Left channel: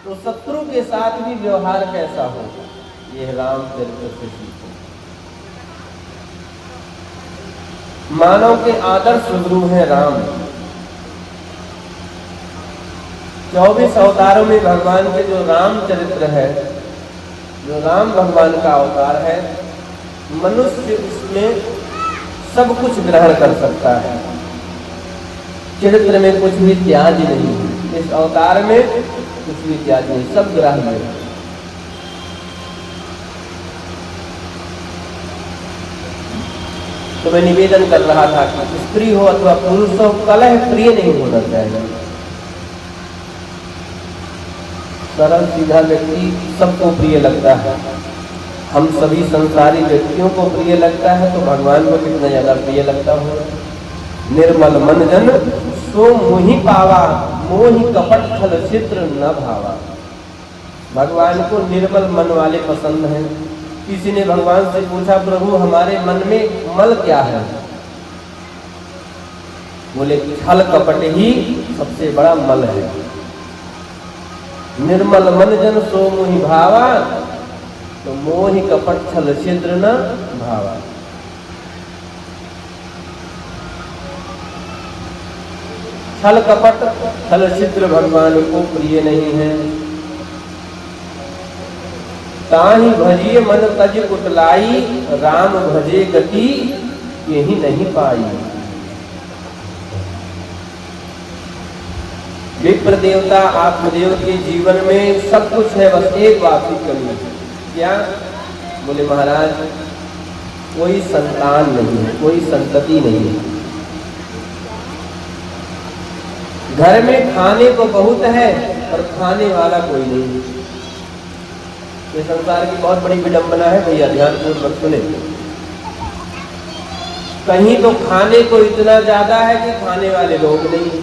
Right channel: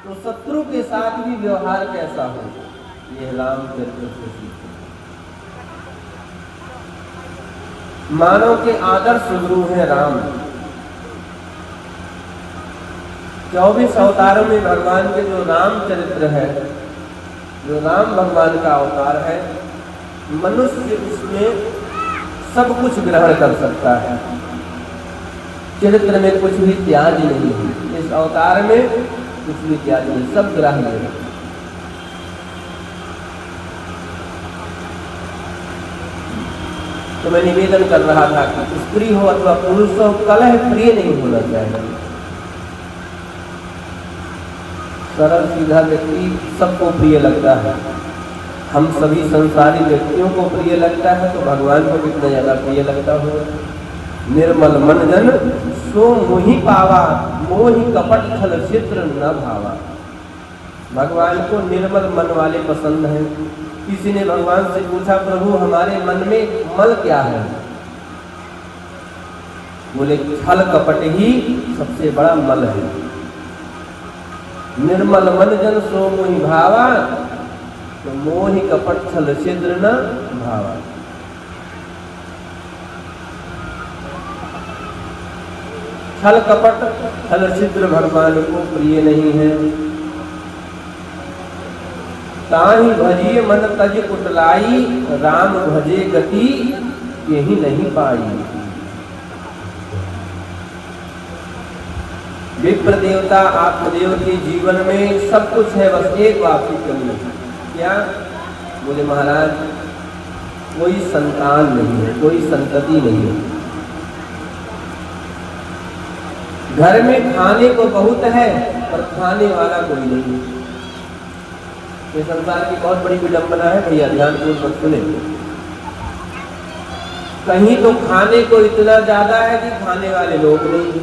तो शत्रु के साथ भी व्यवहार कैसा हो, ये राम चरित्र से सीखो। मानव के आदर्श गुरु है राम। 24 अवतारों में भगवान के जो राम चरित्र है, जो राम भगवान का अवतार है, मनुष्य इसमें सब कुछ ग्रहण कर सकता है। चरित्र में कुछ भी त्याग नहीं है, इस अवतार में कुछ भी त्याग नहीं, सब ग्रहण है। तो मैं निवेदन कर रहा था कि स्त्री हो अथवा पुरुष हो, कलह प्रिय नहीं होना चाहिए। सरल सीधा व्यक्ति सबको प्रिय लगता है, हम सभी संसारी व्यक्तियों को प्रिय लगता है, तो भगवान को कितना ज्यादा प्रिय लगता होगा। निर्मल मन जन सो मोहि पावा, मोहि कपट छल चित्र न भावा। भगवान को निर्मल मन वाले पसंद है। किसी ने भगवान से पूछा, प्रभु हमारे मन में मल क्या है? बोले छल कपट ही सबसे बड़ा मल है। निर्मल मन जन सो मोहि भावा, तो मोहि कपट छल छिद्र न भावा। छल कपट छल छिद्र भगवान को प्रिय नहीं है। ताहि भजिए मन तज कुटलाई, राम भजे गति यही नहीं पाई। विप्र देवता आत्मदेव के जीवन में सब कुछ है, बस एक बात की कमी है। क्या? बोले महाराज कोई संतान नहीं है, कोई संतति नहीं है। घर में खाने को बहुत है और खाने वाला कोई नहीं। ये संसार की बहुत बड़ी विडंबना है भैया, ध्यान पूर्वक सुने। कहीं तो खाने को इतना ज्यादा है कि खाने वाले लोग नहीं,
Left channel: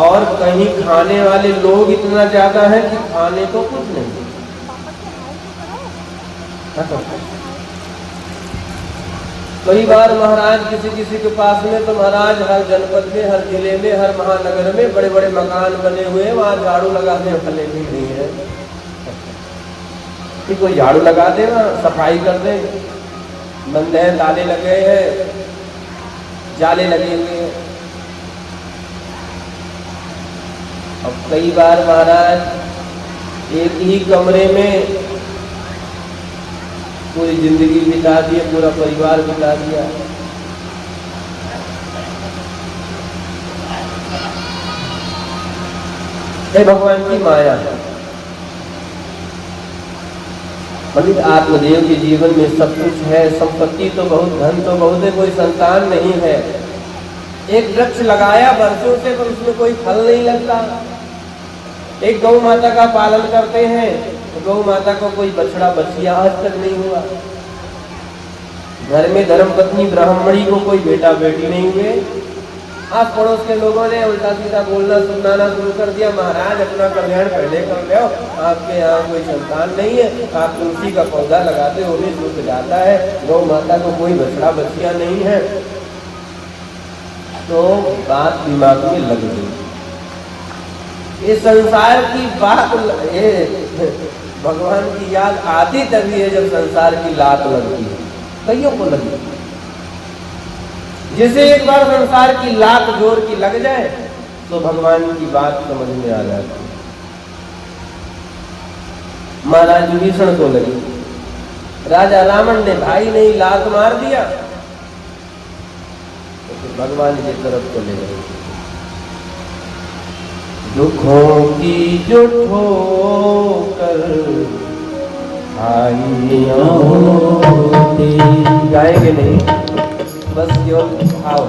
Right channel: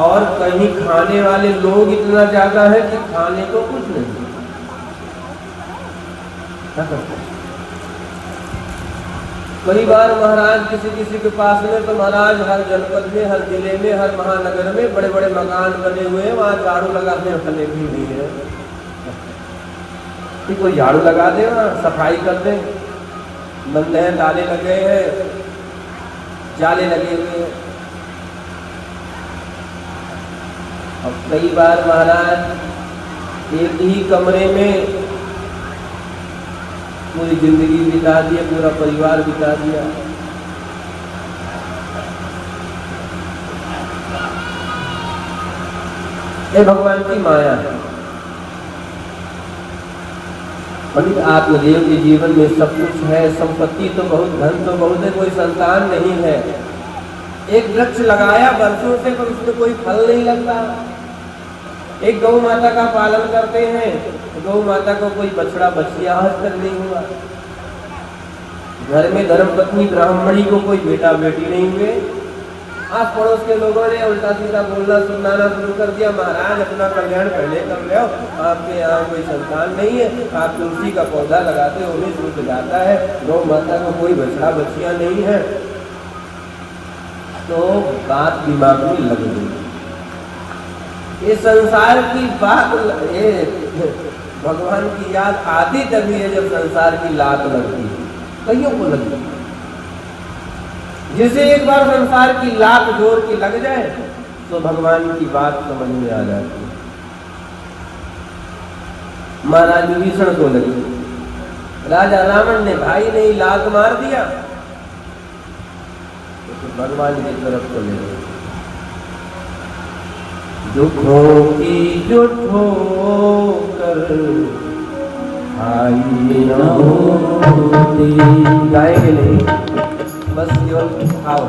और कहीं खाने वाले लोग इतना ज्यादा है कि खाने को कुछ नहीं। कई बार महाराज किसी के पास में, तो महाराज हर जनपद में, हर जिले में, हर महानगर में बड़े बड़े मकान बने हुए हैं, वहां झाड़ू लगाने वाले भी नहीं है कि कोई झाड़ू लगा दे ना, सफाई कर दे। बंद है, ताले लगे हैं, जाले लगे हुए हैं। अब कई बार महाराज एक ही कमरे में पूरी जिंदगी बिता दी, पूरा परिवार बिता दिया। ये भगवान की माया है। पंडित आत्मदेव के जीवन में सब कुछ है, संपत्ति तो बहुत, धन तो बहुत है, कोई संतान नहीं है। एक वृक्ष लगाया वर्षों से, तो उसमें कोई फल नहीं लगता। एक गौ माता का पालन करते हैं, गौ माता को कोई बछड़ा बच्चियां आज तक नहीं हुआ। घर में धर्मपत्नी ब्राह्मणी को कोई बेटा बेटी नहीं हुए। आस पड़ोस के लोगों ने उल्टा सीधा बोलना सुनाना शुरू कर दिया, महाराज अपना कल्याण पहले कर रहे हो, आपके यहाँ कोई संतान नहीं है, आप तुलसी का पौधा लगाते हो भी सूख जाता है, गौ माता को कोई बछड़ा बच्चियां नहीं है। तो बात दिमाग में लग गई, ये संसार की बात, ये भगवान की याद आती तभी है जब संसार की लात लगती है, कईयों को लगी। जिसे एक बार संसार की लात जोर की लग जाए तो भगवान की बात समझ में आ जाती है। महाराज विभीषण को लगी, राजा रावण ने भाई ने लात मार दिया तो भगवान की तरफ चले गए। दुखों की जो ठोकर आई होती, गाएंगे नहीं बस केवल आओ,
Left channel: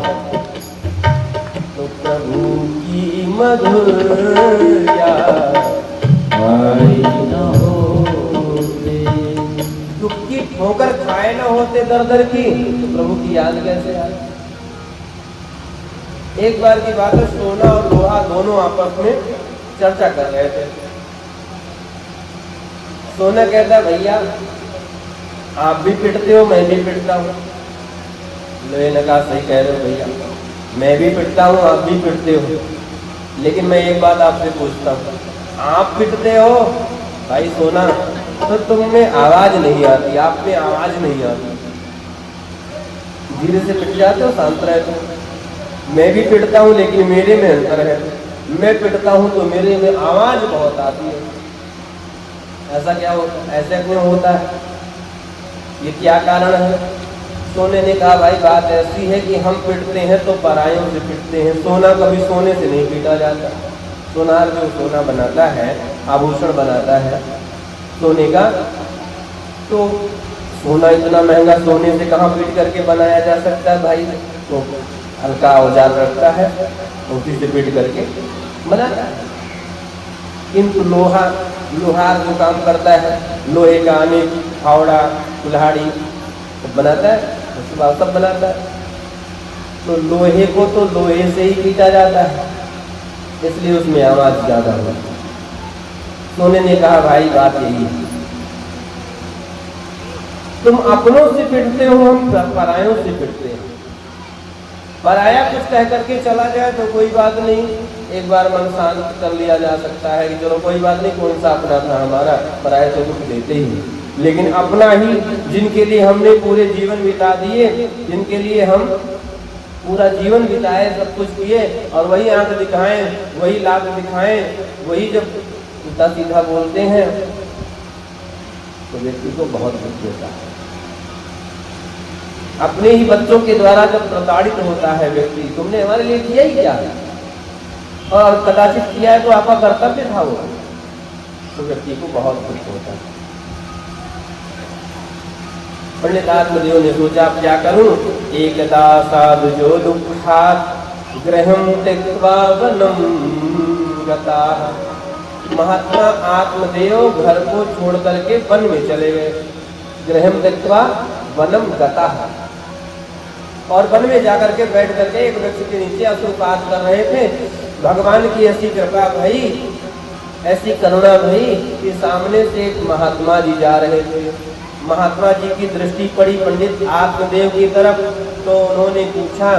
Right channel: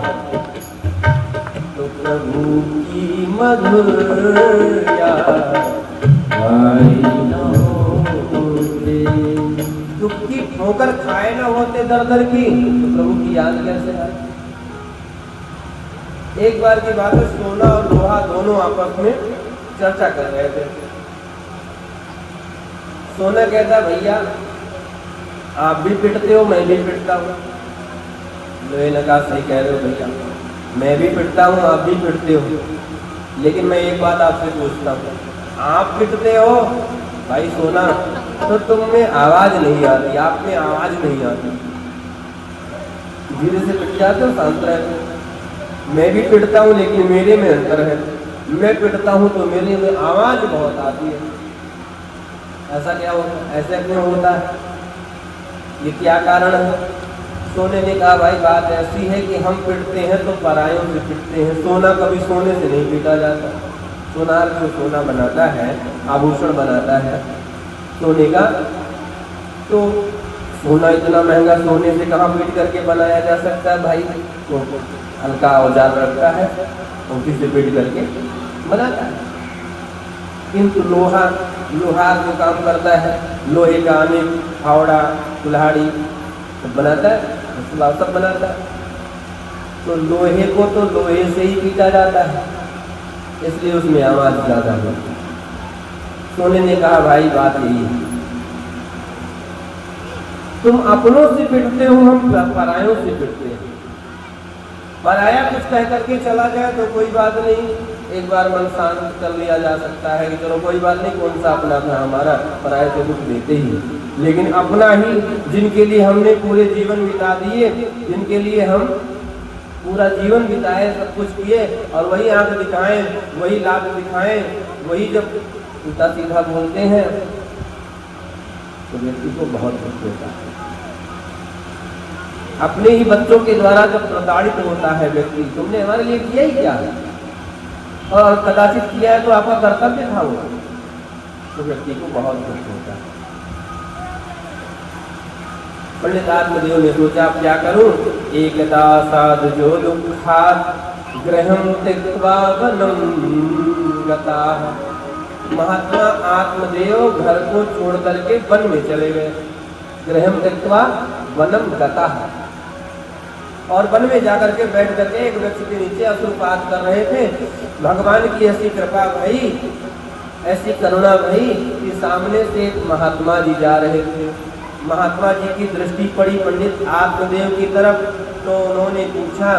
तो प्रभु की मधुर याद आई न होती। दुख की ठोकर खाए न होते दर दर की, तो प्रभु की याद कैसे आए। एक बार की बात है, सोना और लोहा दोनों आपस में चर्चा कर रहे थे। सोना कहता भैया आप भी पिटते हो मैं भी पिटता हूँ। लोहे ने कहा सही कह रहे हो भैया, मैं भी पिटता हूँ आप भी पिटते हो, लेकिन मैं एक बात आपसे पूछता हूँ, आप पिटते हो भाई सोना तो तुम में आवाज नहीं आती, आप में आवाज नहीं आती, धीरे से पिट जाते हो, शांत रहते हो। मैं भी पिटता हूँ लेकिन मेरे में अंतर है, मैं पिटता हूँ तो मेरे में आवाज बहुत आती है। ऐसा क्या होता है, ऐसे क्यों होता है, ये क्या कारण है। सोने ने कहा भाई बात ऐसी है कि हम पिटते हैं तो परायों से पिटते हैं, सोना कभी सोने से नहीं पीटा जाता। सोनार जो सोना बनाता है, आभूषण बनाता है सोने का, तो सोना इतना महंगा सोने से कहाँ पीट करके बनाया जा सकता है भाई, तो हल्का औजार रखता है उसी से पीट करके बनाता है। किंतु लोहार जो काम करता है, लोहे का अनेक फावड़ा कुल्हाड़ी बनाता है, सब बनाता है, तो लोहे को तो लोहे से ही पीटा जाता है, इसलिए उसमें आवाज ज्यादा होती है। सोने ने कहा भाई बात यही है, तुम अपनों से पिटते हो, हम परायों से पिटते हैं। पराया कुछ कह करके चला जाए तो कोई बात नहीं, एक बार मन शांत कर लिया जा सकता है कि चलो कोई बात नहीं, कौन सा अपना था हमारा, पराये तो कुछ देते ही। लेकिन अपना ही, जिनके लिए हमने पूरे जीवन बिता दिए, जिनके लिए हम पूरा जीवन बिताए, सब कुछ किए, और वही आंख दिखाएं, वही लात दिखाएं, वही जब उल्टा सीधा बोलते हैं तो व्यक्ति को बहुत दुख होता है। अपने ही बच्चों के द्वारा जब प्रताड़ित होता है व्यक्ति, तुमने हमारे लिए किया ही क्या, और कदाचित किया है तो आपका कर्तव्य था वो, तो व्यक्ति को बहुत दुख होता है। पंडित आत्मदेव ने सोचा क्या करूं, एकदा साधु जो दुखात गृहं त्यक्त्वा वनं गताः। महात्मा आत्मदेव घर को छोड़ करके वन में चले गए, गृहं त्यक्त्वा वनं गताः, और वन में जाकर के बैठ करके एक व्यक्ति के नीचे अश्रुपात कर रहे थे। भगवान की ऐसी कृपा भई, ऐसी करुणा भई कि सामने से एक महात्मा जी जा रहे थे। महात्मा जी की दृष्टि पड़ी पंडित आत्मदेव की तरफ, तो उन्होंने पूछा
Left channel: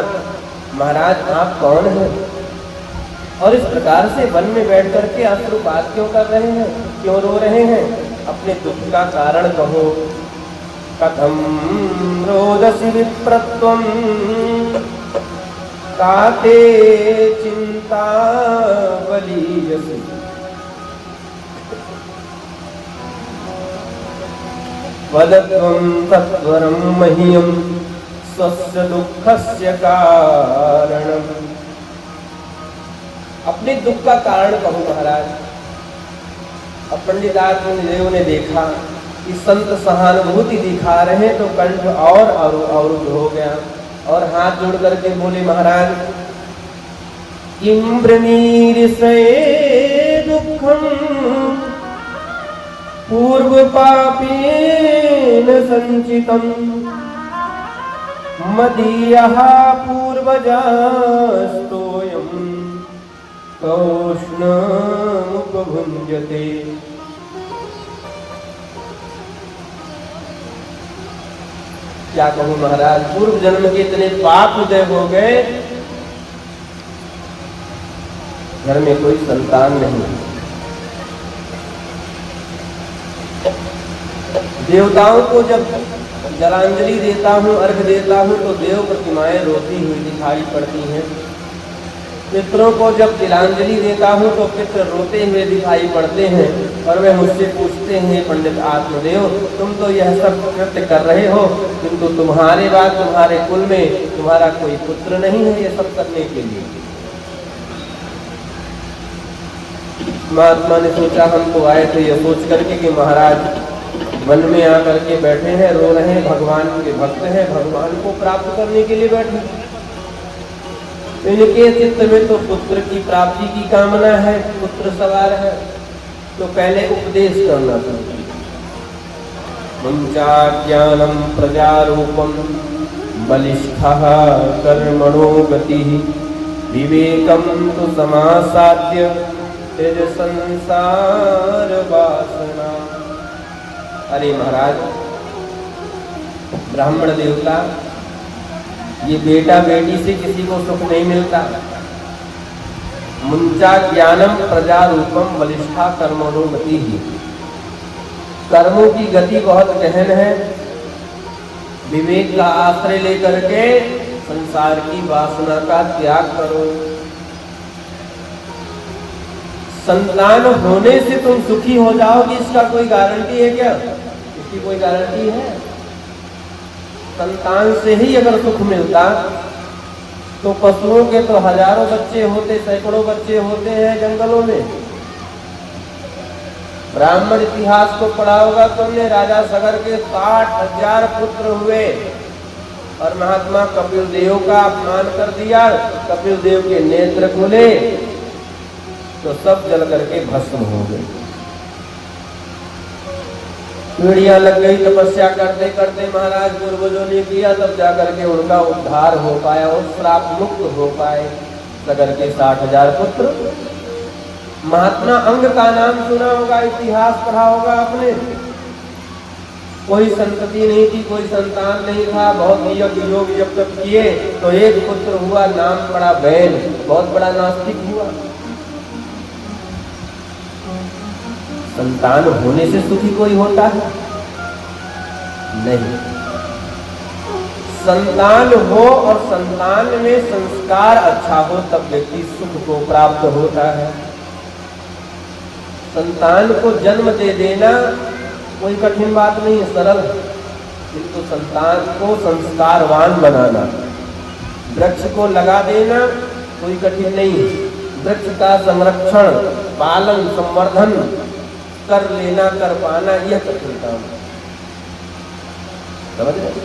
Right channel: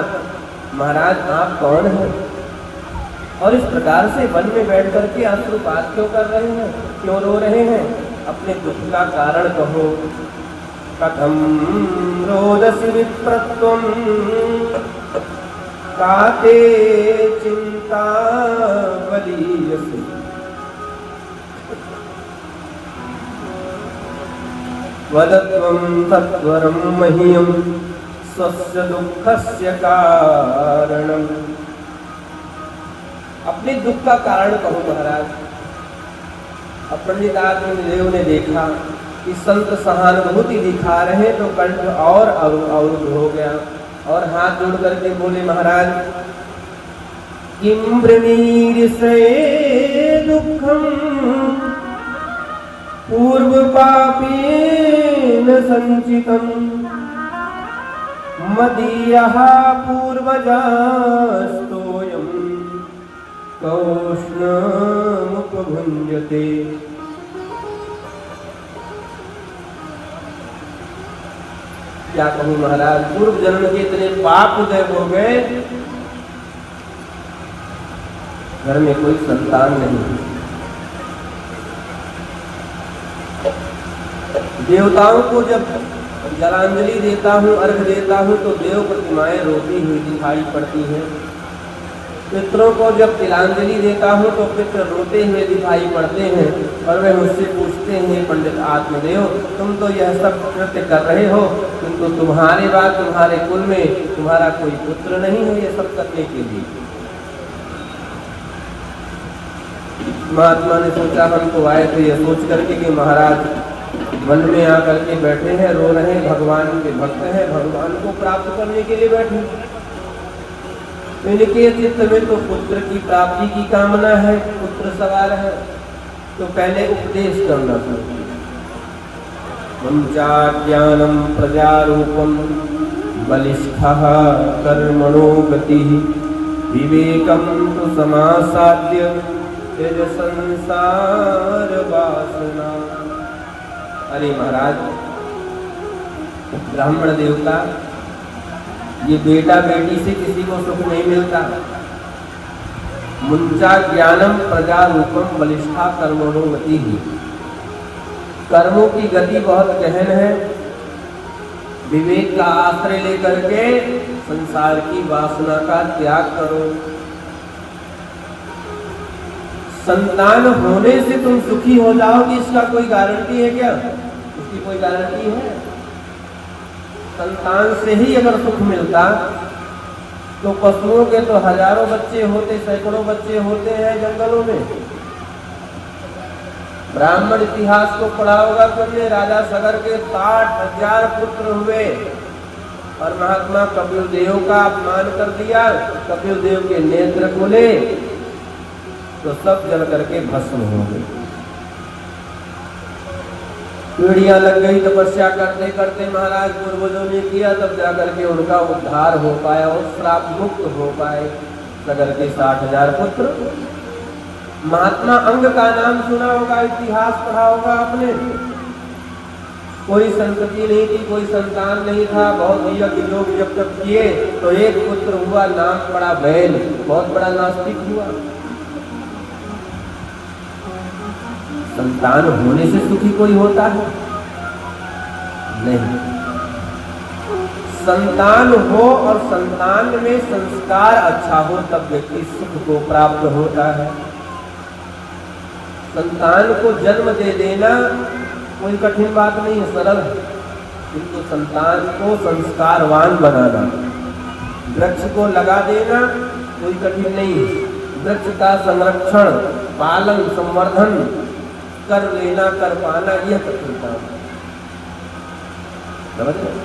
महाराज आप कौन हैं, और इस प्रकार से वन में बैठ करके अश्रुपात क्यों कर रहे हैं, क्यों रो रहे हैं, अपने दुख का कारण कहो। कथम रोदसी विप्रत्वं काते चिंता बलीयसि। वदत्वं सत्वरं मह्यं स्वस्य दुःखस्य कारणम्। अपने दुख का कारण कहो महाराज। अब पंडित आत्मदेव ने देखा कि संत सहानुभूति दिखा रहे तो कंठ और अवरुद्ध हो गया, और हाथ जोड़ करके बोले महाराज किं ब्रवीमि दुःखं पूर्व पापेन संचितम् मदीयः पूर्वजस्तु कौष्णमुपभुञ्जते। क्या कहूं महाराज, पूर्व जन्म के इतने पाप उदय हो गए, घर में कोई संतान नहीं। देवताओं को जब जलांजलि देता हूँ, अर्घ देता हूँ, तो देव प्रतिमाएं रोती हुई दिखाई पड़ती हैं। पितरों को जब तिलांजलि देता हूँ तो पितर रोते हुए दिखाई पड़ते हैं, और वे मुझसे पूछते हैं, पंडित आत्मदेव तुम तो यह सब कृत्य कर रहे हो, किंतु तुम्हारे बाद तुम्हारे कुल में तुम्हारा कोई पुत्र नहीं है ये सब करने के लिए। महात्मा ने सोचा, हम तो आए थे ये सोच करके कि महाराज वन में आकर के बैठे हैं, रो रहे हैं, भगवान के भक्त हैं, भगवान को प्राप्त करने के लिए बैठे। इनके चित्त में तो पुत्र की प्राप्ति की कामना है, पुत्र सवार है, तो पहले उपदेश करना पड़ता। ज्ञानम प्रजारूपम बलिष्ठः कर्मणो गतिः विवेकम तु समासाद्य तेज संसार वासना। अरे महाराज, ब्राह्मण देवता ये बेटा बेटी से किसी को सुख नहीं मिलता। मुंचा ज्ञानम प्रजा रूपम बलिष्ठा कर्मणो गति ही, कर्मों की गति बहुत गहन है। विवेक का आश्रय लेकर के संसार की वासना का त्याग करो। संतान होने से तुम सुखी हो जाओगे, इसका कोई गारंटी है क्या? इसकी कोई गारंटी है? संतान से ही अगर सुख मिलता तो पशुओं के तो हजारों बच्चे होते, सैकड़ों बच्चे होते हैं जंगलों में। ब्राह्मण इतिहास को पढ़ा होगा तुमने, राजा सगर के 60,000 पुत्र हुए, और महात्मा कपिल देव का अपमान कर दिया। कपिल देव के नेत्र खुले तो सब जल करके भस्म हो गए। पीढ़ियां लग गई तपस्या करते करते, महाराज पूर्वजों ने किया, तब जाकर के उनका उद्धार हो पाया और श्राप मुक्त हो पाए सगर के 60,000 पुत्र। महात्मा अंग का नाम सुना होगा, इतिहास पढ़ा होगा आपने। कोई संतति नहीं थी, कोई संतान नहीं था, बहुत यज्ञ योग जब तक किए तो एक पुत्र हुआ, नाम पड़ा बैल, बहुत बड़ा नास्तिक हुआ। संतान होने से सुखी कोई होता है? नहीं। संतान हो और संतान में संस्कार अच्छा हो तब व्यक्ति सुख को प्राप्त होता है। संतान को जन्म दे देना कोई कठिन बात नहीं है, सरल है, किंतु संतान को संस्कारवान बनाना, वृक्ष को लगा देना कोई कठिन नहीं है। वृक्ष का संरक्षण, पालन, संवर्धन कर लेना, कर पाना, यह कठिन काम है। समझ रहे?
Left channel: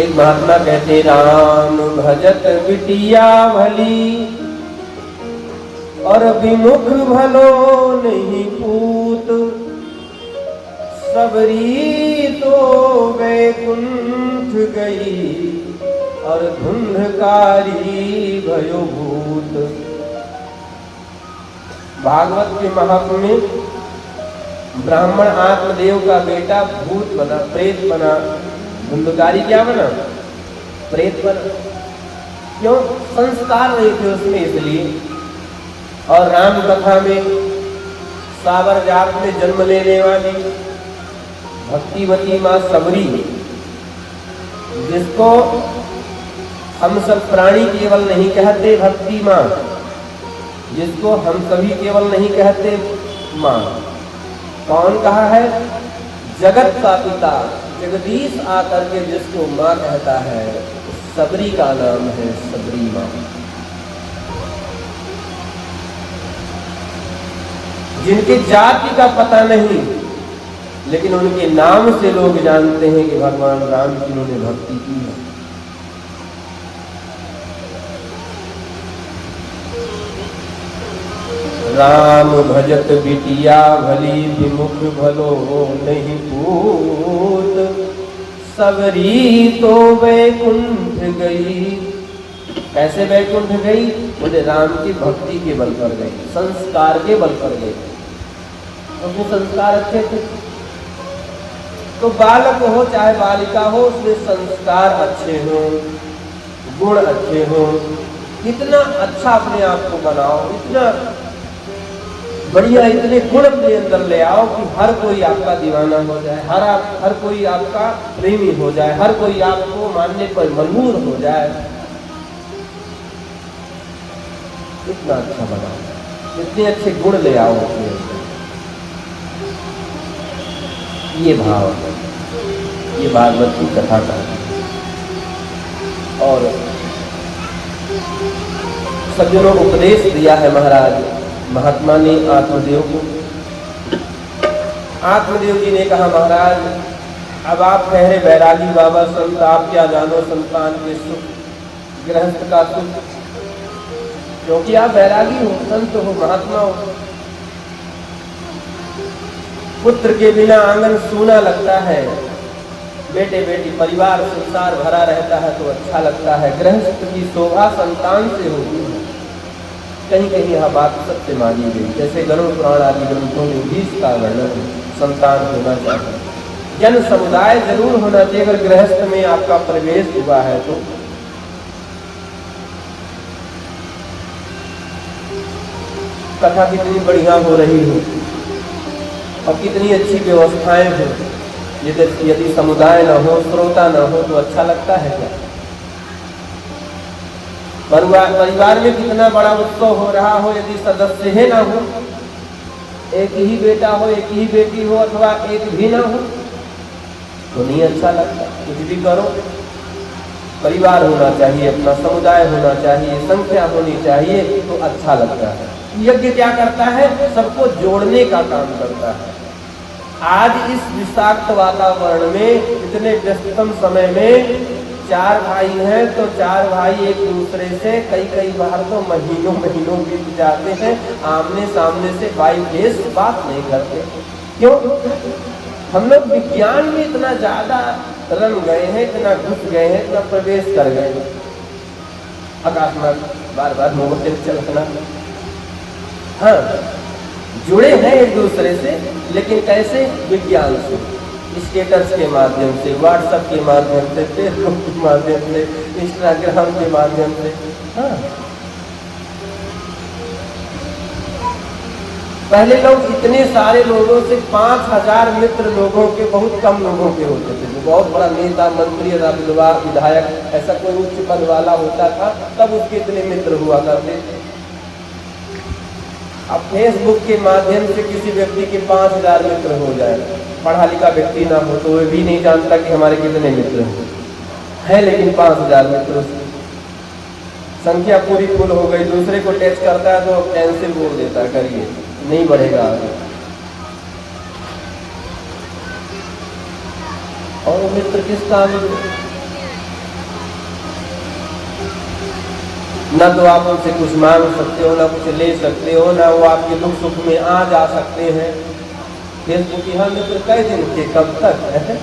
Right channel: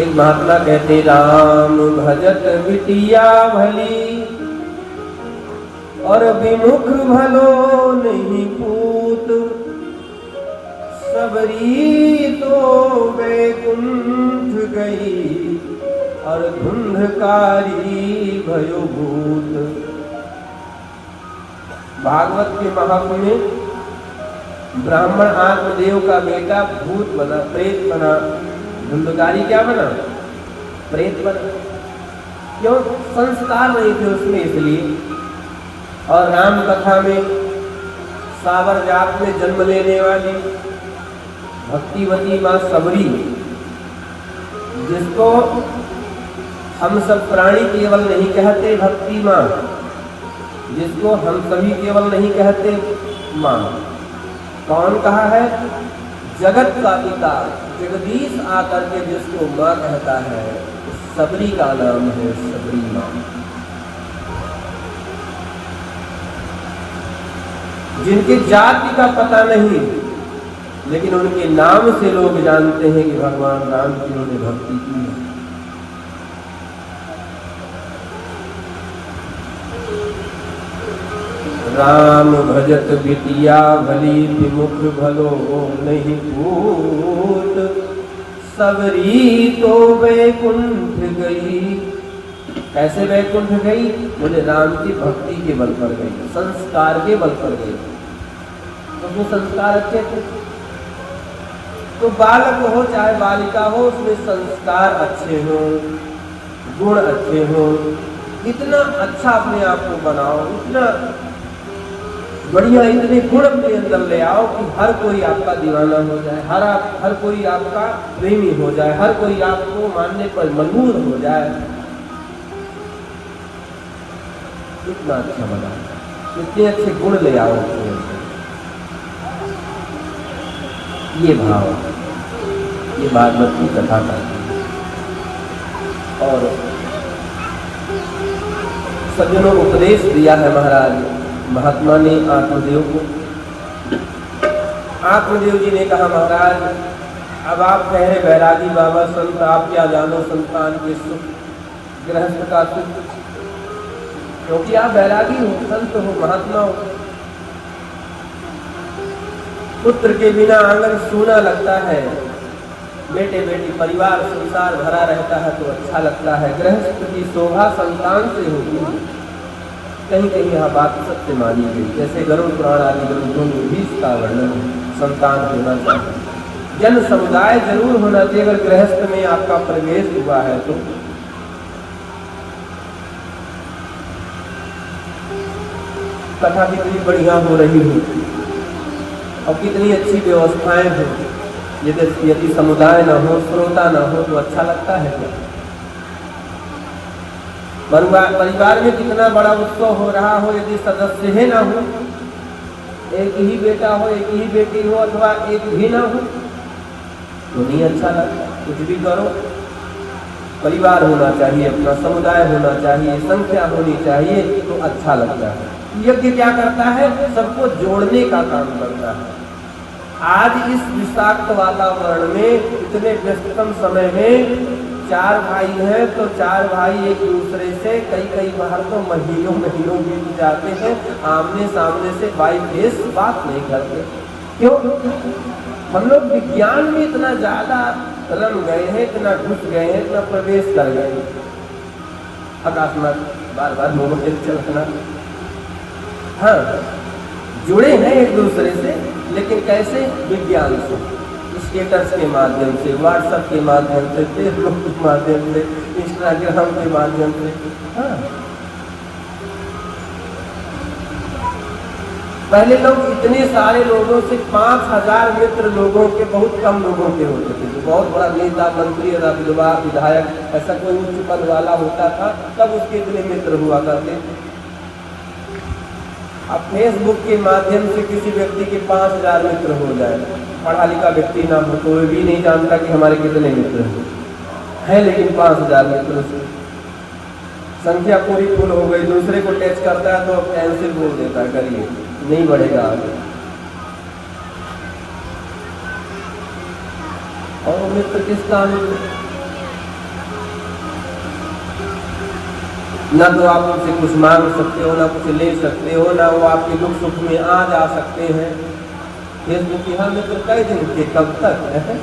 एक महात्मा कहते, राम भजत बिटिया भली और विमुख भलो नहीं पूत, सबरी तो वैकुंठ गई और धुंधकारी भयो भूत। भागवत के महात्म्य में ब्राह्मण आत्मदेव का बेटा भूत बना, प्रेत बना, धुंधकारी क्या बना? प्रेत बना। क्यों? संस्कार नहीं थे उसमें, इसलिए। और राम कथा में सावर जात में जन्म लेने वाली भक्तिवती माँ सबरी, जिसको हम सब प्राणी केवल नहीं कहते भक्ति माँ, जिसको हम सभी केवल नहीं कहते माँ। कौन कहा है? जगत का पिता जगदीश आकर के जिसको माँ कहता है, सबरी का नाम है सबरी माँ। जिनकी जाति का पता नहीं, लेकिन उनके नाम से लोग जानते हैं कि भगवान राम की उन्होंने भक्ति की है। राम भजत बिटिया भली विमुख भलो नहीं पूत, सबरी तो वैकुंठ गई कैसे वैकुंठ गई? बोले राम की भक्ति के बल पर गई, संस्कार के बल पर गई। तो जो संस्कार अच्छे थे, तो बालक हो चाहे बालिका हो, उसमें संस्कार अच्छे हो, गुण अच्छे हो, इतना अच्छा अपने आप को बनाओ, इतना बढ़िया, इतने गुण अपने अंदर ले आओ कि हर कोई आपका दीवाना हो जाए, हर कोई आपका प्रेमी हो जाए, हर कोई आपको मानने पर मजबूर हो जाए। इतना अच्छा बनाओ, इतने अच्छे गुण ले आओ। ये भाव, ये भागवत की कथा का। और सज्जनों उपदेश दिया है महाराज महात्मा ने आत्मदेव को। आत्मदेव जी ने कहा, महाराज अब आप कह रहे बैरागी बाबा संत, आप क्या जानो संतान के सुख, गृहस्थ का सुख, क्योंकि आप बैरागी हो, संत हो, महात्मा हो। पुत्र के बिना आंगन सूना लगता है, बेटे बेटी परिवार संसार भरा रहता है तो अच्छा लगता है। गृहस्थ की शोभा संतान से होती है। कहीं कहीं यह बात सत्य मानी गई, जैसे गरुड़ पुराण आदि ग्रंथों में भी इसका वर्णन है। संतान होना चाहिए, जन समुदाय जरूर होना चाहिए। अगर गृहस्थ में आपका प्रवेश हुआ है तो कथा कितनी बढ़िया हो रही हो और कितनी अच्छी व्यवस्थाएं हो। यदि समुदाय न हो, श्रोता न हो तो अच्छा लगता है क्या? परिवार में कितना बड़ा उत्सव हो रहा हो, यदि सदस्य ही ना हो, एक ही बेटा हो, एक ही बेटी हो, अथवा एक भी ना हो तो नहीं अच्छा लगता। कुछ भी करो, परिवार होना चाहिए, अपना समुदाय होना चाहिए, संख्या होनी चाहिए तो अच्छा लगता है। यज्ञ क्या करता है? सबको जोड़ने का काम करता है। आज इस विषाक्त वातावरण में, इतने व्यस्ततम समय में, 4 भाई हैं तो 4 भाई एक दूसरे से कई बार तो महीनों बीत जाते हैं, आमने सामने से बाई फेस बात नहीं करते। क्यों? हम लोग विज्ञान में इतना ज्यादा रंग गए हैं, इतना घुस गए हैं, इतना प्रवेश कर गए हैं। आकाश में बार बार मोबाइल चलना, हाँ जुड़े हैं एक दूसरे से, लेकिन कैसे? विज्ञान से, स्टेटस के माध्यम से, व्हाट्सएप के माध्यम से, फेसबुक के माध्यम से, इंस्टाग्राम के माध्यम से। हाँ, पहले लोग इतने सारे लोगों से 5000 मित्र लोगों के, बहुत कम लोगों के होते थे। जो बहुत बड़ा नेता, मंत्री, विधायक, ऐसा कोई उच्च पद वाला होता था तब उसके इतने मित्र हुआ करते। अब फेसबुक के माध्यम से किसी व्यक्ति के 5000 मित्र हो जाए, पढ़ा लिखा व्यक्ति ना हो तो वो भी नहीं जानता कि हमारे कितने मित्र हैं, लेकिन 5000 मित्र, संख्या पूरी फुल हो गई। दूसरे को टेस्ट करता है तो कैंसिल बोल देता है, करिए नहीं बढ़ेगा आगे। और मित्र किस काम? ना तो आप उनसे कुछ मांग सकते हो, ना कुछ ले सकते हो, ना वो आपके दुख सुख में आ जा सकते हैं। फिर क्योंकि हम मित्र कई दिन के, कब तक है?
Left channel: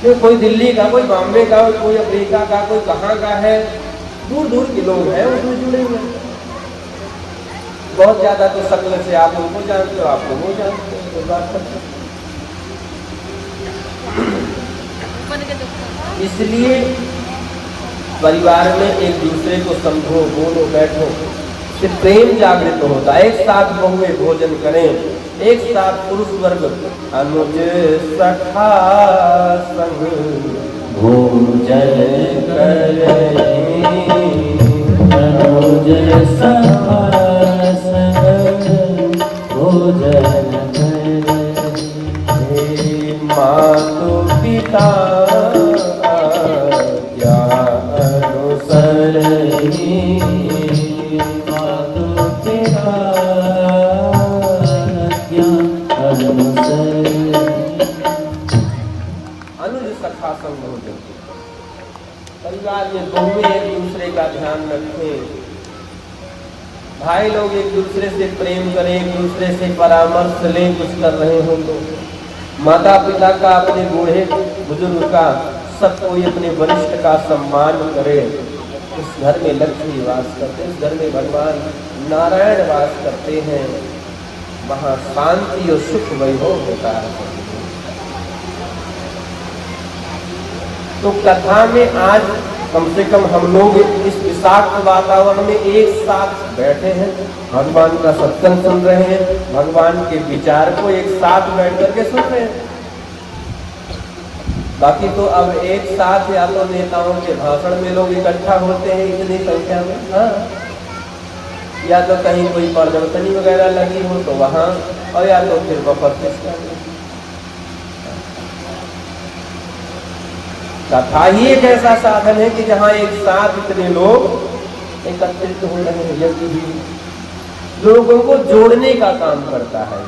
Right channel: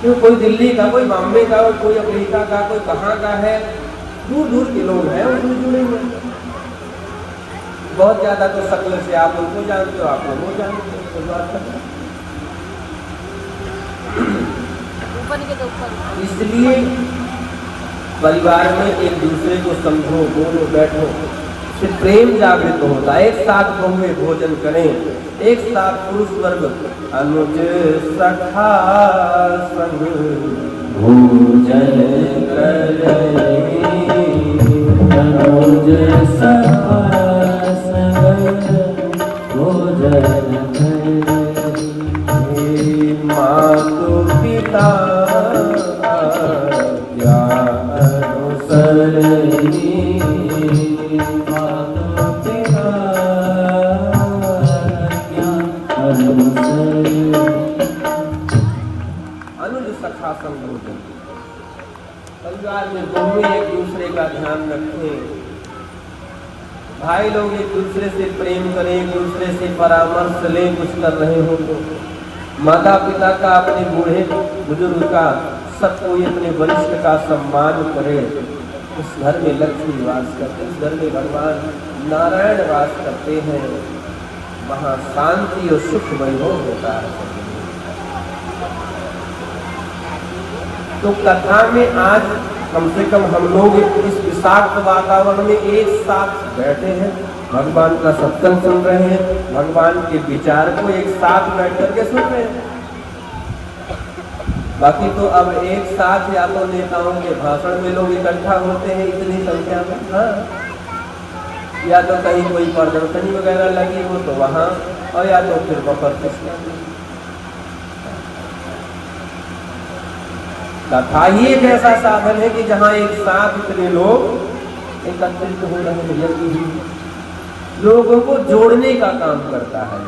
क्यों? कोई दिल्ली का, कोई बॉम्बे का, कोई अमेरिका का, कोई कहाँ का है, दूर दूर के लोग हैं, उनको जुड़े हुए। बहुत ज्यादा तो शक्ल से आप उनको जानते हो, आप उनको जानते हो। इसलिए परिवार में एक दूसरे को समझो, बोलो, बैठो, फिर प्रेम जागृत होता है। एक साथ बहुए भोजन करें, एक साथ पुरुष वर्ग अनुज सखा संग भोजन करें, अनुज सखा संग भोजन करें। मातु पिता परिवार में बहुएं एक दूसरे का ध्यान रखें, भाई लोग एक दूसरे से प्रेम करें, एक दूसरे से परामर्श लें। कुछ कर रहे हो तो माता पिता का, अपने बूढ़े बुजुर्ग का सब कोई अपने वरिष्ठ का सम्मान करे। उस घर में लक्ष्मी वास करते, उस घर में भगवान नारायण वास करते हैं, वहां शांति और सुख वैभव होता है। तो कथा में आज कम से कम हम लोग इस विषाक्त वातावरण में एक साथ बैठे हैं, भगवान का सत्संग सुन रहे हैं, भगवान के विचार को एक साथ बैठ करके सुन रहे हैं। बाकी तो अब एक साथ या तो नेताओं के भाषण में लोग इकट्ठा होते हैं इतनी संख्या में, हाँ, या तो कहीं कोई प्रदर्शनी वगैरह लगी हो तो वहां, और या तो फिर वफर। कथा ही एक ऐसा साधन है कि जहां एक साथ इतने लोग एकत्रित हो रहे हैं, यही लोगों को जोड़ने का काम करता है।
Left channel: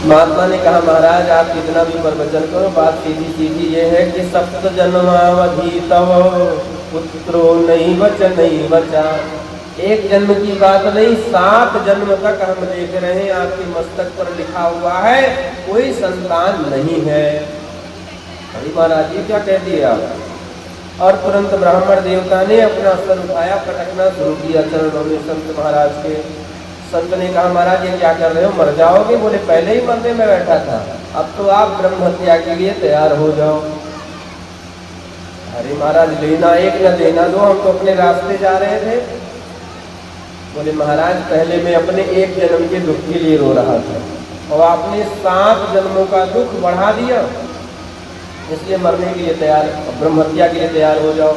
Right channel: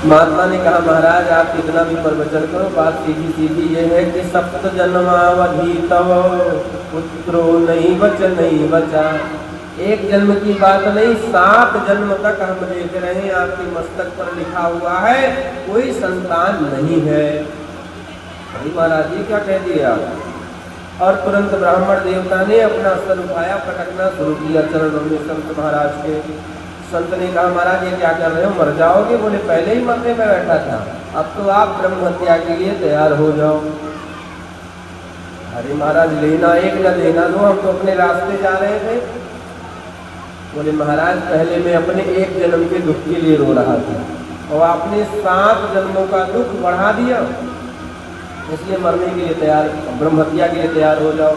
महात्मा ने कहा, महाराज आप कितना भी प्रवचन करो, बात सीधी ये है कि सप्त जन्मावधि तव पुत्रो नहीं बचा। एक जन्म की बात नहीं, 7 जन्म तक हम देख रहे हैं आपके मस्तक पर लिखा हुआ है कोई संतान नहीं है। अरे महाराज जी क्या कह दिया। और तुरंत ब्राह्मण देवता ने अपना स्तन उठाया, पटकना शुरू किया चरणों में संत महाराज के। संत ने कहा, महाराज ये क्या कर रहे हो, मर जाओगे? बोले पहले ही मरने में बैठा था, अब तो आप ब्रह्म हत्या के लिए तैयार हो जाओ। अरे महाराज लेना एक न लेना दो, हम तो अपने रास्ते जा रहे थे। बोले महाराज पहले मैं अपने एक जन्म के दुख के लिए रो रहा था और आपने 7 जन्मों का दुख बढ़ा दिया, इसलिए मरने के लिए तैयार, ब्रह्म हत्या के लिए तैयार हो जाओ।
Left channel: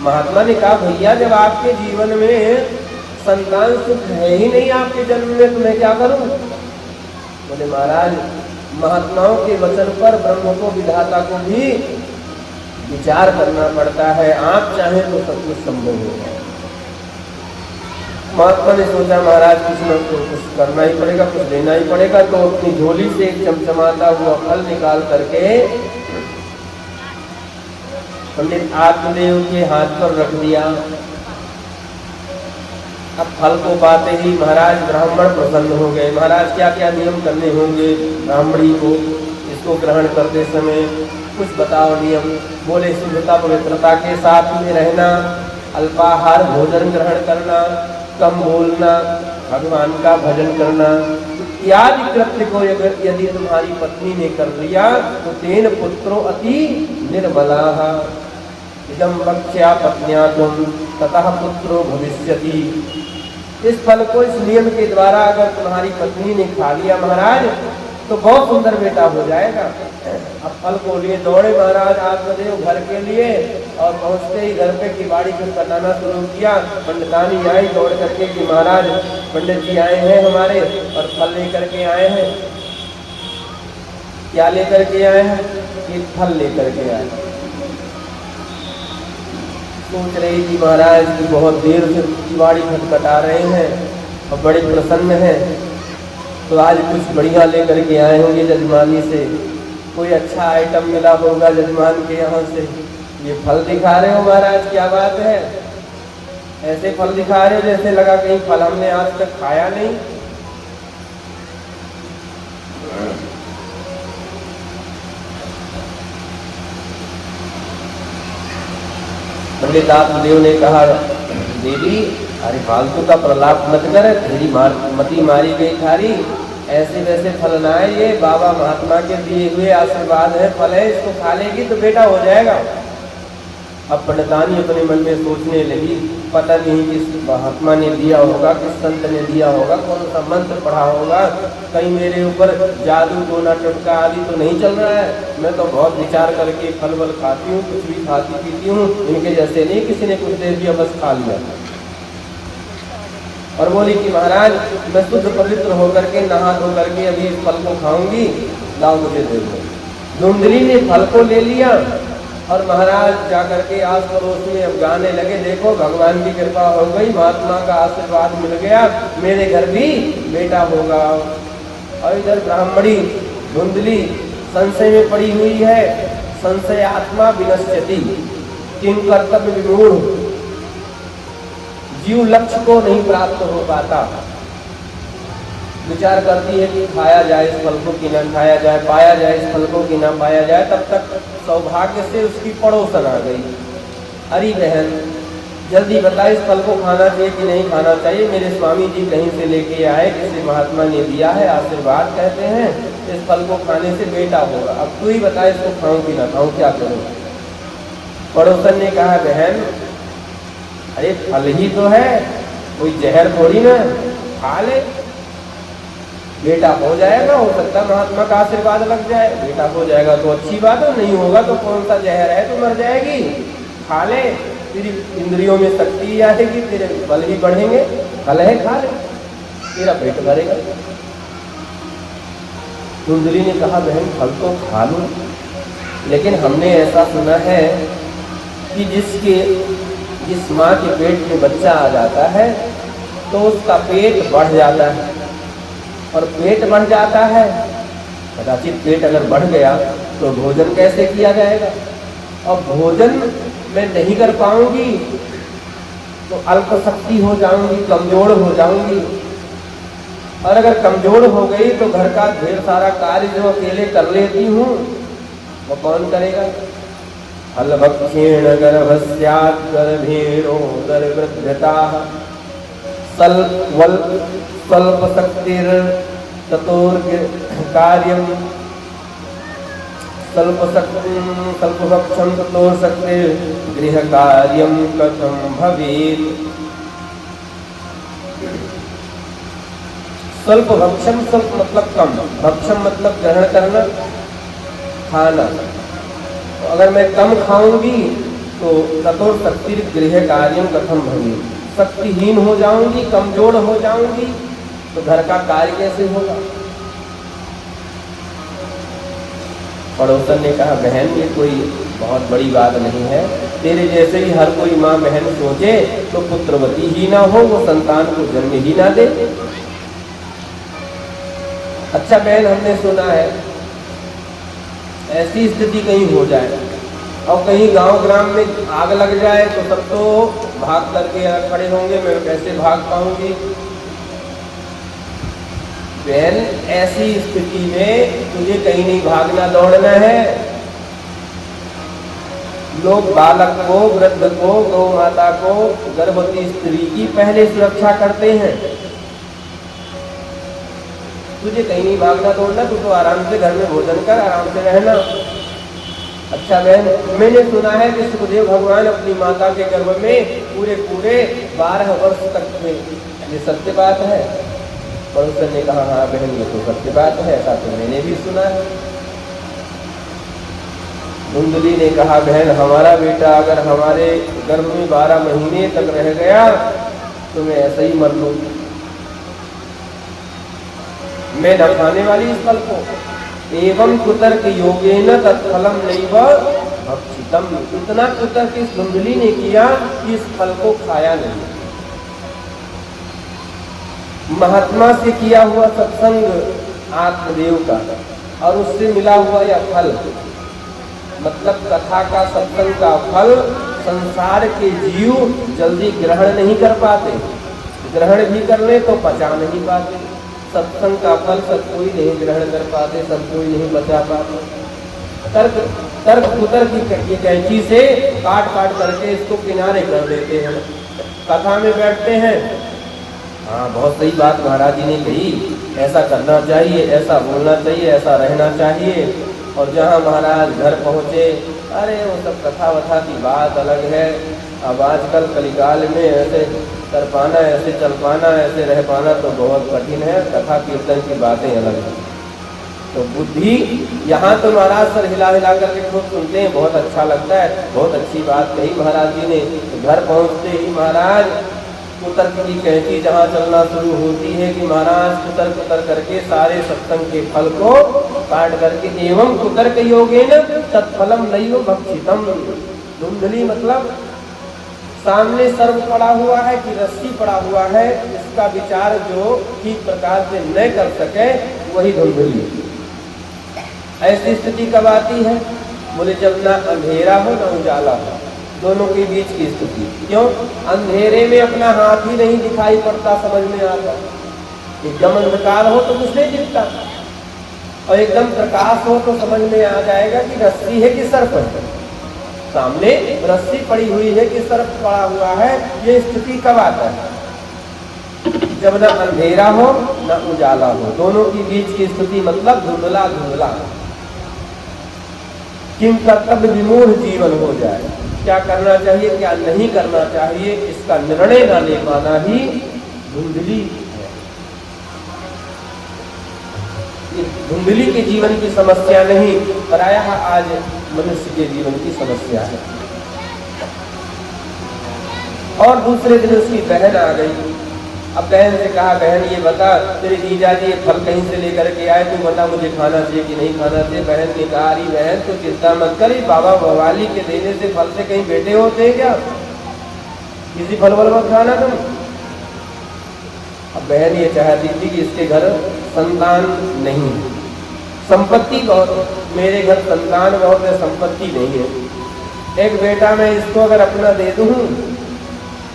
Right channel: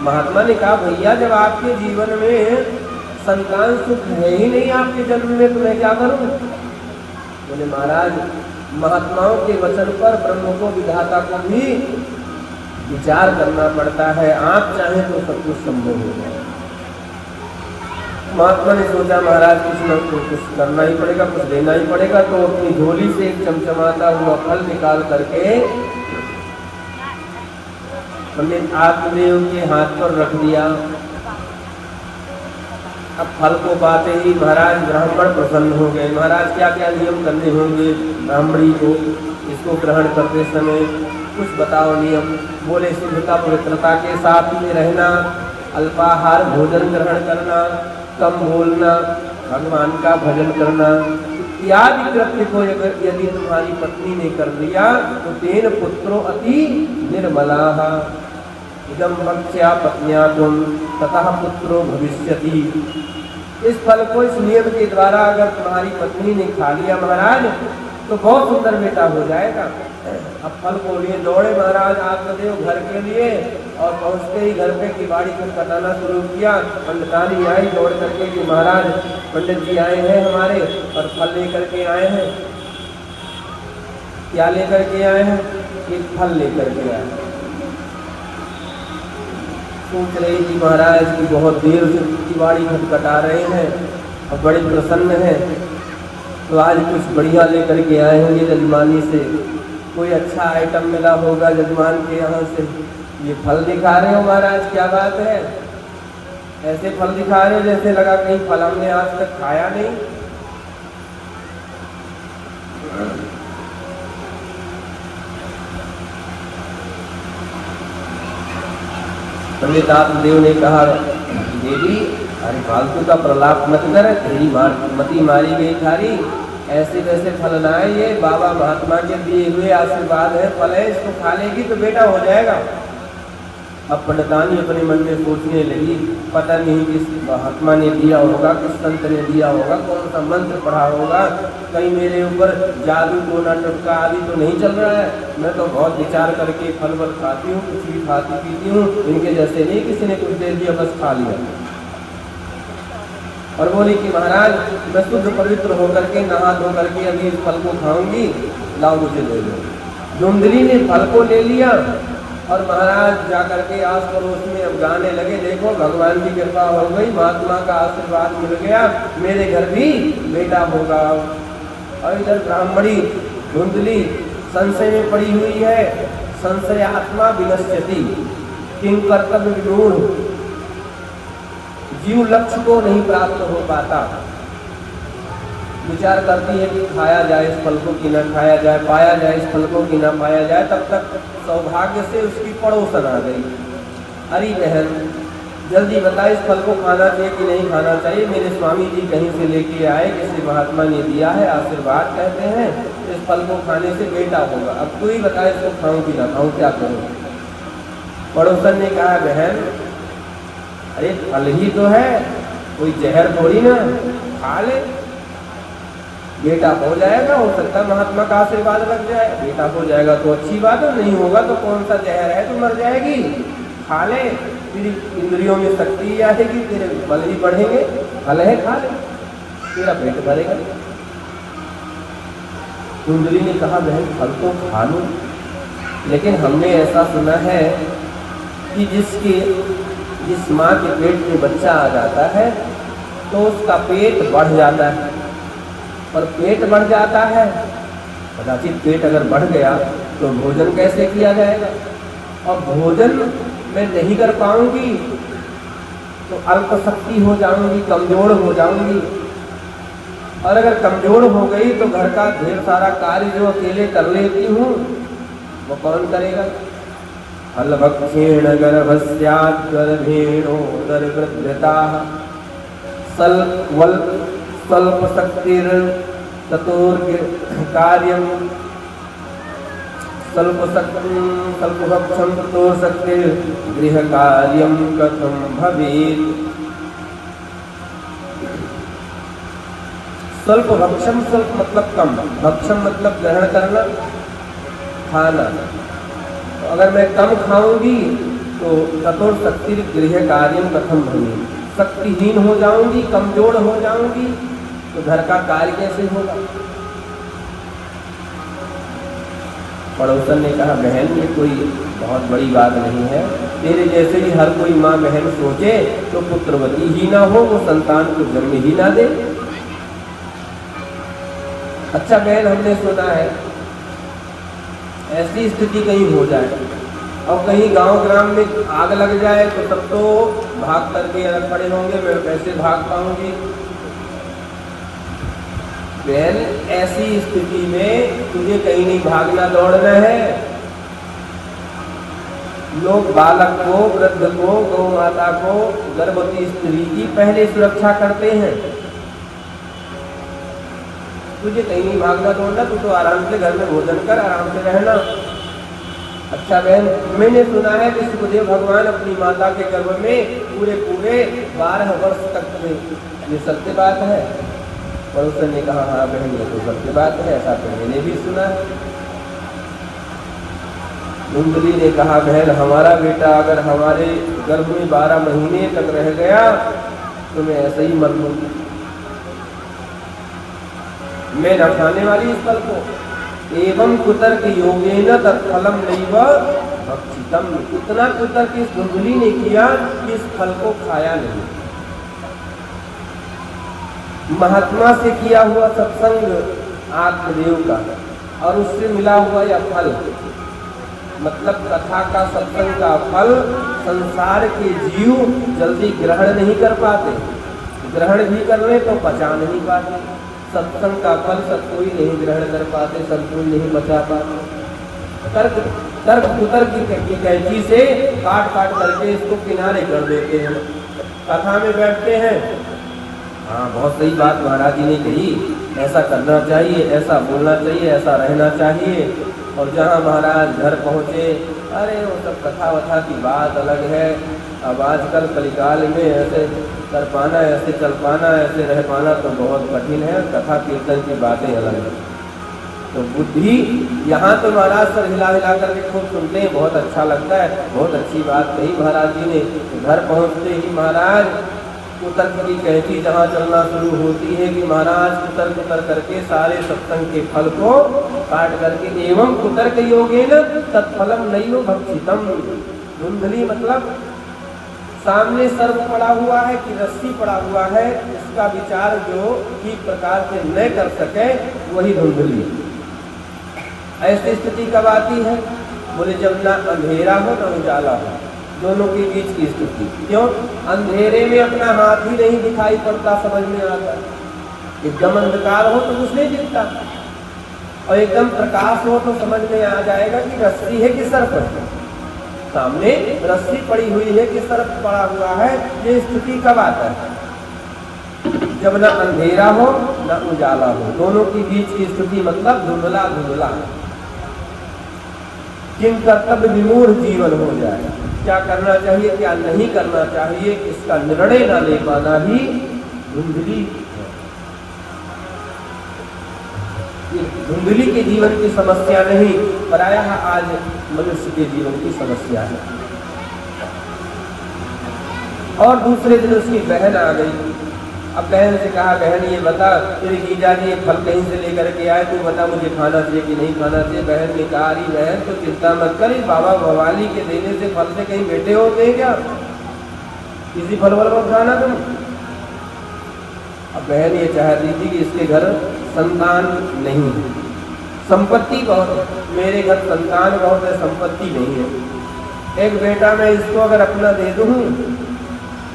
महात्मा ने कहा, भैया जब आपके जीवन में संतान सुख है ही नहीं आपके जन्म में, तो मैं क्या करूं? बोले महाराज महात्माओं के वचन पर ब्रह्म को विधाता को भी विचार करना पड़ता है, आप चाहे तो सब कुछ संभव होगा। महात्मा ने सोचा महाराज कुछ करना ही पड़ेगा, कुछ देना ही पड़ेगा, तो अपनी झोली से एक चमचमाता हुआ फल निकाल करके पंडित आत्मदेव के हाथ पर रख दिया। अब फल को पाते ही महाराज ब्राह्मण प्रसन्न हो गए। महाराज क्या क्या नियम करने होंगे ब्राह्मणी को इसको ग्रहण करते समय, कुछ बताओ नियम। बोले शुद्धता पवित्रता के साथ में रहना, अल्पाहार भोजन ग्रहण करना, कम बोलना, भगवान का भजन करना इत्यादि कृत्य को यदि तुम्हारी पत्नी ने कर लिया तो तेन पुत्रो अति निर्मलाः इदं वक्ष्या पत्न्या तुम ततः पुत्रो भविष्यति। इस फल को इस नियम के द्वारा अगर तुम्हारी पत्नी ने खा लिया महाराज तो बहुत सुंदर बेटा हो जाएगा। अब फल को लिए दौड़े महाराज आत्मदेव घर के लिए, और पहुंचते ही घर पे किवाड़ी को कटाना शुरू किया। पंडितानी आई दौड़ करके कि महाराज पंडित जी आए हैं हमारे और फल लेकर के आए हैं। क्या लेकर के आए हैं? कि फल लेकर के आए। सोच रही जी महाराज की बहुत देर से किवाड़ी खटखटा रहे हैं और बड़े प्रसन्न हैं, तो आज कुछ बढ़िया लेकर के आए होंगे जजमानी से, कोई अच्छा आइटम मिला होगा जजमान के यहाँ से। ये फल दिखा रहे हो महाराज, क्या बात है? ऐसे फल दिखा रहे जैसे लगा कहीं फल हमने आज तक खाया नहीं। पंडित आत्मदेव ने कहा, देवी अरे फालतू का प्रलाप मत कर, तेरी मती मारी गई थारी, ऐसे वैसे फल ना है, ये बाबा महात्मा के दिए हुए आशीर्वाद है, फल है, इसको खा लेगी तो बेटा हो जाएगा। अब पंडितानी अपने मन में सोचने लगी, पता नहीं किस महात्मा ने दिया होगा, किस संत ने दिया होगा, कौन सा मंत्र पढ़ा होगा, कहीं मेरे ऊपर जादू टोना टटका आदि तो नहीं चल रहा है। मैं तो बहुत विचार करके फल वल खाती हूँ, कुछ भी खाती पीती हूँ, इनके जैसे नहीं किसी ने कुछ दे दिया बस खा लिया। और बोली कि महाराज मैं शुद्ध पवित्र होकर के नहा धो करके अभी इस फल को खाऊंगी, लाओ मुझे दे दो। धुंधली ने फल को ले लिया और महाराज जाकर के आस पड़ोस में अब गाने लगे, देखो भगवान की कृपा हो गई, महात्मा का आशीर्वाद मिल गया, मेरे घर भी बेटा होगा। और इधर ब्राह्मणी धुंधली संशय में पड़ी हुई है, संशय आत्मा विनश्यति, किम कर्तव्य विमूढ़, जीव लक्ष्य को नहीं प्राप्त हो पाता। विचार करती है कि खाया जाए इस फल को कि ना खाया जाए, पाया जाए इस फल को कि ना पाया जाए। तब तक सौभाग्य से उसकी पड़ोसन आ गई। अरे बहन, जल्दी बता, इस फल को खाना चाहिए कि नहीं खाना चाहिए? मेरे स्वामी जी कहीं से लेके आए, किसी महात्मा ने दिया है, आशीर्वाद कहते हैं, इस फल को खाने से बेटा होगा। अब तू ही बता, इसको खाऊं कि ना खाऊं, क्या करूं? पड़ोसन ने कहा, बहन अरे फल ही तो है, कोई जहर थोड़ी ना, खा ले, बेटा हो जाएगा। हो सकता महात्मा का आशीर्वाद लग जाए, बेटा हो जाएगा तो अच्छी बात है, नहीं होगा तो कौन सा जहर है, तो मर जाएगी, खा ले, तेरी इंद्रियों में शक्ति आएगी, तेरे बल भी बढ़ेंगे, फल है खा ले, तेरा पेट भरेगा। कुंडली ने कहा, बहन फल तो खा लो, लेकिन हमने ऐसा सुना है कि जिस माँ के पेट में बच्चा आ जाता है तो उसका पेट बढ़ जाता है, और पेट बढ़ जाता है, कदाचित पेट अगर बढ़ गया तो भोजन कैसे किया जाएगा? और भोजन मैं नहीं कर पाऊंगी तो अल्प शक्ति हो जाऊंगी, कमजोर हो जाऊंगी, और अगर कमजोर हो गई तो घर का ढेर सारा कार्य जो अकेले कर लेती हूँ वो कौन करेगा? अलभक्षेण गर्भस्यात् गर्भेणोदर वृद्धताः स्वल्प शक्तिर कार्यम स्वल्पभक्षं ततोर शक्तिर गृह कार्यम कथम भवेत्। स्वल्प भक्षम, स्वल्प मतलब कम, भक्षम मतलब ग्रहण करना, खाना। तो अगर मैं कम खाऊंगी तो ततोर शक्तिर गृह कार्यम कथम भवेत्, शक्तिहीन हो जाऊंगी, कमजोर हो जाऊंगी, तो घर का कार्य कैसे होगा? पड़ोसन ने कहा, बहन ये कोई बहुत बड़ी बात नहीं है, तेरे जैसे ही हर कोई माँ बहन सोचे तो पुत्रवती ही ना हो, वो संतान को जन्म ही ना दे। अच्छा बहन, हमने सुना है ऐसी स्थिति कहीं हो जाए और कहीं गांव ग्राम में आग लग जाए तो सब तो भाग करके खड़े होंगे, मैं कैसे भाग पाऊंगी? बहन ऐसी स्थिति में तुझे कहीं नहीं भागना दौड़ना है। लोग बालक को, वृद्ध को, गौ माता को, गर्भवती स्त्री की पहले सुरक्षा करते हैं। तुझे कहीं नहीं भागना दौड़ना, तू तो आराम से घर में भोजन कर, आराम से रहना। अच्छा बहन, मैंने सुना है कि सुखदेव भगवान अपनी माता के गर्भ में पूरे 12 वर्ष तक थे, ये सत्य बात है? पड़ोसन ने कहा, हाँ बहन ये तो सत्य बात है, ऐसा तो मैंने भी सुना है। कुंडली ने कहा, बहन हमारा बेटा अगर हमारे गर्भ में 12 महीने तक रह गया तो मैं ऐसे ही मर लूंगी, मैं न खाने वाली इस फल को। एवं कुतर्क योगेन तत्फलम नैव भक्षितम, इतना कुतर्क इस कुंडली ने किया कि इस फल को खाया नहीं। महात्मा से किया हुआ सत्संग आत्मदेव का, और उससे मिला हुआ यह फल, मतलब कथा का, सत्संग का फल संसार के जीव जल्दी ग्रहण नहीं कर पाते, ग्रहण भी कर ले तो पचा नहीं पाते। सत्संग का फल सब कोई नहीं ग्रहण कर पाते, सब कोई नहीं पचा पाते। तर्क कुतर्क की कैंची से काट काट करके इसको किनारे कर देते हैं। कथा में बैठते हैं, हाँ बहुत सही बात महाराज जी ने कही, ऐसा करना चाहिए, ऐसा बोलना चाहिए, ऐसा रहना चाहिए। और जहाँ महाराज घर पहुँचे, अरे वो सब कथा वथा की बात अलग है। अब आजकल कलिकाल में ऐसे कर पाना, ऐसे चल पाना, ऐसे रह पाना तो बहुत कठिन है। कथा कीर्तन की बातें अलग है। तो बुद्धि यहाँ तो महाराज सर हिला हिला करके खूब सुनते हैं, बहुत अच्छा लगता है, बहुत अच्छी बात कही महाराज जी ने। घर पहुँचते ही महाराज कुतर्क की कैंची जहाँ चलना शुरू होती है कि महाराज कुतर्क करके सारे सत्संग के फल को काट करके, एवं कुतर्क योगेन तत्फलम नैव भक्षितम। कुंडली मतलब सामने सर्प पड़ा हुआ है कि रस्सी पड़ा हुआ है, इसका विचार जो ठीक प्रकार से न कर सके वही धुंधली। ऐसी स्थिति कब आती है? बोले जब ना अंधेरा हो ना उजाला हो, दोनों के बीच की स्थिति। क्यों? अंधेरे में अपना हाथ ही नहीं दिखाई पड़ता, समझ में आता। एकदम अंधकार हो तो कुछ नहीं दिखता, और एकदम प्रकाश हो तो समझ में आ जाएगा कि रस्सी है कि सर्प है। सामने रस्सी पड़ी हुई है कि सर्प पड़ा हुआ है, ये स्थिति कब आता है? जब न अंधेरा हो न उजाला हो, दोनों के बीच की स्थिति मतलब धुंधला धुंधला, किम कर्तव्य विमूढ़ जीवन हो जाए। क्या करना चाहिए क्या नहीं करना चाहिए इसका निर्णय न ले पाना ही धुंधली है। धुंधली के जीवन की समस्या नहीं, प्रायः आज मनुष्य के जीवन की समस्या है। और दूसरे दिन उसकी बहन आ गई। अब बहन से कहा, बहन ये बता तेरे जीजा जी फल कहीं से लेकर के आए, तू बता मुझे खाना चाहिए कि नहीं खाना चाहिए। बहन ने कहा, अरे बहन तू चिंता मत करी, बाबा भवाली के देने से फल से कहीं बेटे होते क्या, किसी फल वल मत खाना तुम। अब बहन ये चाहती थी कि इसके घर संतान नहीं है, संपत्ति बहुत है, मेरे घर संतान बहुत है, संपत्ति नहीं है। एक बेटा मैं इसको अगर अपना दे दूं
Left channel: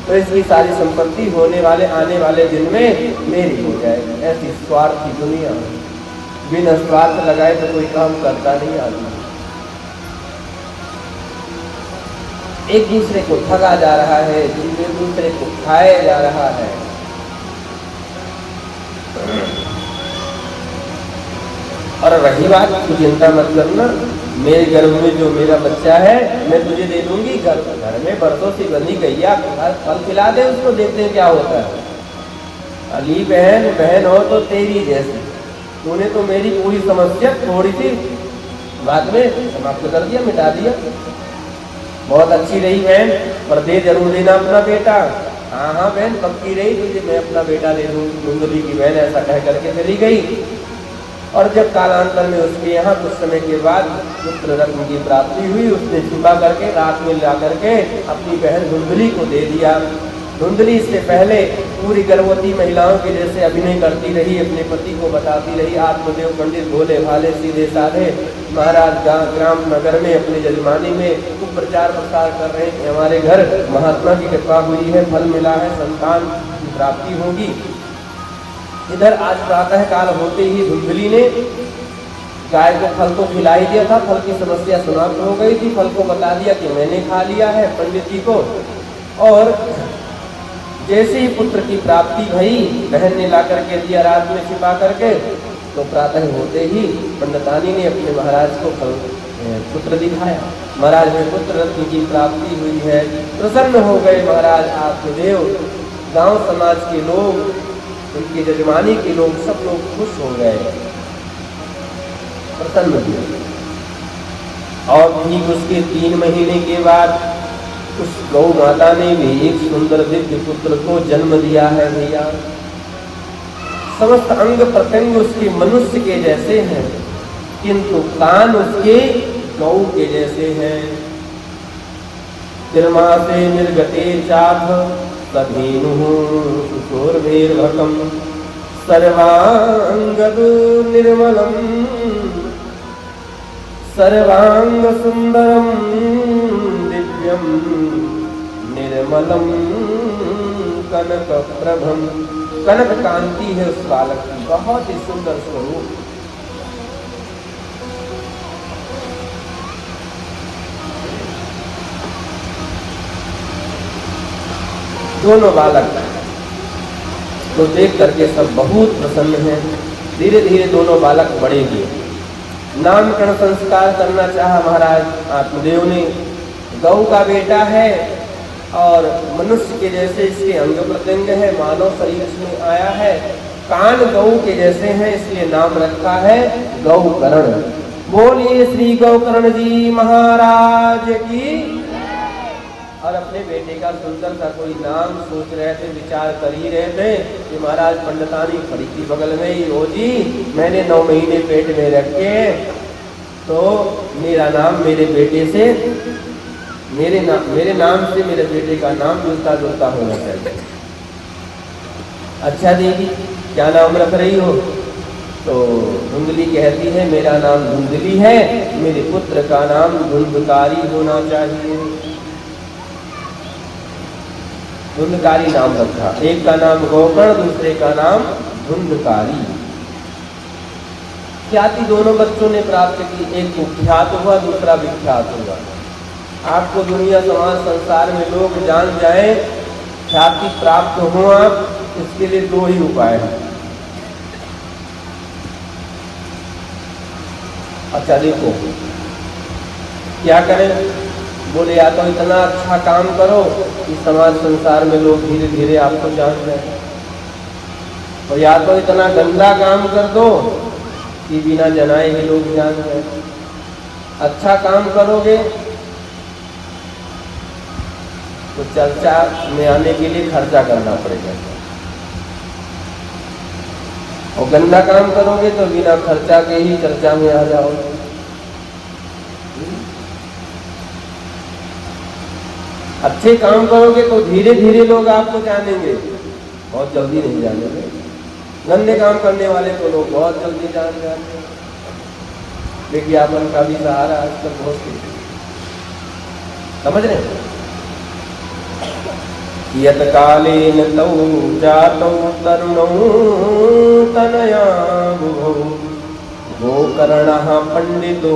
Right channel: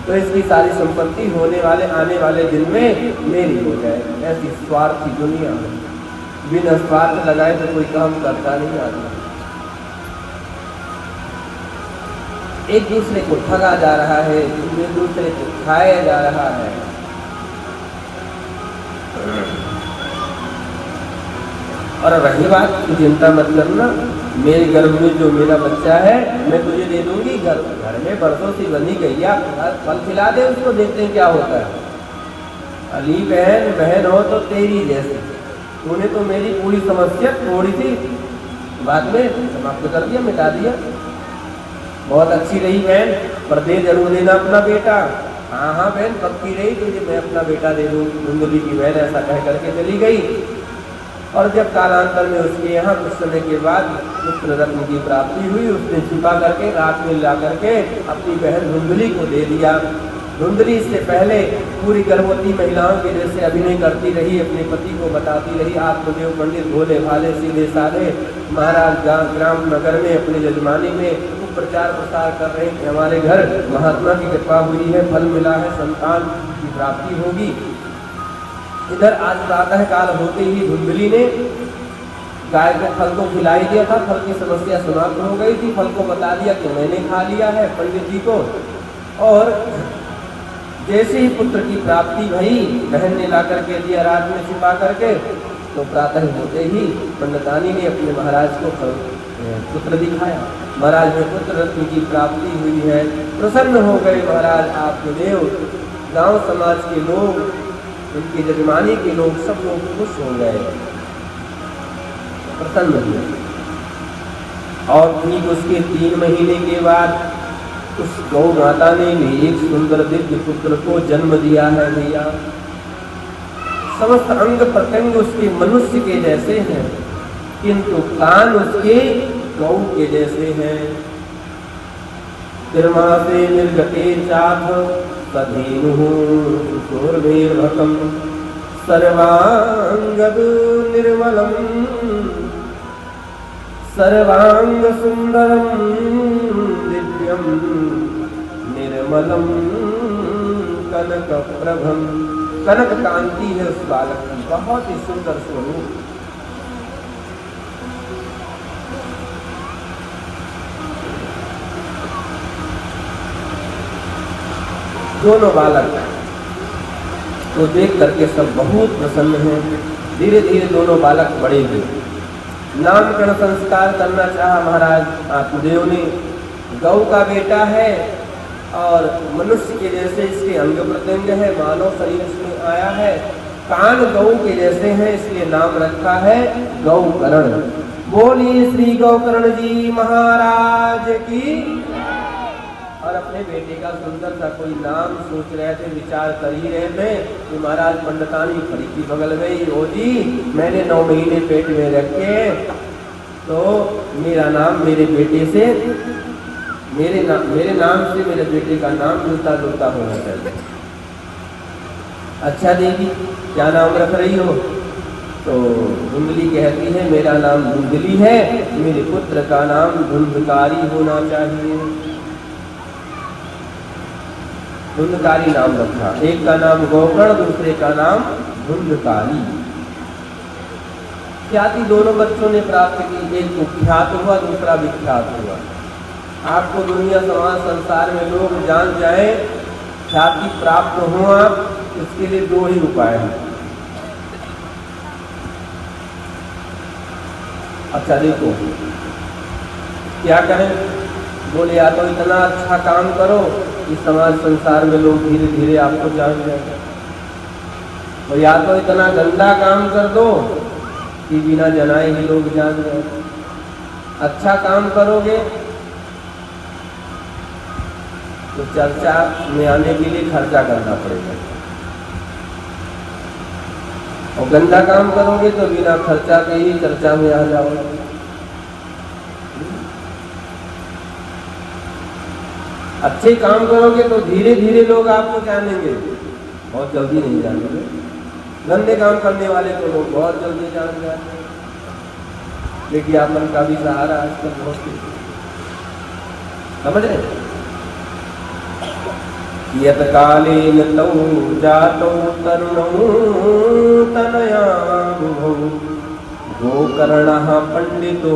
तो इसकी सारी संपत्ति होने वाले आने वाले दिन में मेरी हो जाए। ऐसी स्वार्थ की दुनिया, बिना स्वार्थ लगाए तो कोई काम करता नहीं आदमी। एक दूसरे को ठगा जा रहा है, एक दूसरे को खाया जा रहा है। और रही बात, तू चिंता मत करना, मेरे गर्भ में जो मेरा बच्चा है मैं तुझे दे दूंगी। घर में बरसों से बंधी गैया फल खिला दे उसको, देखते हैं क्या होता है। अली बहन बहन हो तो तेरी जैसी, तूने तो मेरी पूरी समस्या थोड़ी सी बाद में समाप्त कर दिया, मिटा दिया। बहुत अच्छी रही बहन, पर दे जरूर देना अपना बेटा। हाँ हाँ बहन पक्की रही, तुझे मैं अपना बेटा दे दूंगी। धुंधली की बहन ऐसा कह करके चली गई। और जब कालांतर में उसके यहाँ कुछ समय के बाद पुत्र रत्न की प्राप्ति हुई, उसने छिपा करके रात में ला करके अपनी बहन धुंधली को दे दिया। धुंधली इससे पहले पूरी गर्भवती महिलाओं की जैसे अभिनय करती रही, अपने पति को बताती रही, आत्मदेव पंडित भोले भाले सीधे साधे महाराज ग्राम नगर में अपने जजमानी में खूब प्रचार प्रसार कर रहे कि हमारे घर महात्मा की कृपा हुई है, फल मिला है, संतान की प्राप्ति होगी। इधर आज प्रातः काल होते ही धुंधली ने गाय के फल को खिलाई दिया था, फल की समस्या समाप्त हो गई थी। फल को बता दिया कि मैंने खा लिया है पंडित जी को। और जैसे ही पुत्र की प्राप्ति हुई, बहन ने ला करके दिया रात में छिपा करके, तो प्रातः होते ही पंडितानी ने अपने महाराज को पुत्र दिखाया। महाराज में पुत्र रत्न की प्राप्ति हुई है, प्रसन्न हो गए महाराज आत्मदेव। गांव समाज के लोग, उनकी जजमानी के लोग, सब लोग खुश हो गए, प्रसन्न हुए। और ठीक उसके 3 महीने के बाद उस गौ माता ने भी एक सुंदर दिव्य पुत्र को जन्म दिया है भैया। समस्त अंग प्रत्यंग उसके मनुष्य के जैसे हैं, किंतु कान उसके गौ के जैसे हैं। निर्माते निर्गते चाभ कधेनुर्भकम सर्वांगदु निर्मलम सर्वांग सुंदरम दिव्यम निर्मलम कनक प्रभम। कनक कांति है उस बालक की, बहुत ही सुंदर स्वरूप। दोनों बालक को देख करके सब बहुत प्रसन्न हैं। धीरे धीरे दोनों बालक बड़े हुए, नामकरण संस्कार करना चाहा महाराज आत्मदेव ने। गौ का बेटा है और मनुष्य के जैसे इसके अंग प्रत्यंग है, मानव शरीर में आया है, कान गौ के जैसे हैं, इसलिए नाम रखा है गौकर्ण। बोलिए श्री गौकर्ण जी महाराज की। और अपने बेटे का सुंदर सा कोई नाम सोच रहे थे, विचार कर ही रहे थे कि महाराज पंडितानी खड़ी थी बगल में ही, ओ जी मैंने 9 महीने पेट में रखे तो मेरा नाम मेरे बेटे से, मेरे नाम से मेरे बेटे का नाम मिलता जुलता होना चाहिए। अच्छा देवी क्या नाम रख रही हो? तो धुंधली कहती है मेरा नाम धुंधली है, मेरे पुत्र का नाम धुंधकारी होना चाहिए। धुंधकारी नाम रखा, एक का नाम गौकर्ण, दूसरे का नाम धुंधकारी। ख्याति दोनों बच्चों ने प्राप्त की, एक कुख्यात हुआ, दूसरा विख्यात हुआ। आपको दुनिया समाज संसार में लोग जान जाए, ख्याति प्राप्त हो आप, इसके लिए दो ही उपाय हैं। अच्छा देखो क्या करें, बोले या तो इतना अच्छा काम करो कि समाज संसार में लोग धीरे धीरे आपको जान जाए, और या तो इतना गंदा काम कर दो कि बिना जनाए ही लोग जान जाए। अच्छा काम करोगे तो चर्चा में आने के लिए खर्चा करना पड़ेगा, और गंदा काम करोगे तो बिना खर्चा के ही चर्चा में आ जाओगे। अच्छे काम करोगे तो धीरे धीरे लोग आपको जानेंगे, बहुत जल्दी नहीं जानेंगे। गंदे काम करने वाले को लोग बहुत जल्दी जान जाते हैं। विज्ञापन का भी सहारा आजकल बहुत, समझ रहे? यत कालेन तौ जातौ तन्नो तनया बुभौ गोकर्णः पंडितो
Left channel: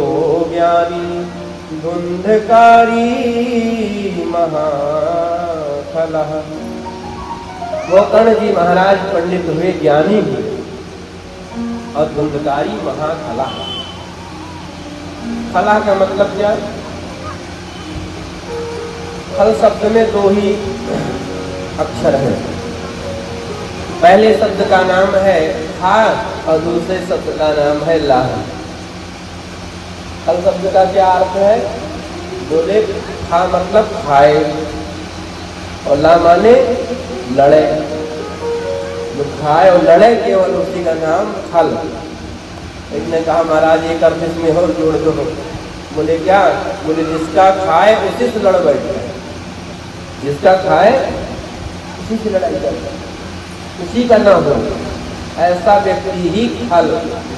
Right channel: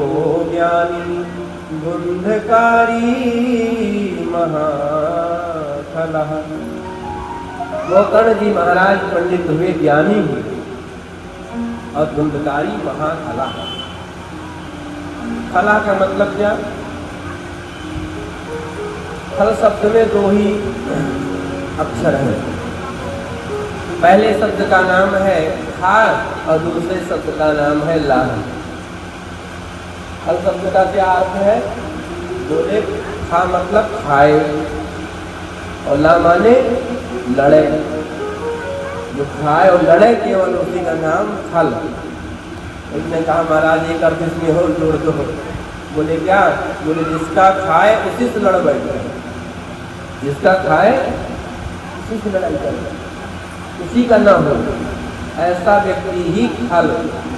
ज्ञानी धुंधकारी महाफलः। गोकर्ण जी महाराज पंडित हुए, ज्ञानी हुए, और धुंधकारी महाफलः। फलः का मतलब क्या? फल शब्द में दो ही अक्षर है। पहले शब्द का नाम है खा और दूसरे शब्द का नाम है लाह। फल शब्द का क्या अर्थ है? बोले खा मतलब खाए, और ला माने लड़े। जो खाए और लड़े केवल उसी का नाम फल। इसने कहा महाराज एक अर्थ इसमें और जोड़ दो। बोले क्या? बोले जिसका खाए उसी से लड़ बैठे, जिसका खाए उसी से लड़ाई करे, उसी का नाम हो। ऐसा व्यक्ति ही फल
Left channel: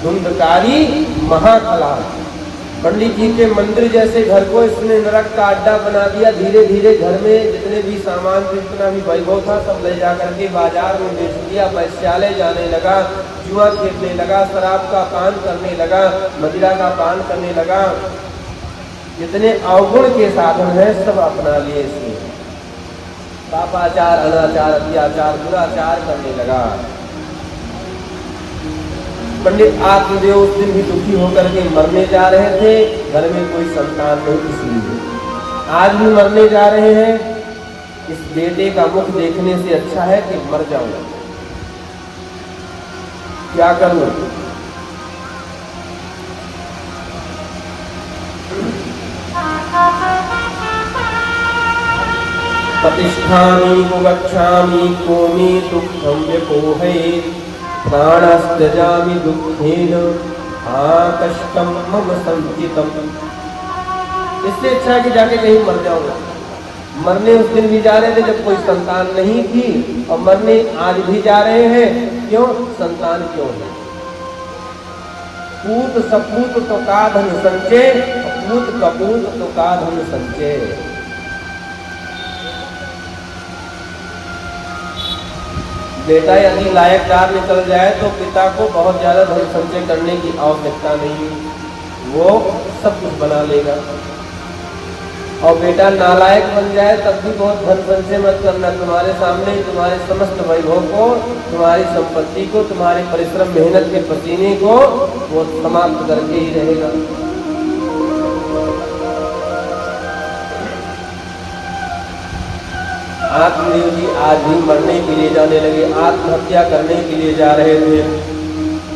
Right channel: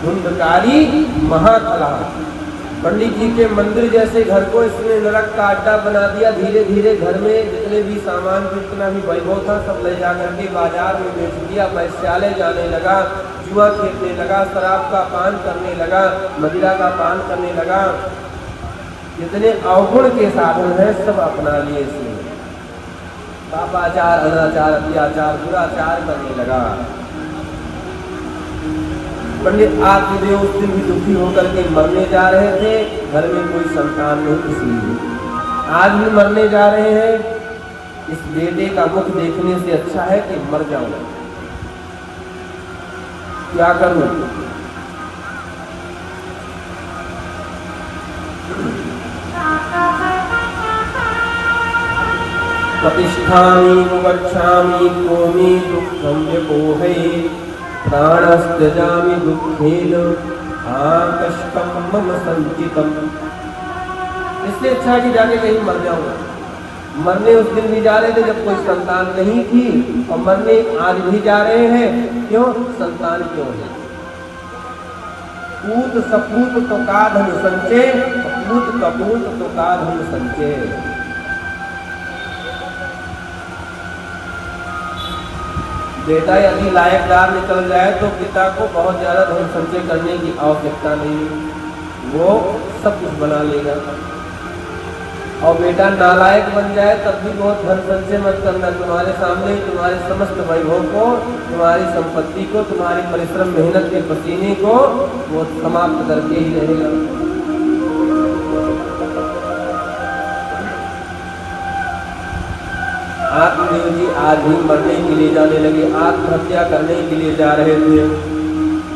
धुंधकारी महाफला। पंडित जी के मंदिर जैसे घर को इसने नरक का अड्डा बना दिया। धीरे धीरे घर में जितने भी सामान, जितना भी वैभव था सब ले जा करके बाजार में बेच दिया। वैश्यालय जाने लगा, जुआ खेलने लगा, शराब का पान करने लगा, मदिरा का पान करने लगा। जितने अवगुण के साधन है सब अपना लिए इसने। पापाचार, अनाचार, अत्याचार, दुराचार करने लगा। पंडित आत्मदेव उस दिन भी दुखी होकर के मरने जा रहे थे। घर में कोई संतान नहीं किसी ने। आज भी मरने जा रहे हैं। इस बेटे का मुख देखने से अच्छा है कि मर जाओ। क्या करूं? प्रतिष्ठामि गच्छामि कोमि दुःखं व्यपोहे प्राणस्त्यजामि दुःखेन कष्टं मम संचितम्। इससे अच्छा है कि जाके कहीं मर जाओ। मरने उस दिन भी जा रहे थे जब कोई संतान नहीं थी, और मरने आज भी जा रहे हैं। क्यों? संतान क्यों नहीं? पूत सपूत तो का धन संचय, पूत कपूत तो का धन संचय। बेटा यदि लायकदार निकल जाए तो पिता को बहुत ज्यादा धन संचय करने की आवश्यकता नहीं, वो सब कुछ बना लेगा। और बेटा नालायक बन जाए तब भी बहुत धन संचय मत करना। तुम्हारे सामने ही तुम्हारे समस्त वैभव को, तुम्हारी संपत्ति को, तुम्हारे परिश्रम मेहनत के पसीने को वो समाप्त करके ही रहेगा। आत्मदेव जी आज भी मरने के लिए जाने लगे, आत्महत्या करने के लिए जा रहे थे।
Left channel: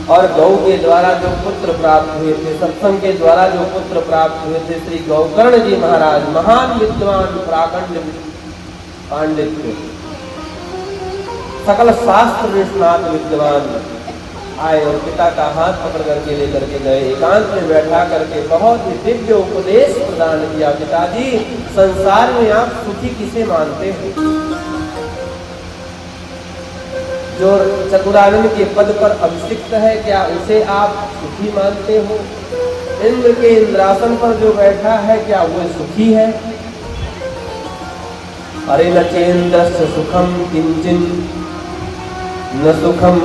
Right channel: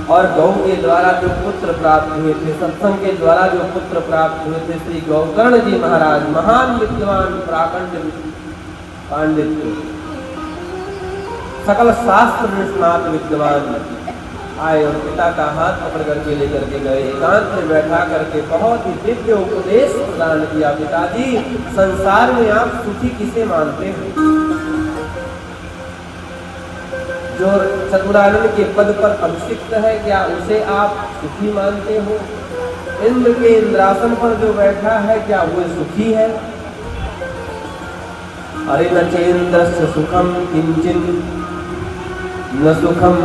और गौ के द्वारा जो पुत्र प्राप्त हुए थे, सत्संग के द्वारा जो पुत्र प्राप्त हुए थे, श्री गोकर्ण जी महाराज महान विद्वान, प्राकंड पांडित्य, सकल शास्त्र निष्णात विद्वान आए और पिता का हाथ पकड़ करके लेकर के गए। एकांत में बैठा करके बहुत ही दिव्य उपदेश प्रदान किया। पिताजी, संसार में आप सुखी किसे मानते हैं? जो चतुरानंद के पद पर अभिषिक्त है, क्या उसे आप सुखी मानते हो? इंद्र के इंद्रासन पर जो बैठा है, क्या वो सुखी है? अरे न चेन्द्रस्य सुखम किंचिन न सुखम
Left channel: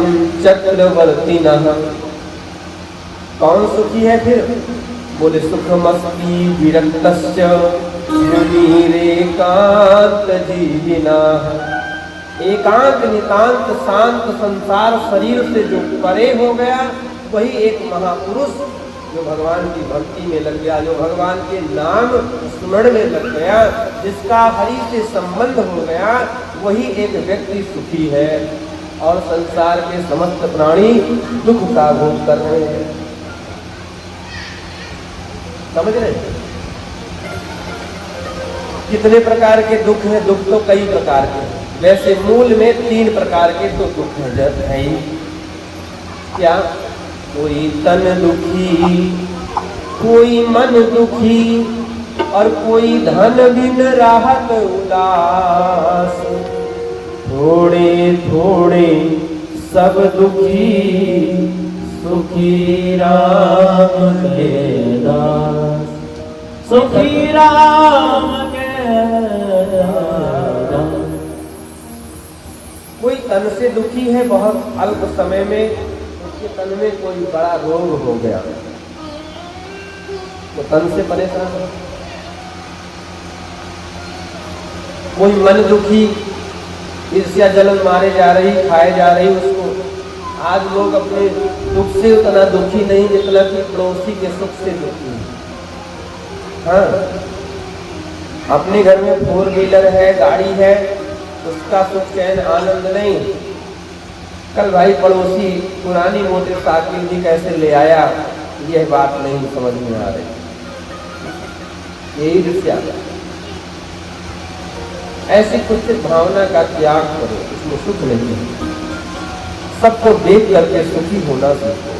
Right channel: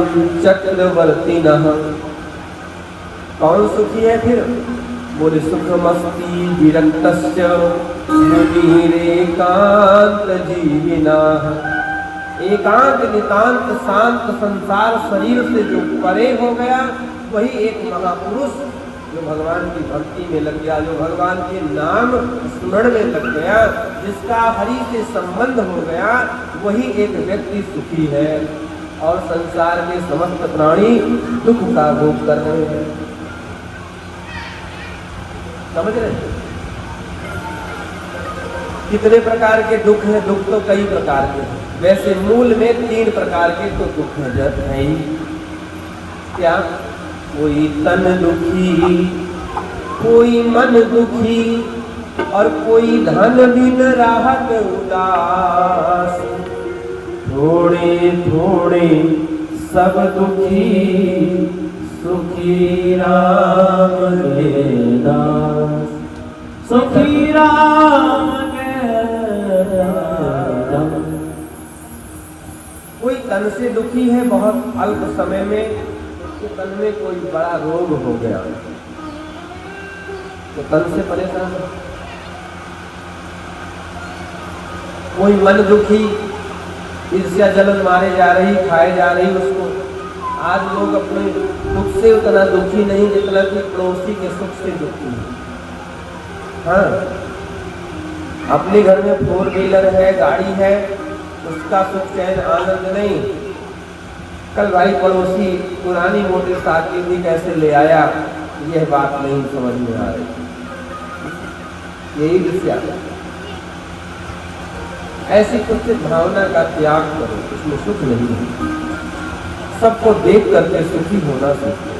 चक्रवर्ती न। कौन सुखी है फिर? बोले सुखमस्ति विरक्तस्य मुनिरेकांत जीविनाः। एकांत नितांत शांत संसार शरीर से जो परे हो गया वही एक महापुरुष जो भगवान की भक्ति में लग गया, जो भगवान के नाम स्मरण में लग गया, जिसका हरि से संबंध हो गया, वही एक व्यक्ति सुखी है। और संसार के समस्त प्राणी दुख का भोग कर रहे हैं। समझ रहे? कितने प्रकार के दुख हैं? दुख तो कई प्रकार के हैं। वैसे मूल में 3 प्रकार के तो दुख नजर है ही। क्या? कोई तन दुखी, कोई मन दुखी, और कोई धन बिन राहत उदास। थोड़े थोड़े सब दुखी, सुखी राम के दास। सुखी राम के दास। कोई तन से दुखी है, बहुत अल्प समय में उसके तन में कोई बड़ा रोग हो गया तो तन से परेशान। कोई मन दुखी, ईर्ष्या जलन मारे जा रही, खाए जा रही उसको। आज लोग अपने दुख से उतना दुखी नहीं जितना कि पड़ोसी के सुख से दुखी। हाँ, अपने घर में 4 व्हीलर है, गाड़ी है, उसका सुख चैन आनंद नहीं। कल भाई पड़ोसी पुरानी मोटरसाइकिल भी कैसे ले आया, यह बात नहीं समझ में आ रही। यही ईर्ष्या। ऐसी कुछ भावना का त्याग करो, इसमें सुख नहीं है। सबको देख करके सुखी होना चाहिए।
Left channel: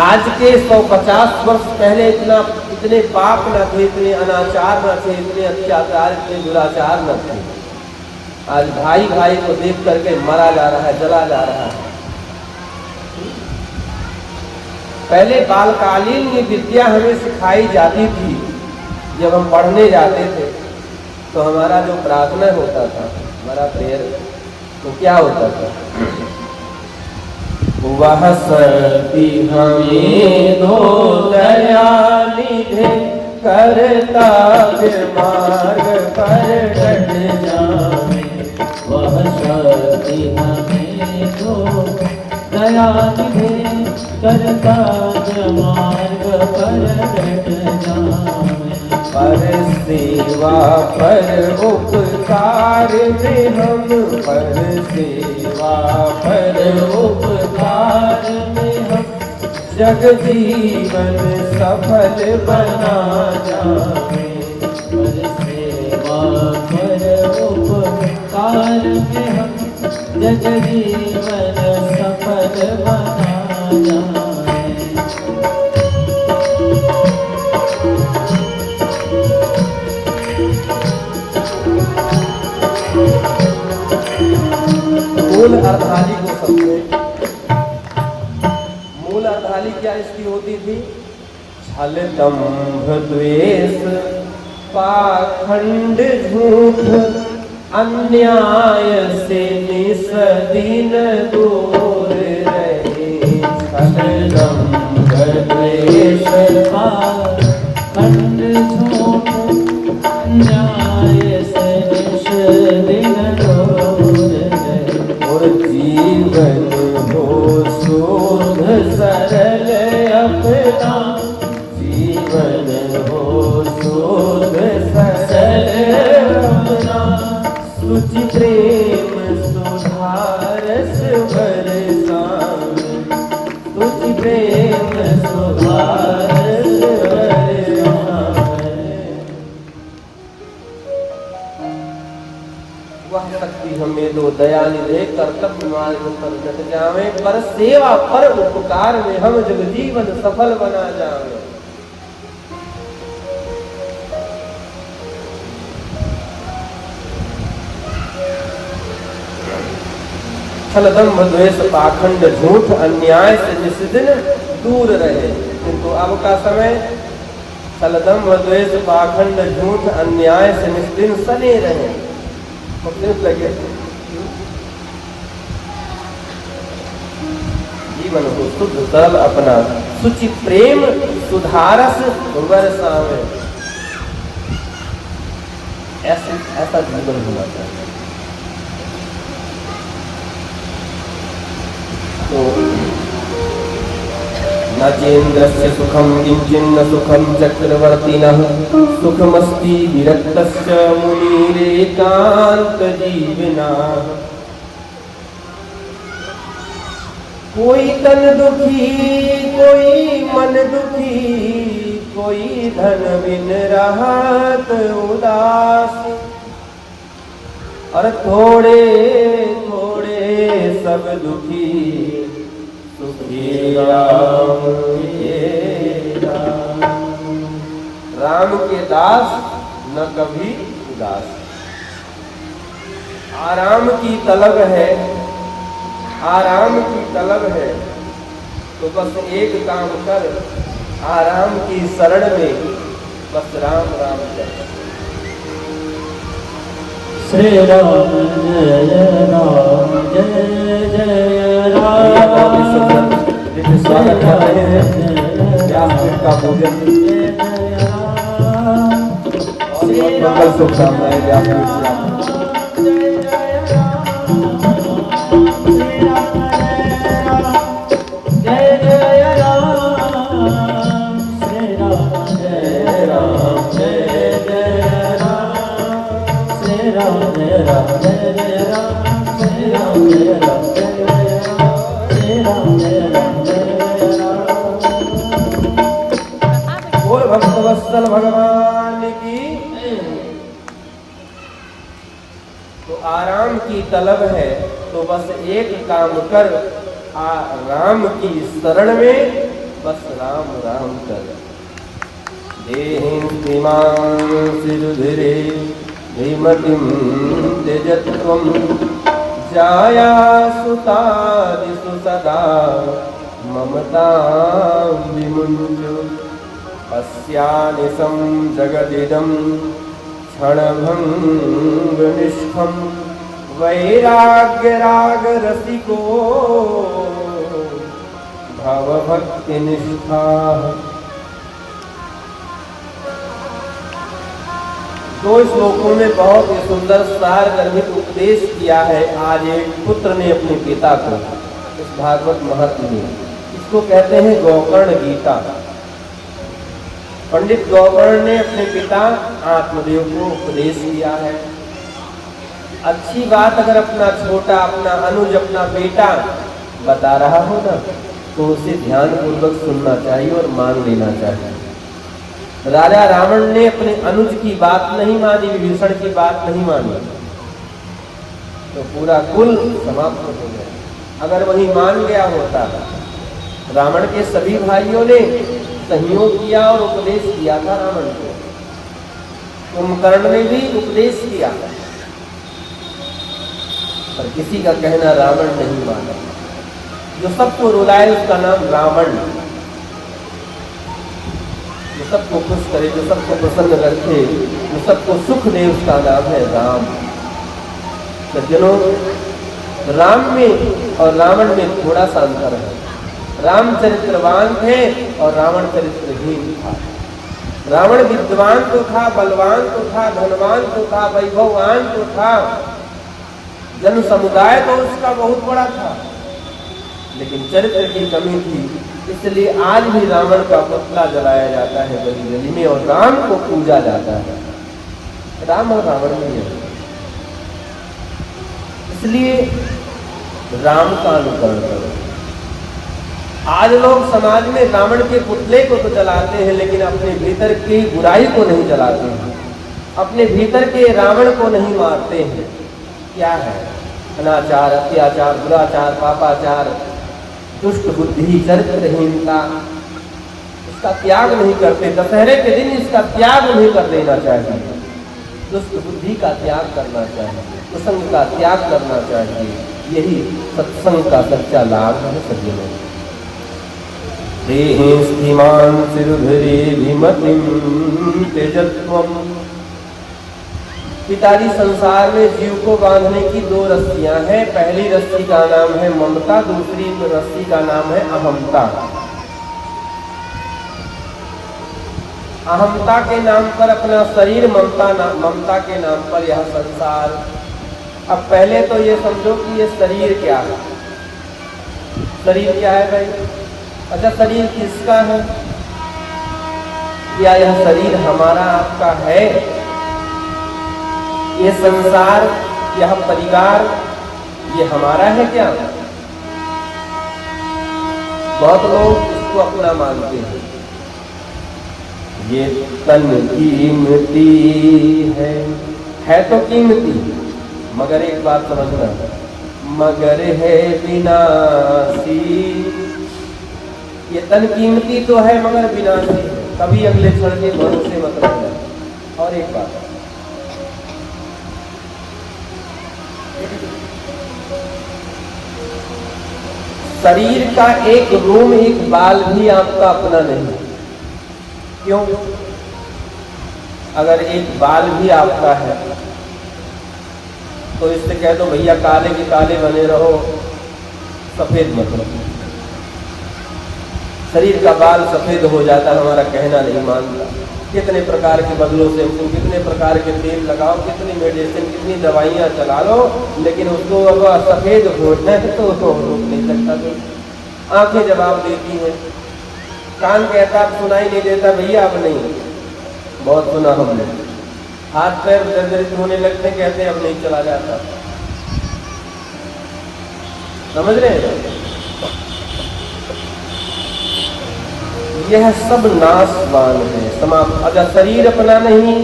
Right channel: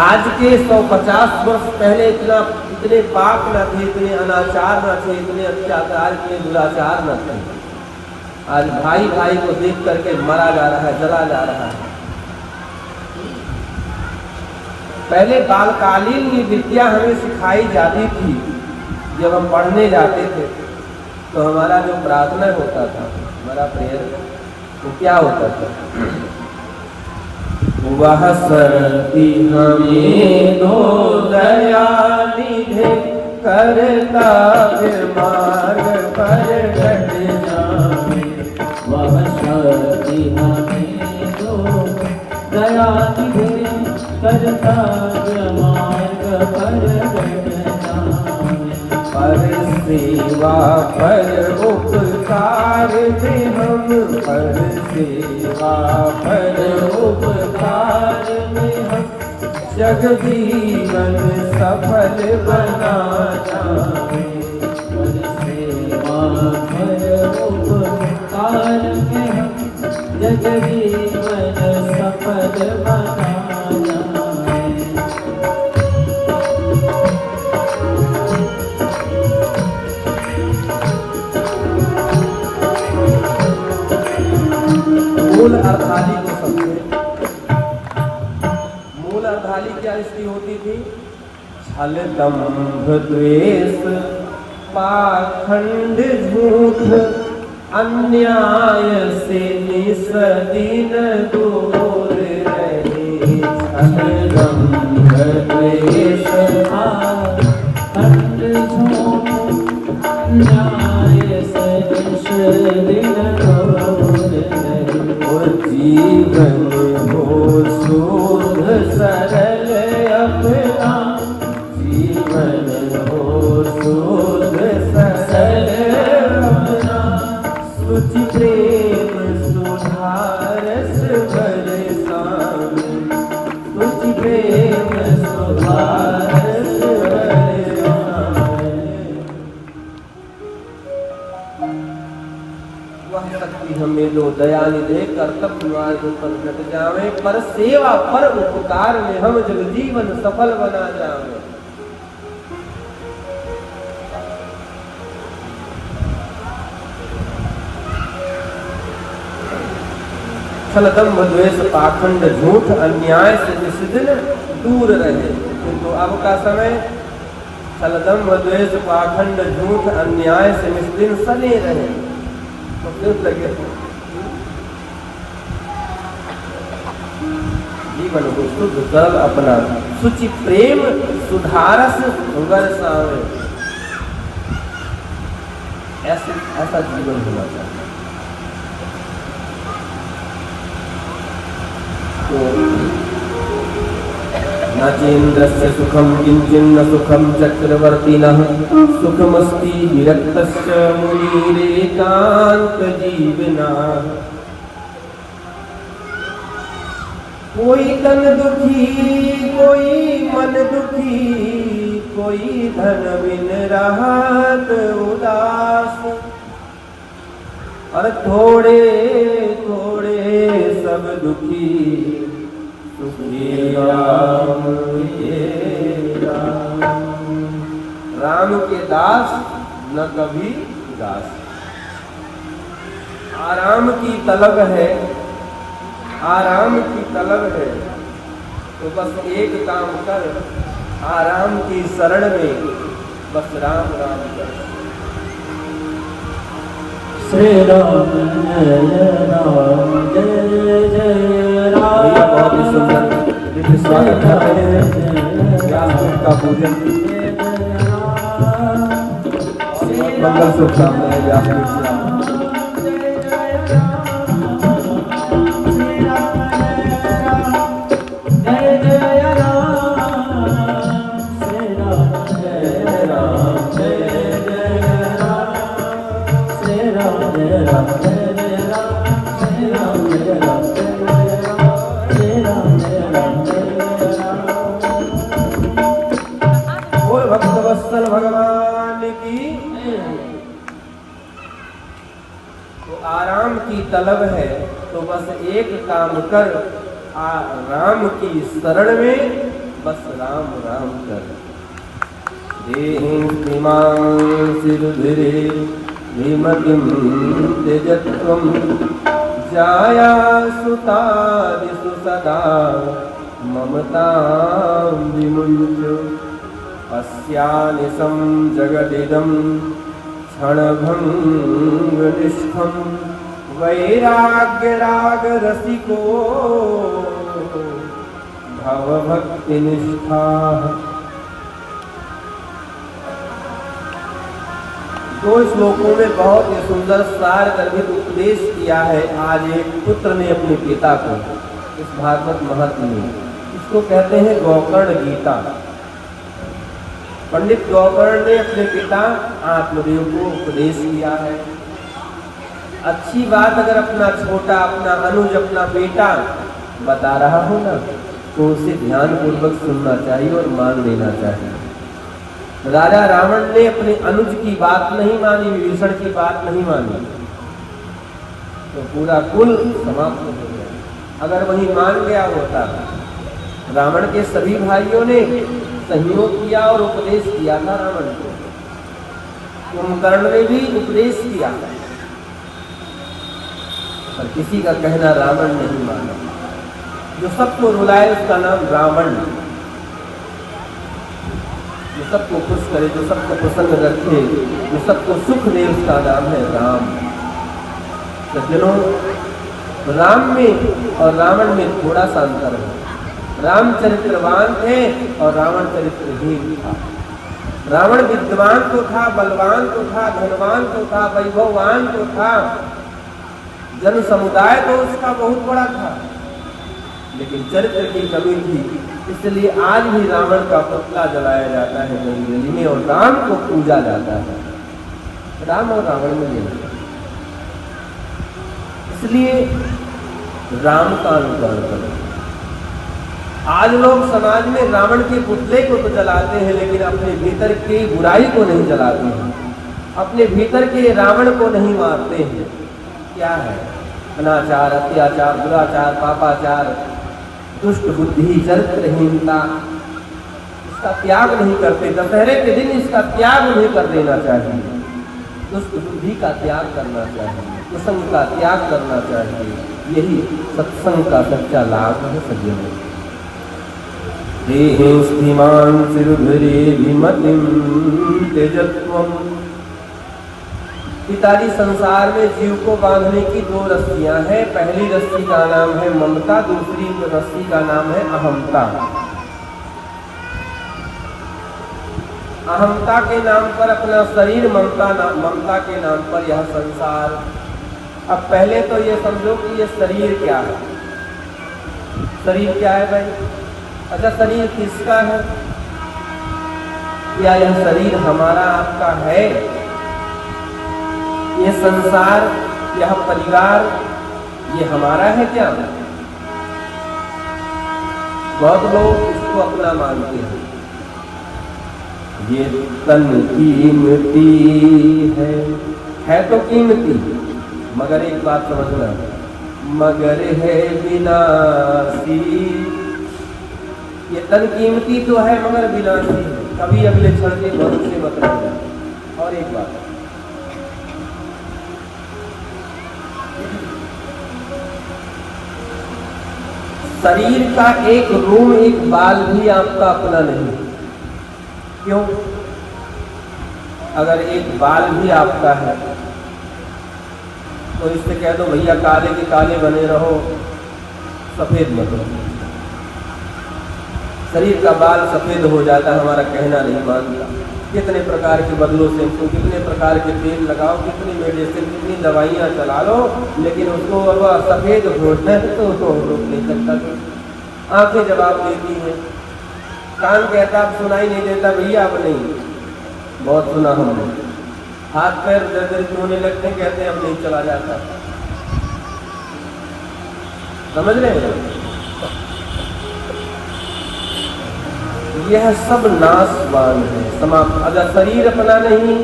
आज के 150 वर्ष पहले इतने पाप न थे, इतने अनाचार न थे, इतने अत्याचार, इतने दुराचार न थे। आज भाई भाई को देख करके मरा जा रहा है, जला जा रहा है। पहले बालकालीन की विद्या हमें सिखाई जाती थी। जब हम पढ़ने जाते थे तो हमारा जो प्रार्थना होता था, हमारा प्रेयर, तो क्या होता था? वह सती हमें दो दयानिधे, करता मार्ग पर डट जावे। वह सती हमें दो दयानिधे, करता मार्ग पर डट जावे। पर सेवा पर उपकार में हम, पर सेवा पर उपकार में हम, जग जीवन सफल बना जावे। पर सेवा पर उपकार में हम, जग जीवन सफल बना जावे। मूल अर्थाली को समझे। मूल अर्थाली क्या इसकी होती थी? छल दंभ द्वेष पाखंड झूठ, अन्याय से निस्दिन दूर रहे। छल दंभ द्वेष पाखंड झूठ, अन्याय से निस्दिन दूर रहे। जीवन हो शोध सरल अपना, जीवन हो शोध सरल अपना। सुचि प्रेम सुधारस बरसावे, सुचि प्रेम सुधारस बरसावे। वह शक्ति हमें दो दयानिधे, कर्तव्य मार्ग पर डट जावे। पर सेवा पर उपकार में हम जग जीवन सफल बना जावे। छल दंभ द्वेष पाखंड झूठ, अन्याय से जिस दिन दूर रहे। किंतु अब का समय छल दंभ द्वेष पाखंड झूठ अन्याय से निस दिन सने रहे। मतलब लगे जीवन को शुद्ध सरल अपना, सुचि प्रेम सुधारस वर्षावे। ऐसा जीवन होना चाहिए। तो न चेन्द्रस्य सुखम किंचिन्न सुखम चक्रवर्तिनः सुखमस्ति विरक्तस्य मुनिरेकांत जीवना। कोई तन दुखी कोई मन दुखी, कोई धन बिन रहत उदास। और थोड़े थोड़े सब दुखी, सुखी राम के दास। राम के दास न कभी उदास। आराम की तलब है, आराम की तलब है, तो बस एक काम कर, आराम की शरण में बस राम राम कर। श्री राम जय राम जय जय राम। बहुत ही सुंदर स्वागत कर रहे हैं। क्या का पूजन, मंगल शुभकामनाएं। भक्तवत्सल भगवान की। तो आराम की तलब है, तो बस एक काम कर, राम की शरण में बस राम राम कर। देहिं श्रीमांसिरुधिरे विमतिं त्यजत्वं, जाया सुतादिषु सदा ममतां विमुञ्च। अस्यानिशं जगदिदं क्षणभङ्गनिष्ठं, वैराग्यरागरसिको भवभक्तिनिष्ठाः। दो श्लोकों में बहुत ही सुंदर सार गर्भित उपदेश किया है आज एक पुत्र ने अपने पिता को, इस भागवत महत्व में। इसको कहते हैं गोकर्ण गीता। पंडित गोकर्ण ने अपने पिता आत्मदेव को उपदेश किया है। अच्छी बात अगर अपना छोटा, अपना अनुज, अपना बेटा बता रहा हो ना, तो उसे ध्यान पूर्वक सुनना चाहिए और मान लेना चाहिए। राजा रावण ने अपने अनुज की बात नहीं मानी, विभीषण की बात नहीं मानी, तो पूरा कुल समाप्त हो गया। अगर वही मान गया होता, रावण के सभी भाइयों ने सहयोग किया और उपदेश किया था रावण को, कुंभकर्ण ने भी उपदेश किया, पर किसी का कहना रावण नहीं माना। जो सबको रुलाए उसका नाम रावण, जो सबको खुश करे, जो सबको प्रसन्न रखे, जो सबको सुख दे, उसका नाम है राम। सज्जनों, राम में और रावण में थोड़ा सा अंतर है। राम चरित्रवान थे और रावण चरित्रहीन था। रावण विद्वान तो था, बलवान तो था, धनवान तो था, वैभववान तो था, जन समुदाय तो उसका बहुत बड़ा था, लेकिन चरित्र की कमी थी। इसलिए आज भी रावण का पुतला जलाया जाता है गली गली में और राम को पूजा जाता है। राम और रावण में इसलिए राम का अनुकरण करो। आज लोग समाज में रावण के पुतले को तो जलाते हैं, लेकिन अपने भीतर की बुराई को नहीं जलाते हैं, अपने भीतर के रावण को नहीं मारते हैं। क्या है? अनाचार, अत्याचार, दुराचार, पापाचार, दुष्ट बुद्धि, चरित्रहीनता, इसका त्याग नहीं करते। दशहरे के दिन इसका त्याग नहीं कर देना चाहिए। दुष्ट बुद्धि का त्याग करना चाहिए, कुसंग का त्याग करना चाहिए। यही सत्संग का सच्चा लाभ है। सज्जनों, देहे स्थिमान सिरुधरे विमतिं त्यजत्वम्, पिताजी, संसार में जीव को बांधने की दो रस्सियां हैं। पहली रस्सी का नाम है ममता, दूसरी रस्सी का नाम है अहमता। अहमता के नाम पर अपना शरीर, ममता के नाम पर यह संसार। अब पहले तो ये समझो कि ये शरीर क्या है। शरीर क्या है भाई? अच्छा, शरीर किसका है? क्या यह शरीर हमारा आपका है? ये संसार, यह परिवार, ये हमारा है क्या? बहुत लोग इसको अपना मानते हैं। ये तन कीमती है तो कीमती, मगर एक बात समझना, मगर है विनाशी। ये तन कीमती तो है मगर विनाशी है, कभी अगले क्षण के भरोसे मत रहना। और एक बात, शरीर का एक रोम, एक बाल भी आपका अपना नहीं। क्यों? अगर एक बाल भी आपका है तो इससे कह दो भैया काले के काले बने रहो, सफेद मत रहो। शरीर का बाल सफेद हो जाता है, हमारा कहना नहीं मानता। कितने प्रकार के बदलों से, कितने प्रकार के तेल लगाओ, कितनी मेडिसिन, कितनी दवाइयां चला लो, लेकिन उसको अब सफेद होना है तो उसको हो नहीं सकता। आंखें जवाब देती हैं, कान कहता अब सुनाई नहीं देता भैया, अब नहीं, बहुत सुना हमने। हाथ पैर दर्द होने लगते, कहते अब नहीं चला जाता। समझ रहे हैं? यह सब नाशवान है, समाप्त। अगर शरीर अपना नहीं,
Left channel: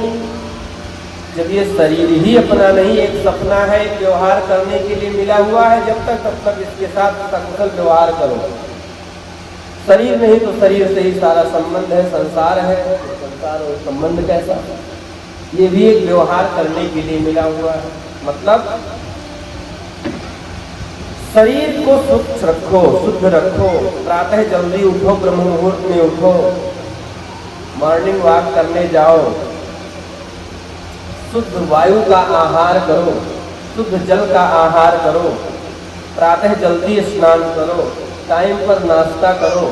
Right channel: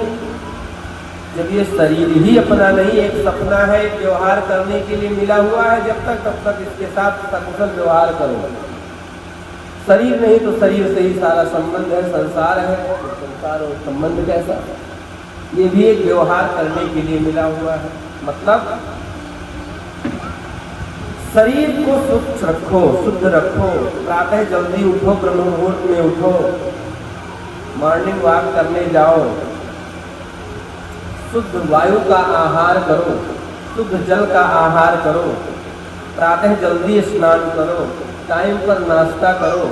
जब ये शरीर ही अपना नहीं, एक सपना है, एक व्यवहार करने के लिए मिला हुआ है, जब तक तब तक इसके साथ सकुशल व्यवहार करो। शरीर नहीं तो शरीर से ही सारा संबंध है, संसार है। संसार और संबंध कैसा? ये भी एक व्यवहार करने के लिए मिला हुआ है। मतलब शरीर को शुद्ध रखो, शुद्ध रखो। प्रातः जल्दी उठो, ब्रह्म मुहूर्त में उठो, मॉर्निंग वॉक करने जाओ, शुद्ध वायु का आहार करो, शुद्ध जल का आहार करो, प्रातः जल्दी स्नान करो, टाइम पर नाश्ता करो।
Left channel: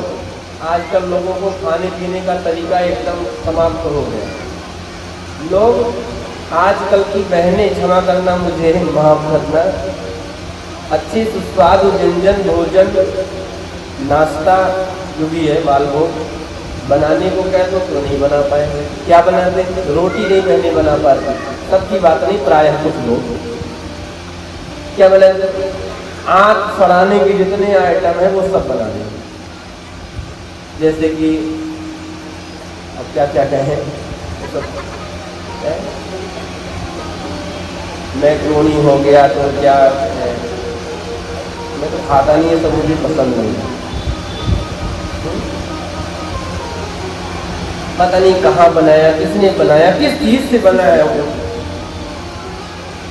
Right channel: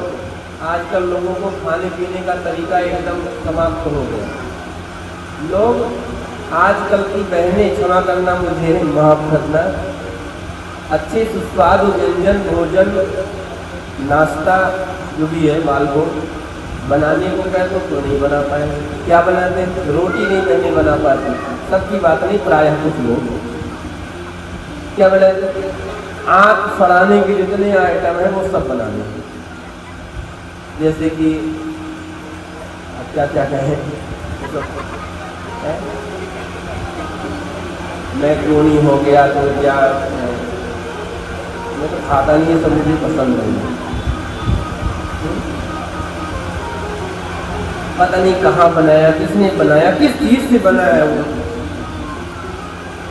आजकल लोगों को खाने पीने का तरीका एकदम समाप्त हो गया। लोग आजकल की बहनें, क्षमा करना मुझे, माफ करना, अच्छे सुस्वादु व्यंजन, भोजन, नाश्ता जो भी है बाल भोग बनाने को कहते तो नहीं बना पाए। क्या बनाते? रोटी नहीं पहले बना पाते। सबकी बात नहीं, प्रायः कुछ लोग क्या बनाते? आँख फड़ाने के जितने आइटम है वो सब बनाने, जैसे कि अब क्या क्या कहे, मैक्रोनी हो गया, तो क्या मैं तो खाता नहीं है, तो मुझे पसंद नहीं है। पता नहीं कहाँ बनाया, किसने बनाया, किस चीज से बनाया, वो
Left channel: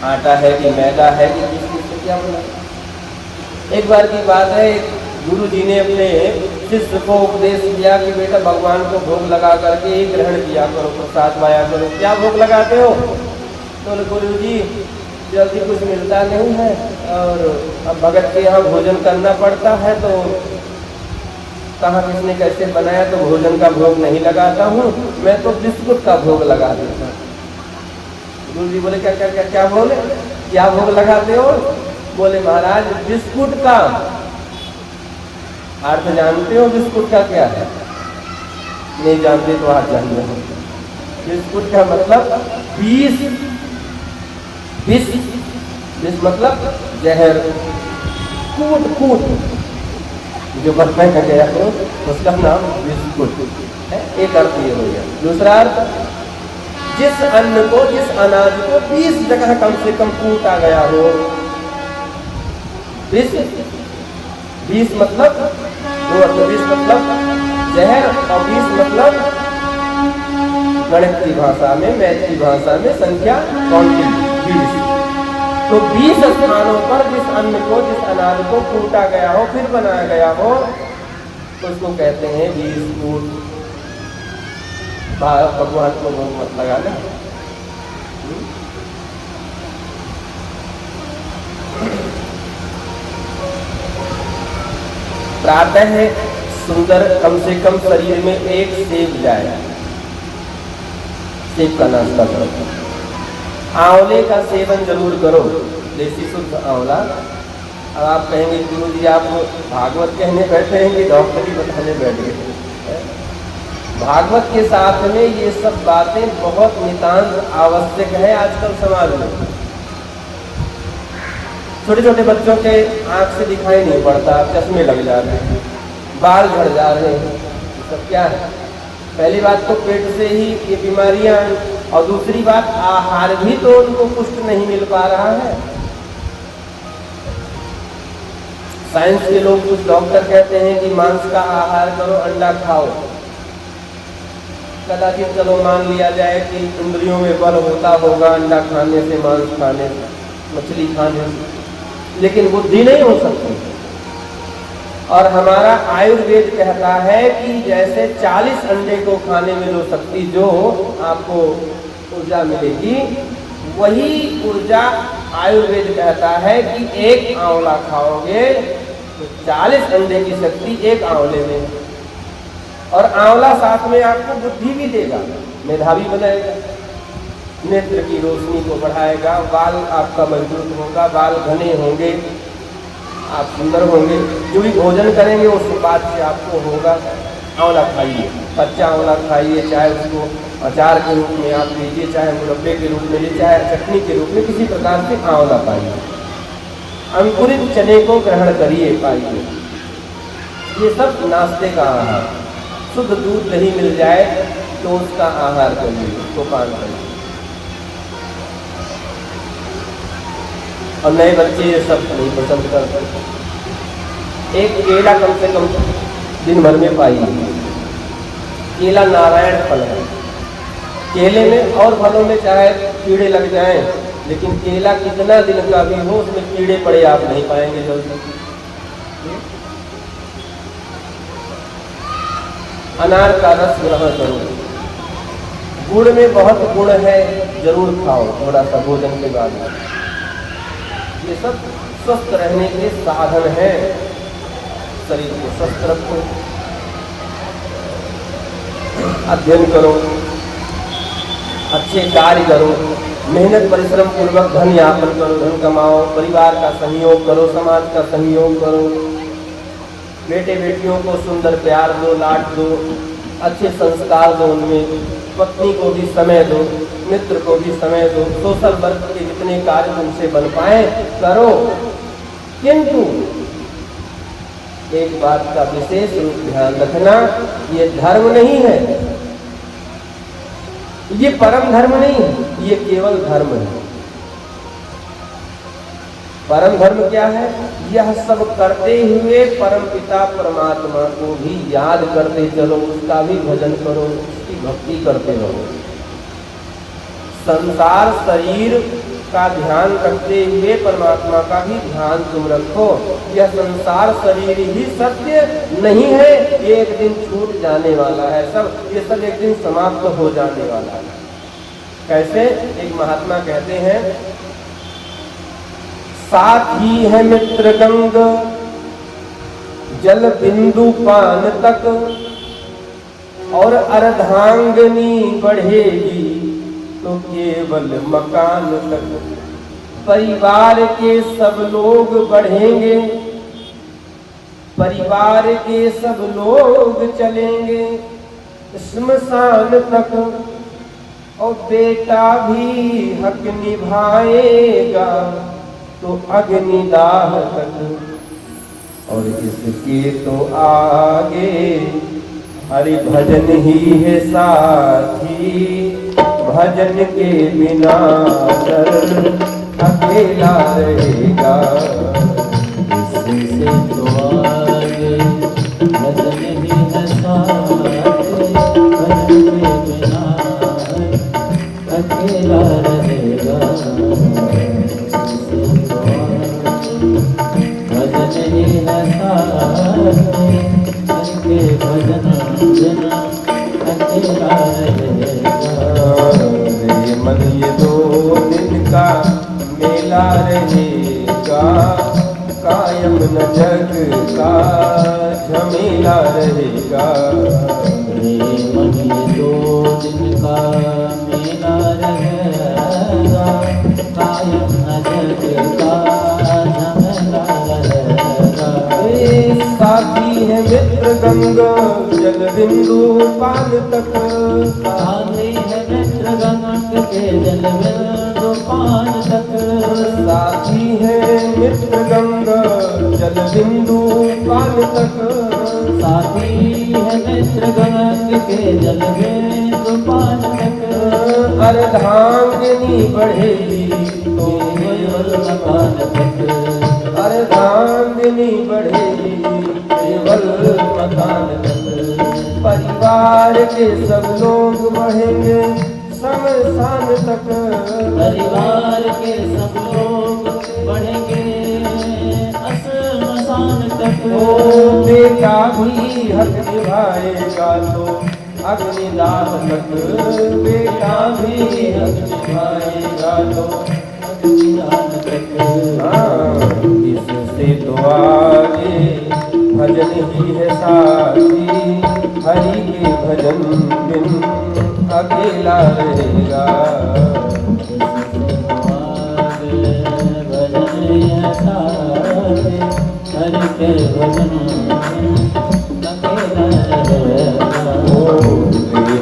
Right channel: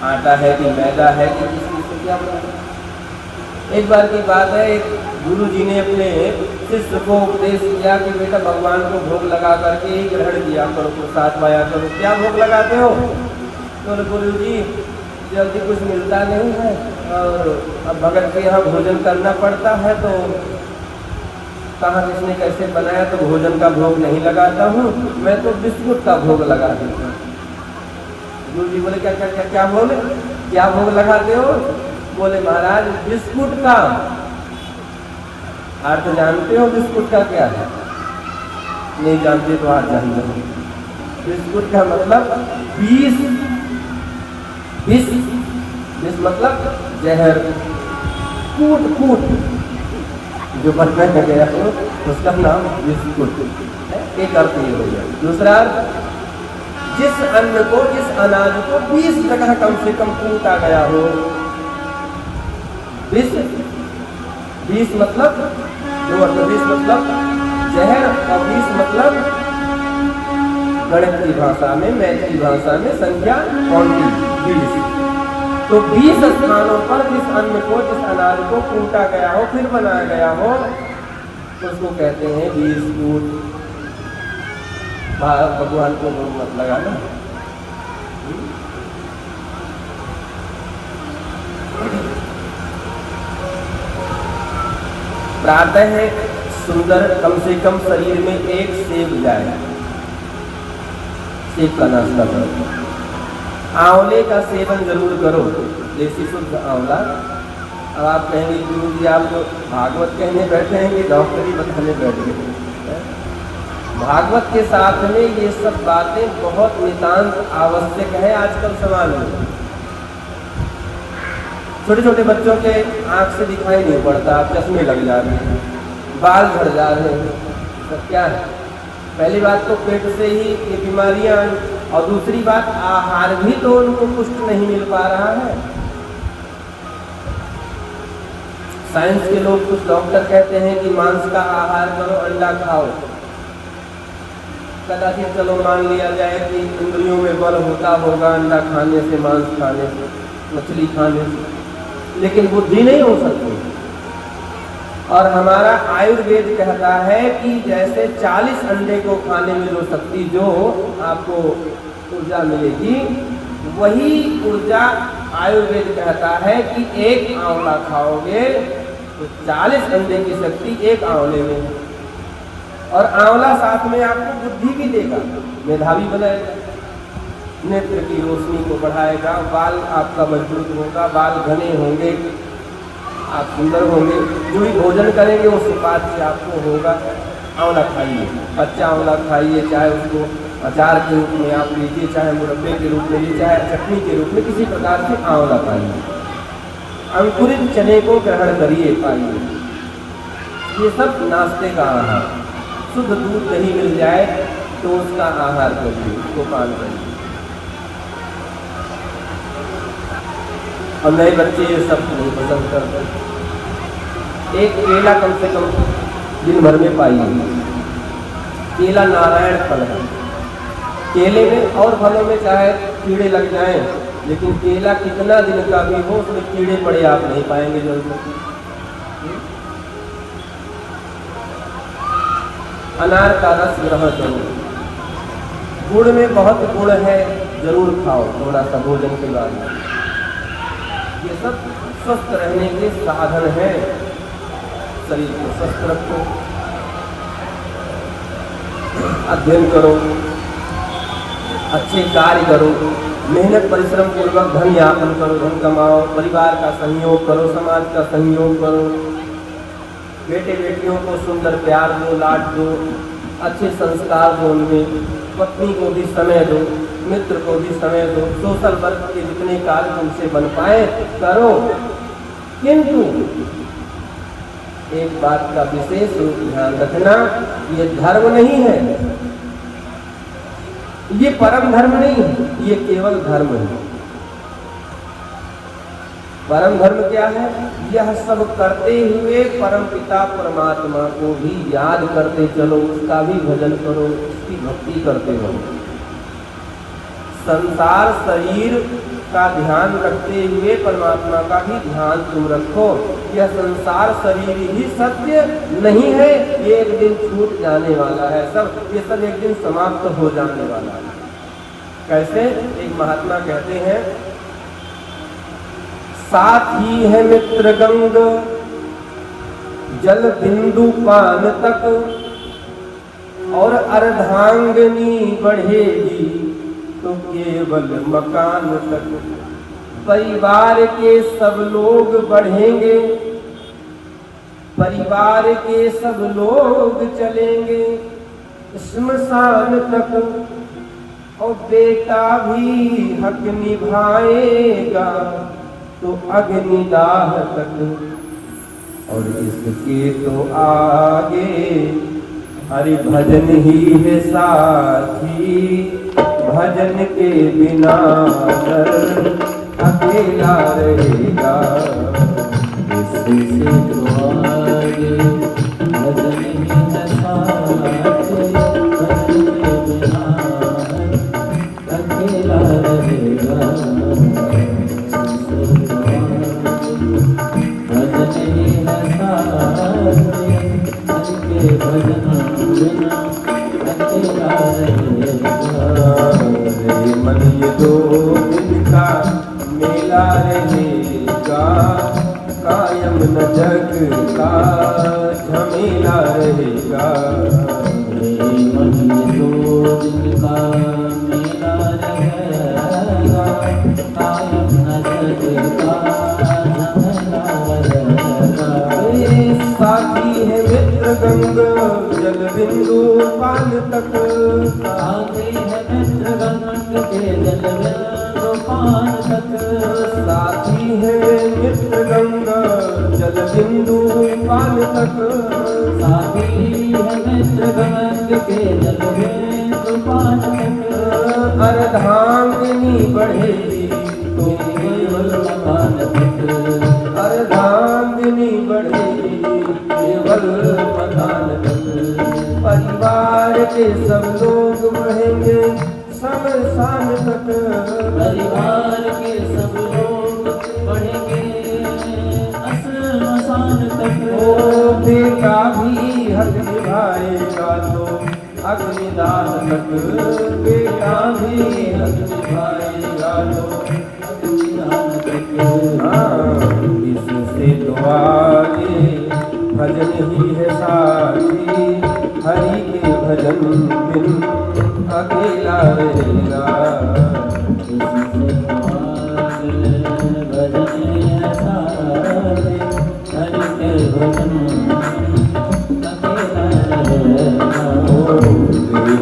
आटा है कि मैदा है कि किस चीज से क्या बनाया। एक बार की बात है, एक गुरु जी ने अपने शिष्य को उपदेश किया कि बेटा भगवान को भोग लगा करके ही ग्रहण किया करो, प्रसाद पाया करो। क्या भोग लगाते हो? तो गुरु जी जल्दी कुछ मिलता नहीं है और अब भगत के यहाँ भोजन करना पड़ता है, तो कहाँ किसने कैसे बनाया, तो भोजन का भोग नहीं लगाता हूँ, मैं तो बिस्कुट का भोग लगा देता हूँ। गुरु जी बोले क्या क्या क्या क्या बोले, क्या भोग लगाते हो? बोले महाराज बिस्कुट का। आप तो जानते हो बिस्कुट का क्या है? नहीं जानते तो आप जान लो। बिस्कुट का मतलब विष मतलब जहर, कूट जो बचपन का गया तो उसका नाम बिस्कुट। एक अर्थ ये हो गया। दूसरा अर्थ, जिस अन्न को, जिस अनाज को 20 जगह कम से कम कूटा गया हो। 20 मतलब जहर, और 20 मतलब गणित की भाषा में, मैथ की भाषा में संख्या क्वांटिटी 20। तो 20 स्थानों पर जिस अन्न को, जिस अनाज को कूटा गया हो, फिर बनाया गया हो, तो उसको कहते हैं बिस्कुट। भगवान को भोग मत लगाना। प्रातः सुंदर कम से कम शरीर में एक सेब जाए, सेब का नाश्ता करो। आंवले का सेवन जरूर करो, देसी शुद्ध आंवला। अब आप कहेंगे गुरु जी आप भागवत कहने बैठे हैं कि डॉक्टरी बताने बैठे हैं। भागवत के साथ में ये सब बातें बहुत नितांत आवश्यक है आजकल समाज में। छोटे छोटे बच्चों के आंख से दिखाई नहीं पड़ता, चश्मे लग जा रहे हैं, बाल झड़ जा रहे हैं, तो क्या है? पहली बात तो पेट से ही ये बीमारियां, और दूसरी बात आहार भी तो उनको पुष्ट नहीं मिल पा रहा है। साइंस के लोग, कुछ डॉक्टर कहते हैं कि मांस का आहार करो, अंडा खाओ। कदाचित चलो मान लिया जाए कि इंद्रियों में बल होता होगा अंडा खाने से, मांस खाने से, मछली खाने से, लेकिन बुद्धि नहीं हो सकती। और हमारा आयुर्वेद कहता है कि जैसे 40 अंडे को खाने में जो शक्ति, जो आपको ऊर्जा मिलेगी, वही ऊर्जा आयुर्वेद कहता है कि एक आंवला खाओगे तो 40 अंडे की शक्ति एक आंवले में। और आंवला साथ में आपको बुद्धि भी देगा, मेधावी बनाएगा, नेत्र की रोशनी को बढ़ाएगा, बाल आपका मजबूत होगा, बाल घने होंगे, आप सुंदर होंगे। जो भी भोजन करेंगे उसके बाद से आपको होगा। आंवला खाइए, कच्चा आंवला खाइए, चाहे उसको अचार के रूप में आप लीजिए, चाहे मुरब्बे के रूप में लीजिए, चाहे चटनी के रूप में, किसी प्रकार से आंवला खाइए। अंकुरित चने को ग्रहण करिए, खाइए। ये सब नाश्ते का आहार। शुद्ध दूध दही मिल जाए तो उसका आहार करिए, उसको पान करिए। और नए बच्चे ये सब नहीं पसंद करते। एक केला कम से कम दिन भर में पाइए। केला नारायण फल है। केले में और फलों में चाहे कीड़े लग जाएं, लेकिन केला कितना दिन का भी हो उसमें कीड़े पड़े आप नहीं पाएंगे जल्दी। अनार का रस ग्रहण करो। गुड़ में बहुत गुण है, जरूर खाओ थोड़ा सा भोजन के बाद। ये सब स्वस्थ रहने के साधन है। शरीर को स्वस्थ रखो, अध्ययन करो, अच्छे कार्य करो, मेहनत परिश्रम पूर्वक धन यापन करो, धन कमाओ, परिवार का सहयोग करो, समाज का सहयोग करो, बेटे बेटियों को सुंदर प्यार दो, लाड दो, अच्छे संस्कार दो उनमें, पत्नी को भी समय दो, मित्र को भी समय दो, सोशल वर्क के जितने कार्य उनसे बन पाए करो। किंतु एक बात का विशेष ध्यान रखना, ये धर्म नहीं है, ये परम धर्म नहीं है, ये केवल धर्म है। परम धर्म क्या है? यह सब करते हुए परम पिता परमात्मा को भी याद करते चलो, उसका भी भजन करो, उसकी भक्ति करते रहो। संसार शरीर का ध्यान रखते हुए परमात्मा का भी ध्यान तुम रखो। यह संसार शरीर ही सत्य नहीं है, ये एक दिन छूट जाने वाला है, सब ये सब एक दिन समाप्त हो जाने वाला है। कैसे? एक महात्मा कहते हैं, साथी है मित्र गंग जल बिंदु पान तक, और अर्धांगनी बढ़ेगी तो केवल मकान तक। परिवार के सब लोग बढ़ेंगे, परिवार के सब लोग चलेंगे श्मशान तक, और बेटा भी हक निभाएगा तो अग्निदाह तक। और इसके तो आगे हरि भजन ही है साथी, भजन के बिना नर अकेला रहेगा। इससे तो आगे भजन ही है साथी, भजन के बिना अकेला रहेगा। मन ये 2 दिन का मेला रहेगा, कायम न जग का झमेला रहेगा। मन ये दो दिन का मेला रहेगा, कायम न जग का झमेला रहेगा। ये साथी है मित्र गंगा जल बिंदु पान तक, साथी है मित्र गंगा के जल बिंदु पान तक, साथी है मित्र गंगा जल बिंदु पान तक, साथी है मित्र गंगा के जल बिंदु पान तक। अर्धांगिनी बढ़ेगी तो केवल पान तक, अर्धांगिनी बढ़ेगी केवल मकान तक। परिवार के सब लोग बढ़ेंगे शमशान तक, परिवार के सब लोग बढ़ेंगे शमशान तक। ओ बेटा भी हक निभाएगा तो अग्निदान तक, बेटा भी हक निभाएगा तो अग्निदान तक। इससे तो आगे भजन ही है साथी, हरि के भजन बिन अकेला रहेगा।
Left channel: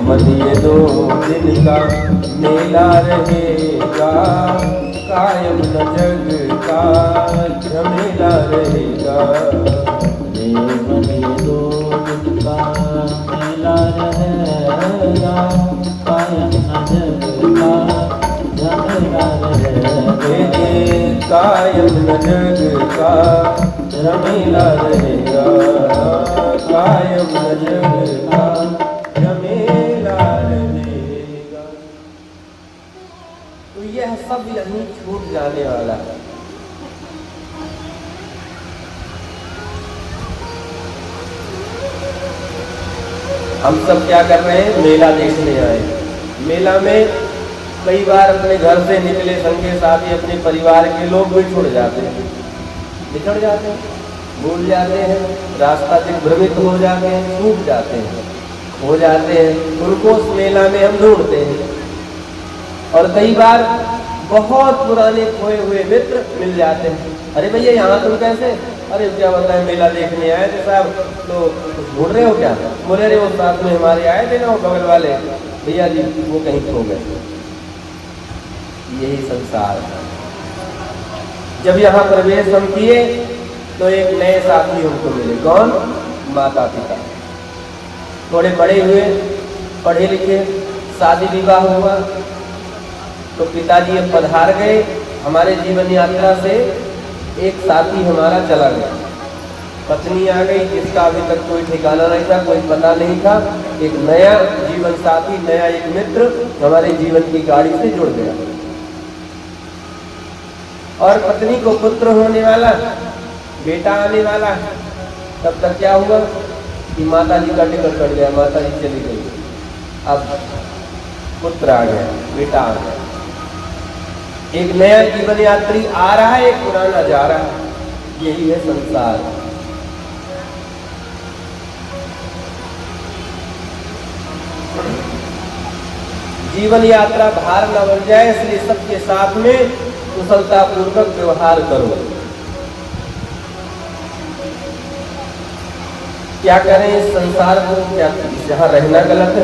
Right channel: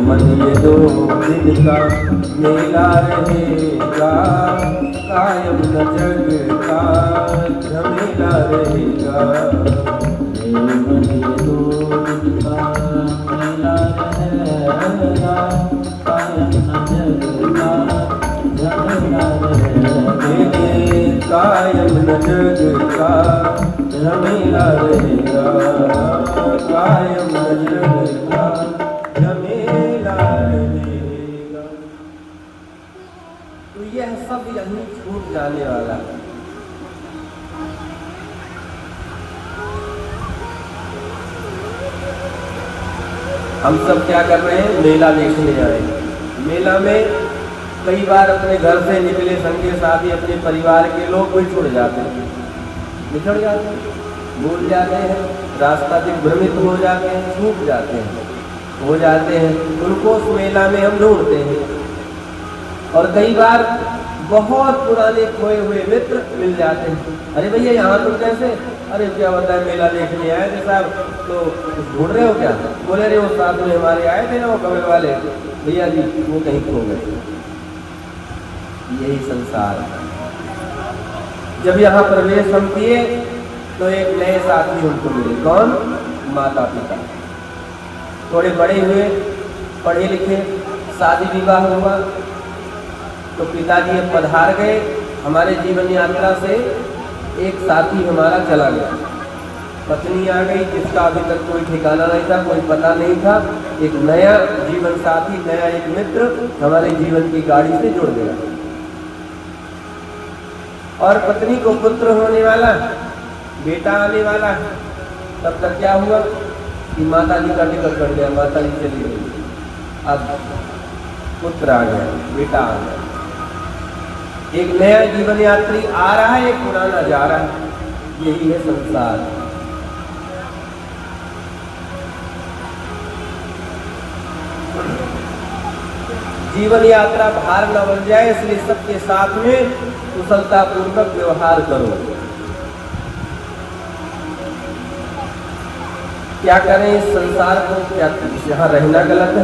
मन ये दो दिन का मेला रहेगा, कायम न जग का झमेला रहेगा। कायम न जग का झमेला रहेगा, कायम न जग का झमेला रहेगा। तो यह सब यहीं छूट जाने वाला है। हम सब क्या कर रहे हैं, मेला देखने आए। मेला में कई बार अपने घर से निकले संगे साथी अपने परिवार के लोग भी छुड़ जाते हैं, निकल जाते हैं, भूल जाते हैं, रास्ता से भ्रमित हो जाते हैं, छूट जाते हैं, हो जाते हैं। उनको उस मेला में हम ढूंढते हैं। और कई बार बहुत पुराने खोए हुए मित्र मिल जाते हैं। अरे भैया यहाँ तुम कैसे? अरे क्या बताएं, मेला देखने आए थे साहब, तो ढूंढ रहे हो क्या? बोले अरे वो साथ में हमारे आए थे ना वो बगल वाले भैया जी, वो कहीं खो गए। यही संसार। जब यहाँ प्रवेश हम किए तो एक नए साथी हमको मिले। कौन? माता पिता। थोड़े बड़े हुए, पढ़े लिखे, शादी विवाह हुआ तो पिताजी अब पधार गए। हमारे जीवन यात्रा से एक साथी हमारा चला गया, पत्नी आ गई जिसका अभी तक कोई ठिकाना नहीं था, कोई पता नहीं था। एक नया जीवन साथी, नया एक मित्र हमारे जीवन की गाड़ी से जुड़ गया। और पत्नी को पुत्र होने वाला, बेटा आने वाला है। तब तक क्या हुआ कि माता जी का टिकट कट गया, माता जी चली गई। अब पुत्र आ गया, बेटा आ गया। एक नया जीवन यात्री आ रहा है, एक पुराना जा रहा है। यही है संसार। जीवन यात्रा भार न बन जाए, इसलिए सबके साथ में कुशलता पूर्वक व्यवहार करो। क्या करें इस संसार को? क्या जहां रहना गलत है?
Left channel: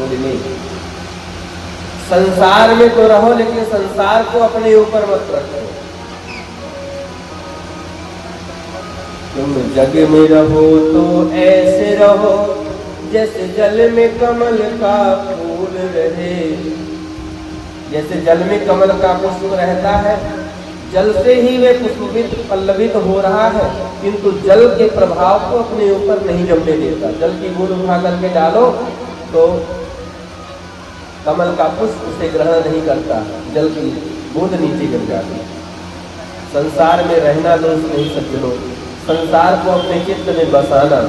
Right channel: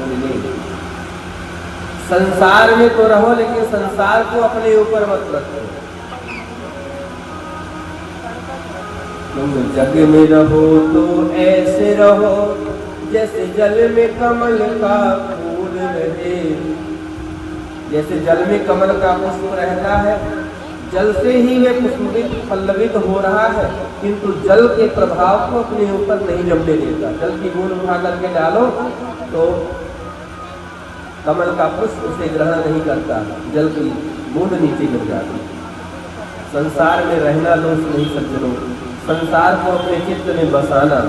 नहीं, संसार में तो रहो, लेकिन संसार को अपने ऊपर मत रखो। तुम जग में रहो तो ऐसे रहो जैसे जल में कमल का फूल रहे। जैसे जल में कमल का पुष्प रहता है, जल से ही वे पुष्पित पल्लवित हो रहा है, किंतु जल के प्रभाव को अपने ऊपर नहीं जमने देता। जल की बूंद उठा करके डालो तो कमल का पुष्प उसे ग्रहण नहीं करता, जल की बूंद नीचे गिर जाती। संसार में रहना दोष नहीं सज्जनों, संसार को अपने चित्त में बसाना,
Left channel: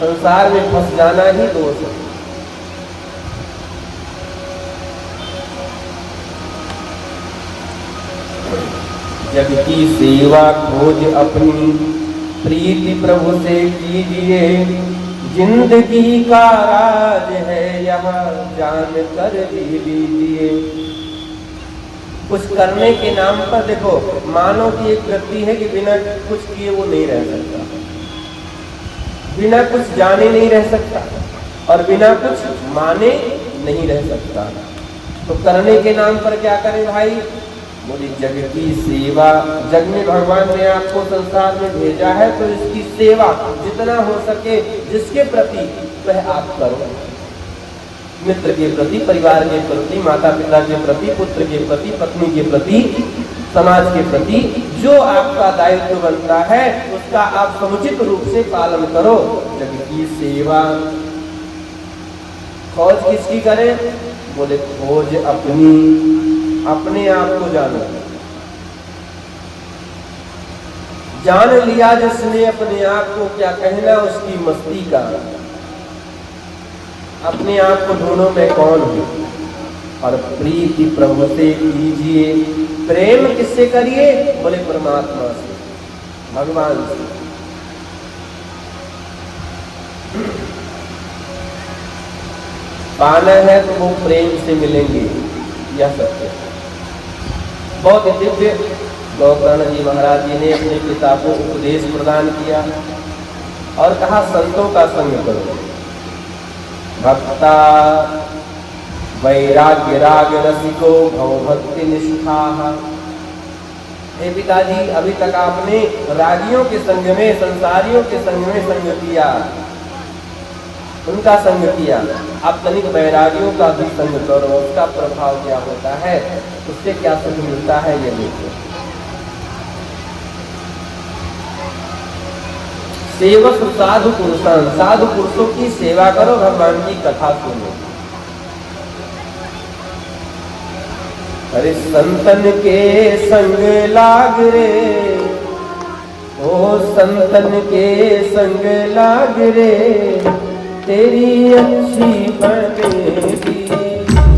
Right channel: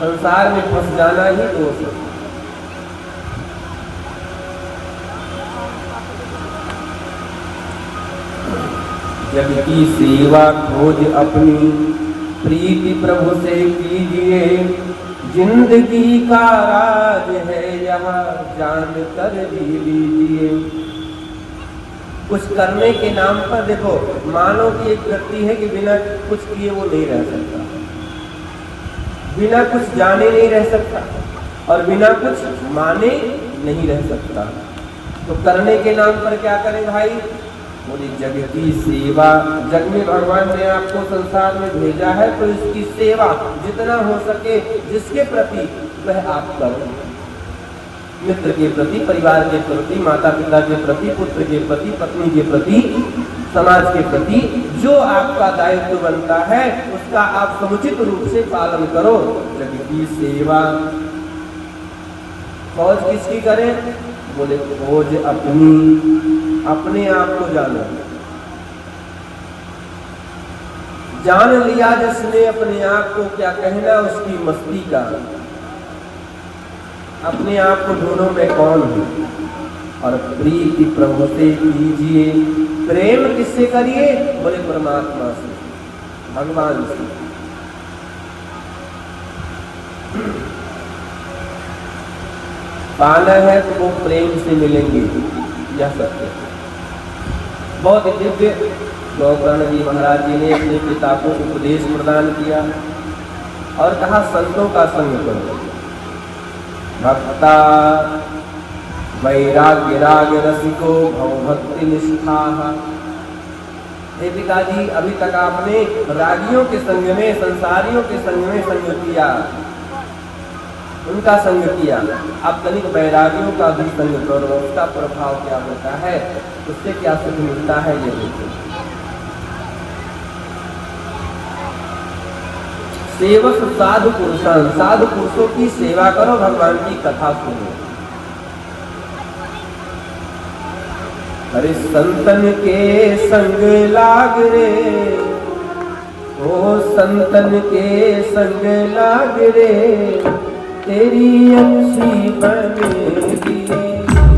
संसार में फंस जाना ही दोष है। जग की सेवा खोज अपनी प्रीति प्रभु से कीजिए। जिंदगी का राज है यहाँ जान कर जी लीजिए। कुछ करने के नाम पर देखो, मानव की एक वृत्ति है कि बिना कुछ किए वो नहीं रह सकता, बिना कुछ जाने नहीं रह सकता और बिना कुछ माने नहीं रह सकता। तो करने के नाम पर क्या करें भाई? बोली जग की सेवा। जग में भगवान ने आपको संसार में भेजा है तो इसकी सेवा जितना हो सके जिसके प्रति वह आप करो। मित्र के प्रति, परिवार के प्रति, माता पिता के प्रति, पुत्र के प्रति, पत्नी के प्रति, समाज के प्रति जो आपका दायित्व बनता है उसका आप समुचित रूप से पालन करो। जग की सेवा। खोज किसकी करें? बोले खोज अपनी, अपने आप को जानो। जान लिया जिसने अपने आप को, क्या कहना उसकी मस्ती का। अपने आप को ढूंढो मैं कौन हूं और प्रीति प्रभु से कीजिए। प्रेम किससे करिए? बोले परमात्मा से, भगवान से। पाना है तो वो प्रेम से मिलेंगे, यह सत्य है। बहुत दिव्य गौकर्ण जी महाराज जी ने अपने पिता को उपदेश प्रदान किया और कहा संतों का संग करो। भक्ता वैराग्य राग रसिको भव भक्ति निष्ठा। हे पिताजी, अभी तक आपने रागियों के संग में, संसारियों के संग में संग किया, उनका संग किया। अब तनिक वैरागियों का भी संग करो, उसका प्रभाव क्या होता है, उससे क्या सुख मिलता है ये देखो। सेवक साधु पुरुषान, साधु पुरुषों की सेवा करो, भगवान की कथा सुनो। अरे संतन के संग लाग रे, ओ संतन के संग लाग रे, तेरी अच्छी बनेगी।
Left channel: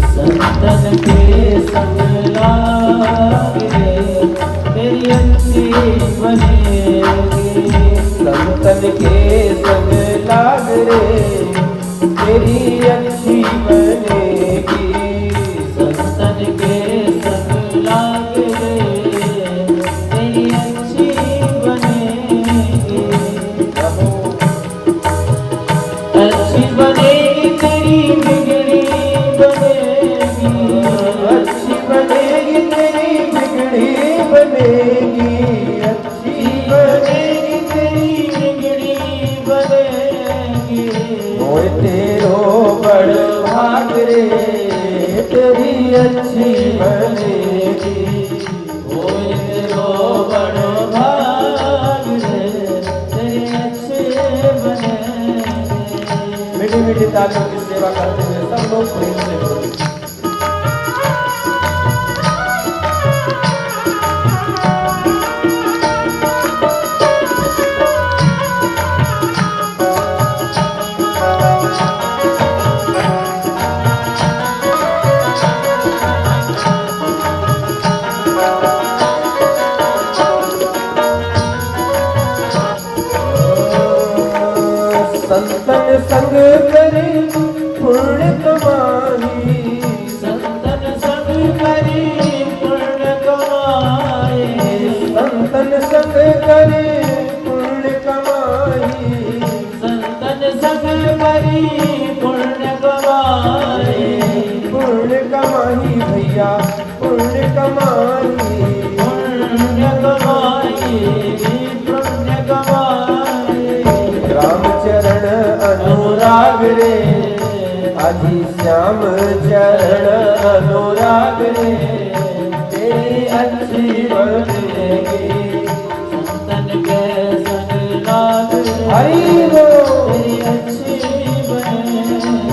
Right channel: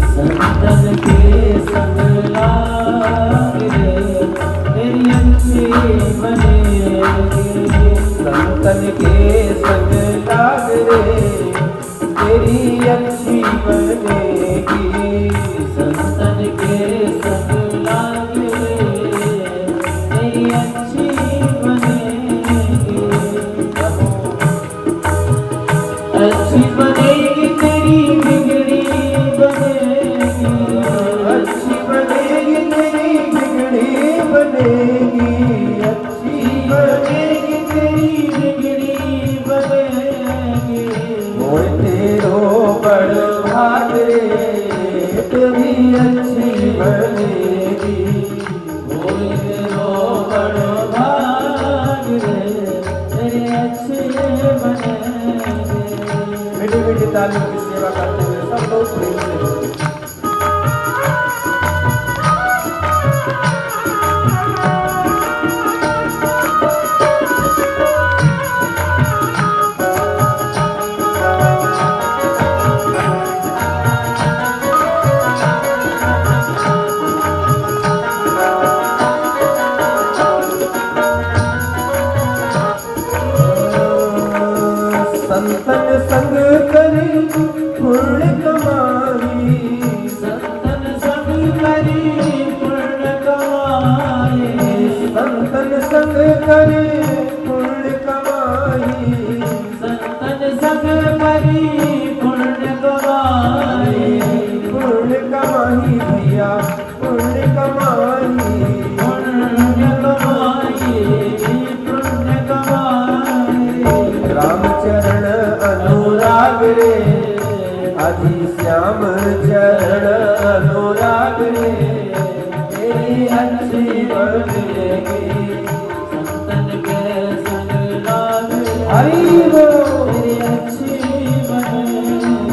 संतन के संग लाग रे, तेरी अच्छी बनेगी। संतन के संग लाग रे, तेरी अच्छी बनेगी। संतन के संग लाग रे, तेरी अच्छी बनेगी। अच्छी बनेगी तेरी बिगड़ी बनेगी। अच्छी बनेगी तेरी बिगड़ी बनेगी। अच्छी बनेगी तेरी बिगड़ी बनेगी। मोर तेरो बड़ भाग रे, तेरी अच्छी बनेगी। मोर तेरो बड़ भाग रे, तेरी अच्छी बनेगी। मीठी मीठी तालियों की सेवा करते हुए सब लोग प्रेम से बोलो। संतन संग करे पुण्य कमाई। संतन संग करे पुण्य कमाए। संतन संग करे पुण्य कमाई। संतन संग करे पुण्य कमाए। पुण्य कमाई भैया, पुण्य कमाई। पुण्य कमाए, पुण्य कमाए। रामचरण अनुराग रे, अधि श्याम चरण अनुराग रे, तेरी अच्छी बनेगी। संतन के संग लाग रे, हरि बोल। तेरी अच्छी बनेगी।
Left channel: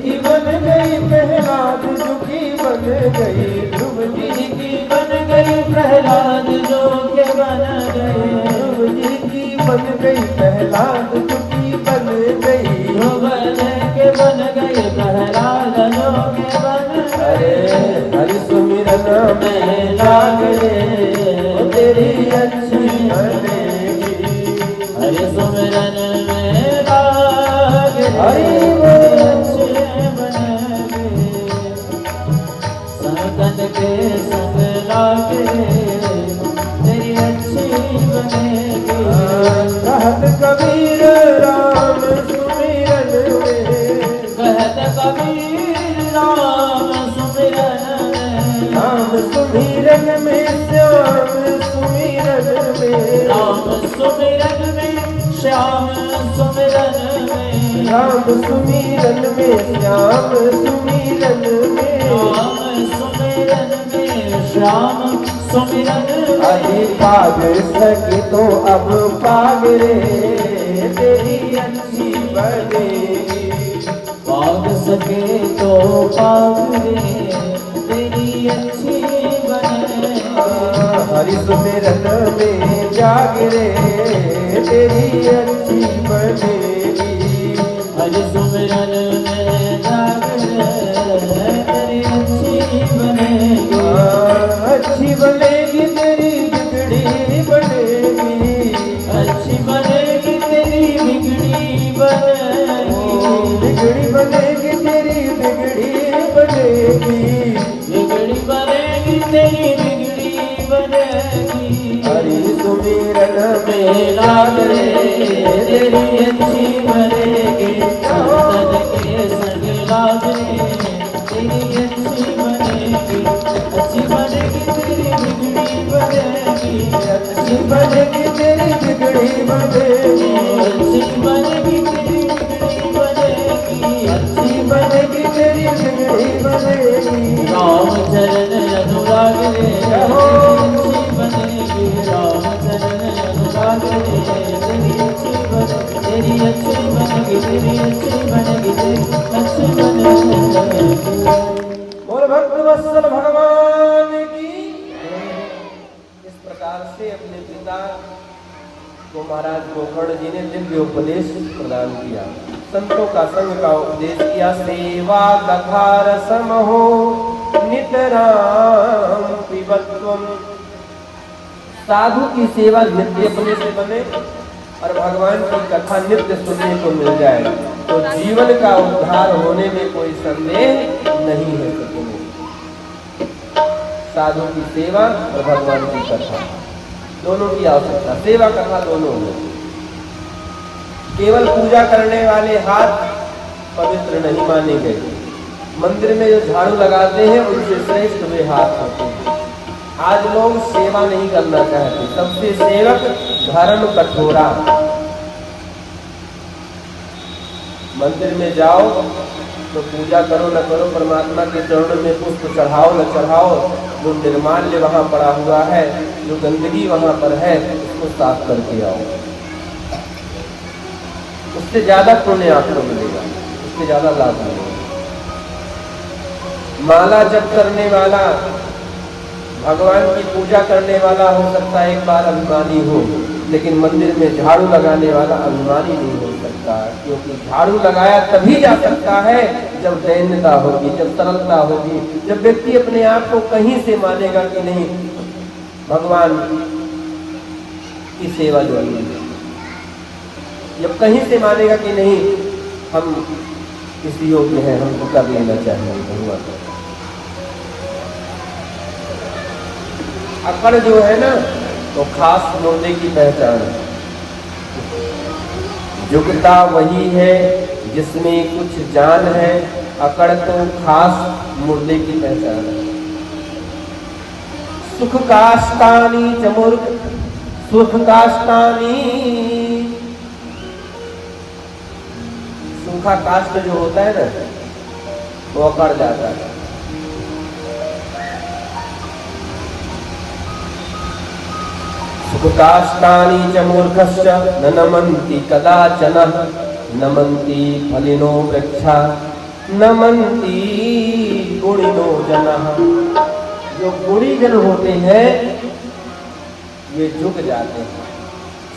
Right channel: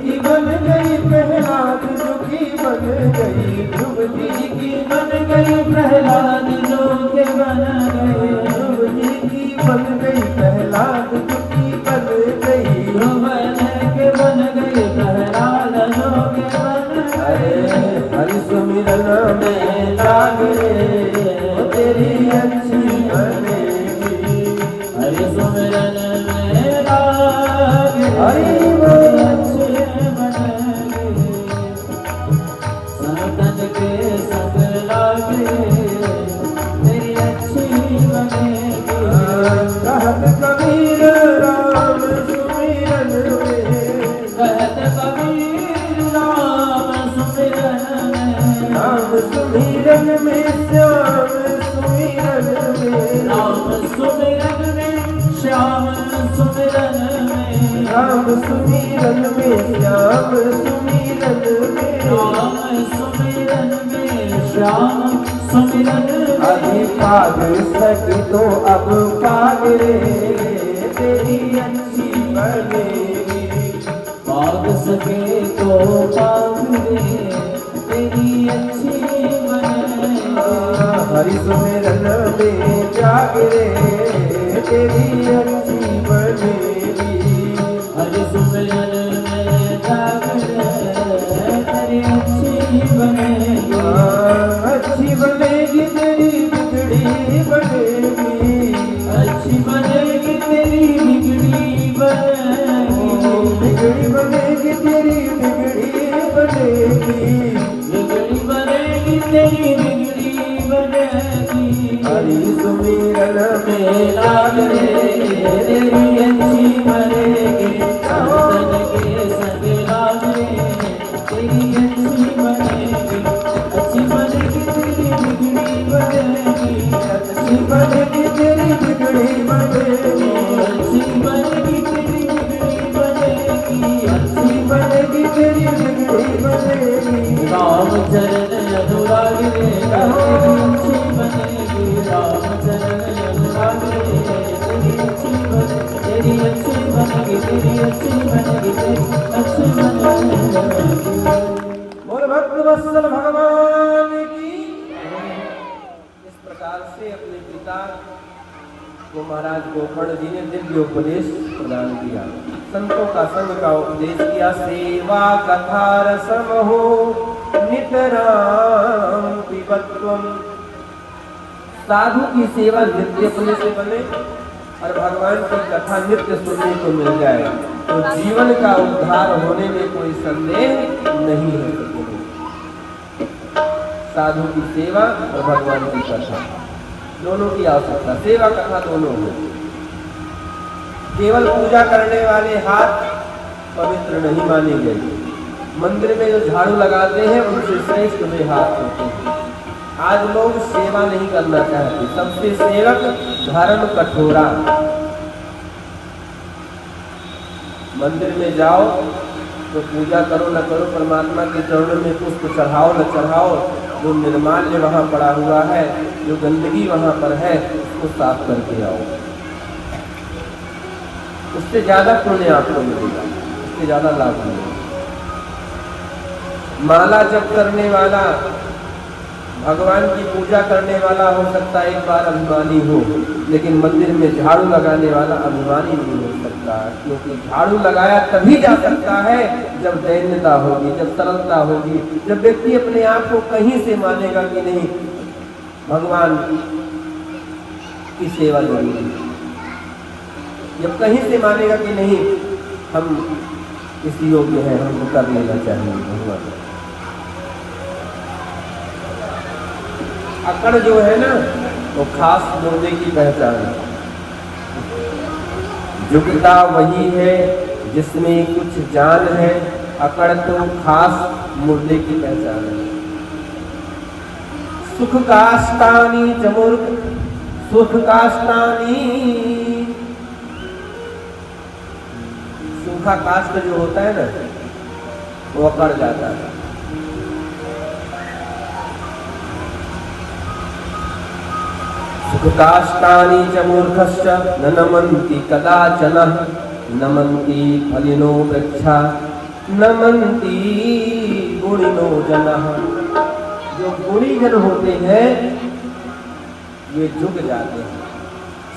की बन गई प्रहलाद जो की बन गई ध्रुव जी की बन गई प्रहलाद जो के बन गए ध्रुव जी की बन गई प्रहलाद जो की बन गई ध्रुव के बन गई प्रहलाद जो के बन गए हरि सुमिरन में लागे तेरी अच्छी बनेगी हरि सुमिरन में लागे हरि अच्छे बनेगी संगत के संग लागे तेरी अच्छी बनेगी कहत कबीर राम सुमिरन में कहत कबीर राम सुमिरन में राम सुमिरन में श्याम सुमिरन में राम सुमिरन में श्याम सुमिरन में राम सुमिरन में श्याम सुमिरन में अरे पाग सके तो अब पाग रे तेरी अच्छी बनेगी पाग सके तो पाग रे तेरी अच्छी बनेगी हरि सुमिरन में जाग रे तेरी अच्छी बनेगी हरि सुमिरन में जाग रे तेरी अच्छी बनेगी अच्छी बनेगी तेरी बिगड़ी बनेगी अच्छी बनेगी तेरी बिगड़ी बनेगी बिगड़ी बनेगी तेरी बिगड़ी बनेगी बिगड़ी बनेगी तेरी बिगड़ी बनेगी हरि सुमिरन में लाग रे तेरी अच्छी बनेगी संग के संग लाग रे तेरी अच्छी बनेगी अच्छी बनेगी तेरी बिगड़ी बनेगी अच्छी बनेगी तेरी बिगड़ी बनेगी अच्छी बनेगी तेरी बिगड़ी बनेगी अच्छी बनेगी तेरी बिगड़ी बनेगी राम चरण अनुराग रे तेरी अच्छी बनेगी राम चरण अनुराग रे तेरी अच्छी बनेगी तेरी अच्छी बनेगी तेरी अच्छी बनेगी तेरी अच्छी बनेगी बोल भक्त वत्सल भगवान की इस प्रकार से अपने पिता को महाराज गोकर्ण जी ने दिव्य उपदेश प्रदान किया संतों का संग का उपदेश किया सेवा कथा रसम हो नितराम पिबत्वम साधु की सेवा नित्य अपने से बने और भगवान की कथा नित्य सुनने को मिल जाए तो जीवन का उद्धार होने में कोई संदेह नहीं है सके साधु की सेवा और भगवान की कथा दोनों की आवश्यकता सेवा कथा दोनों हो केवल पूजा करने वाले हाथ पवित्र नहीं माने गए मंदिर में जो झाड़ू लगाते हैं उनसे श्रेष्ठ वे हाथ होते हैं आज लोग सेवा नहीं करना चाहते सबसे सेवक धर्म कठोरा मंदिर में जाओ तो पूजा करो न करो परमात्मा के चरणों में पुष्प चढ़ाओ न चढ़ाओ वो निर्माल्य वहां पड़ा हुआ है जो गंदगी वहां पर है उसको साफ करके आओ उससे ज्यादा पुण्य आपको मिलेगा उससे ज्यादा लाभ मिलेगा माला जप करने वाला भगवान की पूजा करने वाला हो सकता है एक बार अभिमानी हो लेकिन मंदिर में झाड़ू लगाने वाला अभिमानी नहीं हो सकता क्योंकि झाड़ू लगाया तभी जा सकता है जब दैन्यता होगी जब सरलता होगी जब व्यक्ति अपने आप को कहीं से मानेगा कि नहीं भगवान की सेवा जरूरी है जब कहीं से मानेगा कि नहीं हम इस योग्य है हमको कर लेना चाहिए भगवान अकड़ जो है ना वो खास मुर्दे की पहचान है योग्यता वही है जिसमें कुछ जान है अकड़ तो खास मुर्दे की पहचान है सुख काष्टानी चमूर्ख सुख काष्टानी सूखा काष्ट जो होता है ना वो अकड़ जाता है सुखकाष्टानि च मूर्खश्च न नमन्ति कदाचन नमन्ति फलिनो वृक्षा नमन्ति गुणिनो जनः। जो गुणी जन होते हैं वे झुक जाते हैं।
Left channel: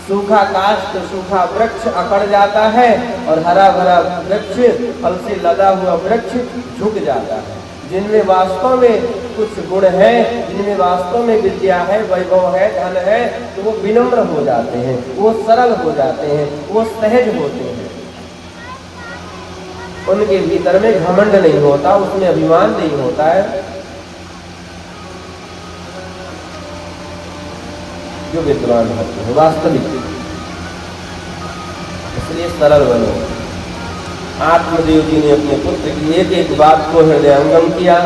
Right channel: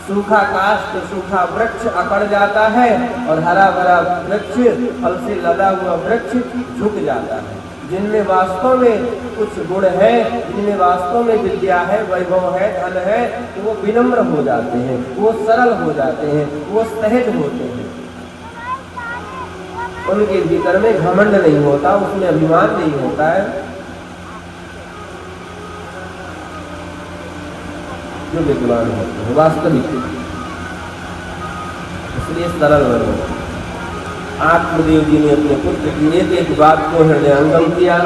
सूखा काष्ठ, सूखा वृक्ष अकड़ जाता है और हरा भरा वृक्ष, फल से लदा हुआ वृक्ष झुक जाता है। जिनमें वास्तव में कुछ गुण है, जिनमें वास्तव में विद्या है, वैभव है, धन है, तो वो विनम्र हो जाते हैं, वो सरल हो जाते हैं, वो सहज होते हैं। उनके भीतर में घमंड नहीं होता, उसमें अभिमान नहीं होता है। जो विद्वान होते हैं वास्तविक, इसलिए सरल बनो। आत्मदेव जी ने अपने पुत्र की एक एक बात को हृदयंगम किया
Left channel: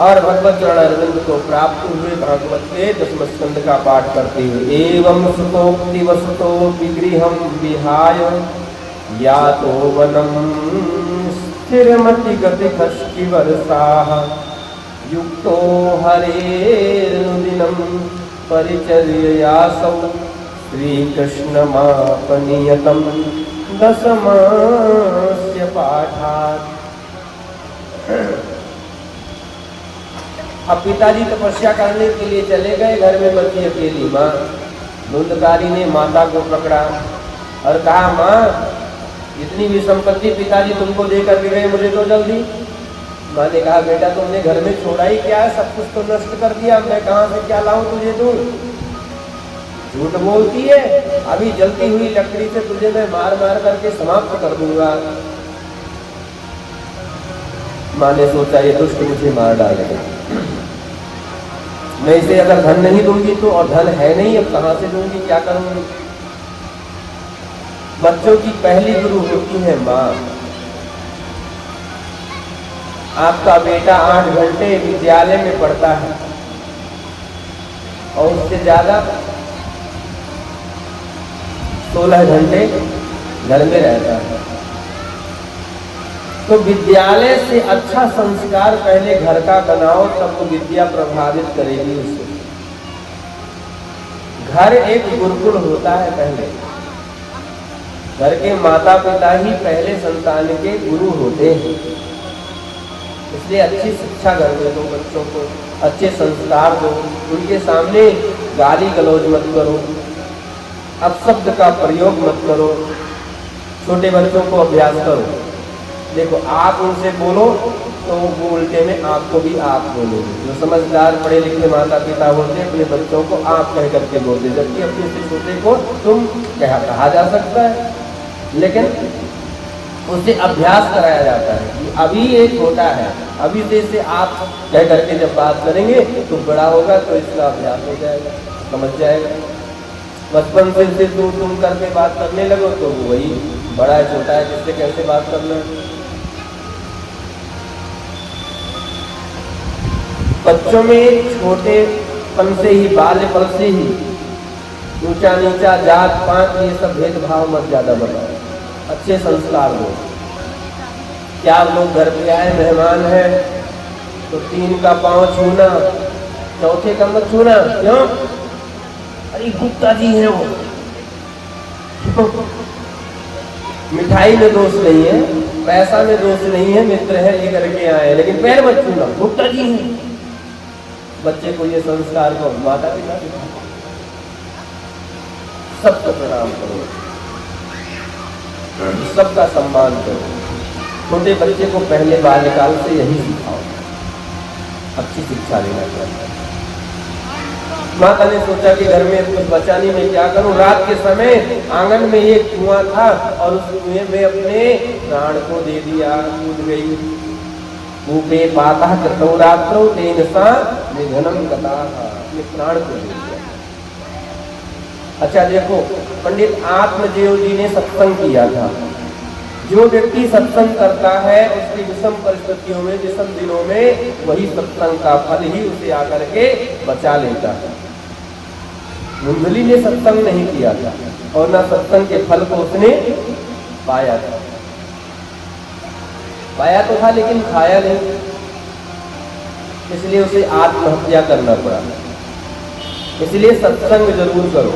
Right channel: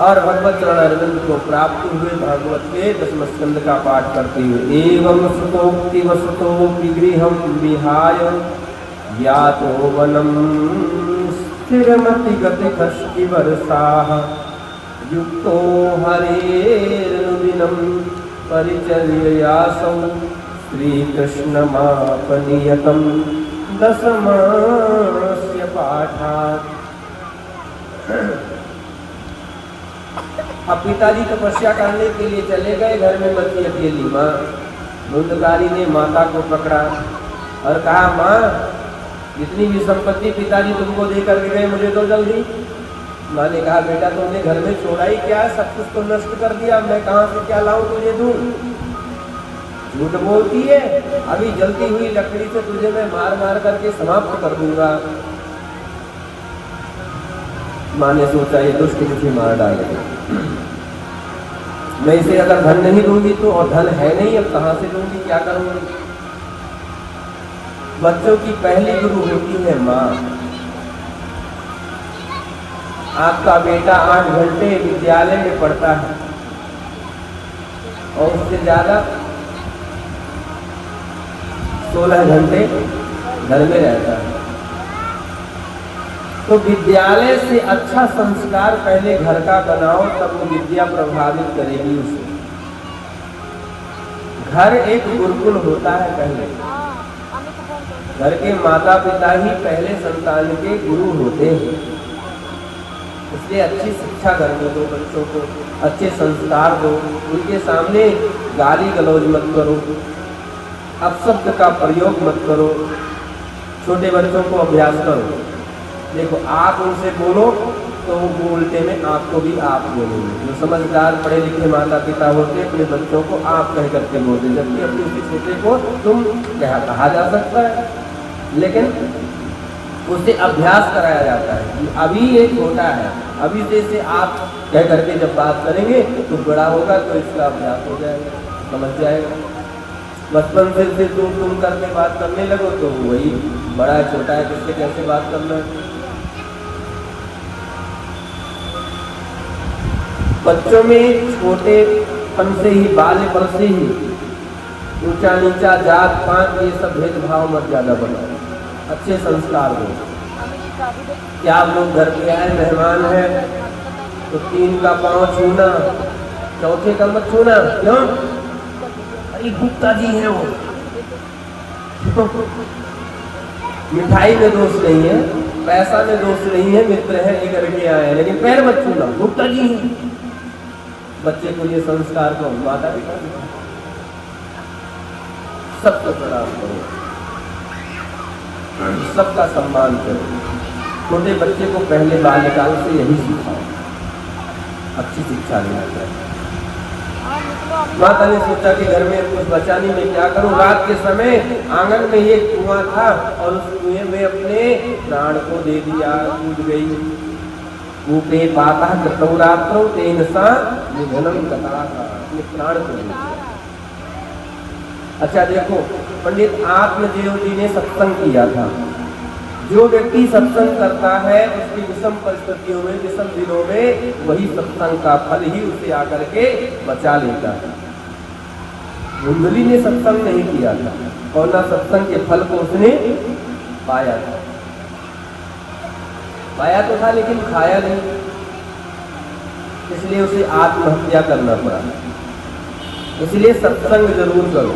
और भगवत चरण अरविंद को प्राप्त हुए भागवत के 10वें स्कंद का पाठ करते हुए एवं सुतोक्ति वसुतो विगृहं विहाय यातो वनम स्थिरमति गतिकष्टि वर्षाः युक्तो हरेर्दिनं परिचर्ययासौ श्रीकृष्णमापनियतं दशमस्य पाठात्। अब पिताजी तपस्या करने के लिए चले गए, घर में बची अकेली माँ। धुंधकारी ने माता को पकड़ा और कहा, माँ इतनी भी संपत्ति पिताजी तुमको देकर के गए, मुझे दो जल्दी। माँ ने कहा, बेटा तुमने घर में छोड़ा ही क्या है, सब कुछ तो नष्ट कर दिया, मैं कहाँ से क्या लाऊं तुझे दूं। झूठ बोलती है, अभी जलती हुई लकड़ी से तुझे मैं मार मार करके समाप्त कर दूंगा। माँ ने सोचा ये दुष्ट मुझे मार डालेगा, मैं इसे अगर धन नहीं दूंगी तो, और धन है नहीं, अब कहाँ से दूंगी, क्या करूंगी। बच्चों की पहली गुरु होती है माँ। आपका बेटा 8 घंटे विद्यालय में पढ़ता है और उससे ज्यादा 16 घंटे घर में रहता है, तो विद्यालय से अच्छा संस्कार पहले घर का बनाओ, तब तो विद्या प्रभावित करेगी उसे। घर एक गुरुकुल होता है पहले। घर के माता पिता ही पहले संतान के गुरु होते हैं, इसलिए अच्छी शिक्षा घर में दो, बच्चों को अच्छे संस्कार दो, उनके सामने गाली गलौज मत करो, अपशब्द का प्रयोग मत करो। छोटे बच्चों को अभ्यास करो, देखो आप उनसे बोलो तो वो उल्टे में आपको भी आप बोलोगे। जो समझदार पढ़े लिखे माता पिता होते अपने बच्चों को आप कह करके बोलते, जबकि अपने से छोटे को तुम कहा जा सकता है, लेकिन उसे अभ्यास कराया जाता है। अभी एक छोटा है, अभी से आप कह करके जब बात करेंगे तो बड़ा होगा तो इसका अभ्यास हो जाएगा, समझ जाएगा। बचपन से तुम करके बात करने लगो तो वही बड़ा है छोटा है किससे कैसे बात करना है। बच्चों में छोटेपन से ही, बाल्यपन से ही ऊंचा नीचा, जात पात, ये सब भेदभाव मत ज्यादा बनाओ, अच्छे संस्कार दो। क्या लोग घर पे आए, मेहमान है तो 3 का पांव छूना, चौथे का मत छूना, क्यों? अरे गुप्ता जी है वो। मिठाई में दोष नहीं है, पैसा में दोष नहीं है, मित्र है लेकर के आए, लेकिन पैर मत छूना, गुप्ता जी है। बच्चे को ये संस्कार को माता पिता सबको प्रणाम करो, सबका सम्मान करो। छोटे बच्चे को पहले बाल्यकाल से यही सिखाओ, अच्छी शिक्षा देना चाहिए। माता ने सोचा कि घर में कुछ बचाने में क्या करूं। रात के समय आंगन में एक कुआं था और उस कुएं में अपने प्राण को दे दिया, कूद गई। ऊपे पाता रात्रो तेन सा निधनम कथा, अपने प्राण को दे दिया। अच्छा देखो, पंडित आत्मदेव जी ने सत्संग किया था। जो व्यक्ति सत्संग करता है उसकी विषम परिस्थितियों में, विषम दिनों में, वही सत्संग का फल ही उसे आकर के बचा लेता है। मुंडली ने सत्संग नहीं किया था और न सत्संग के फल को उसने पाया था। पाया तो था लेकिन खाया नहीं, इसलिए उसे आत्महत्या करना पड़ा। इसलिए सत्संग जरूर करो।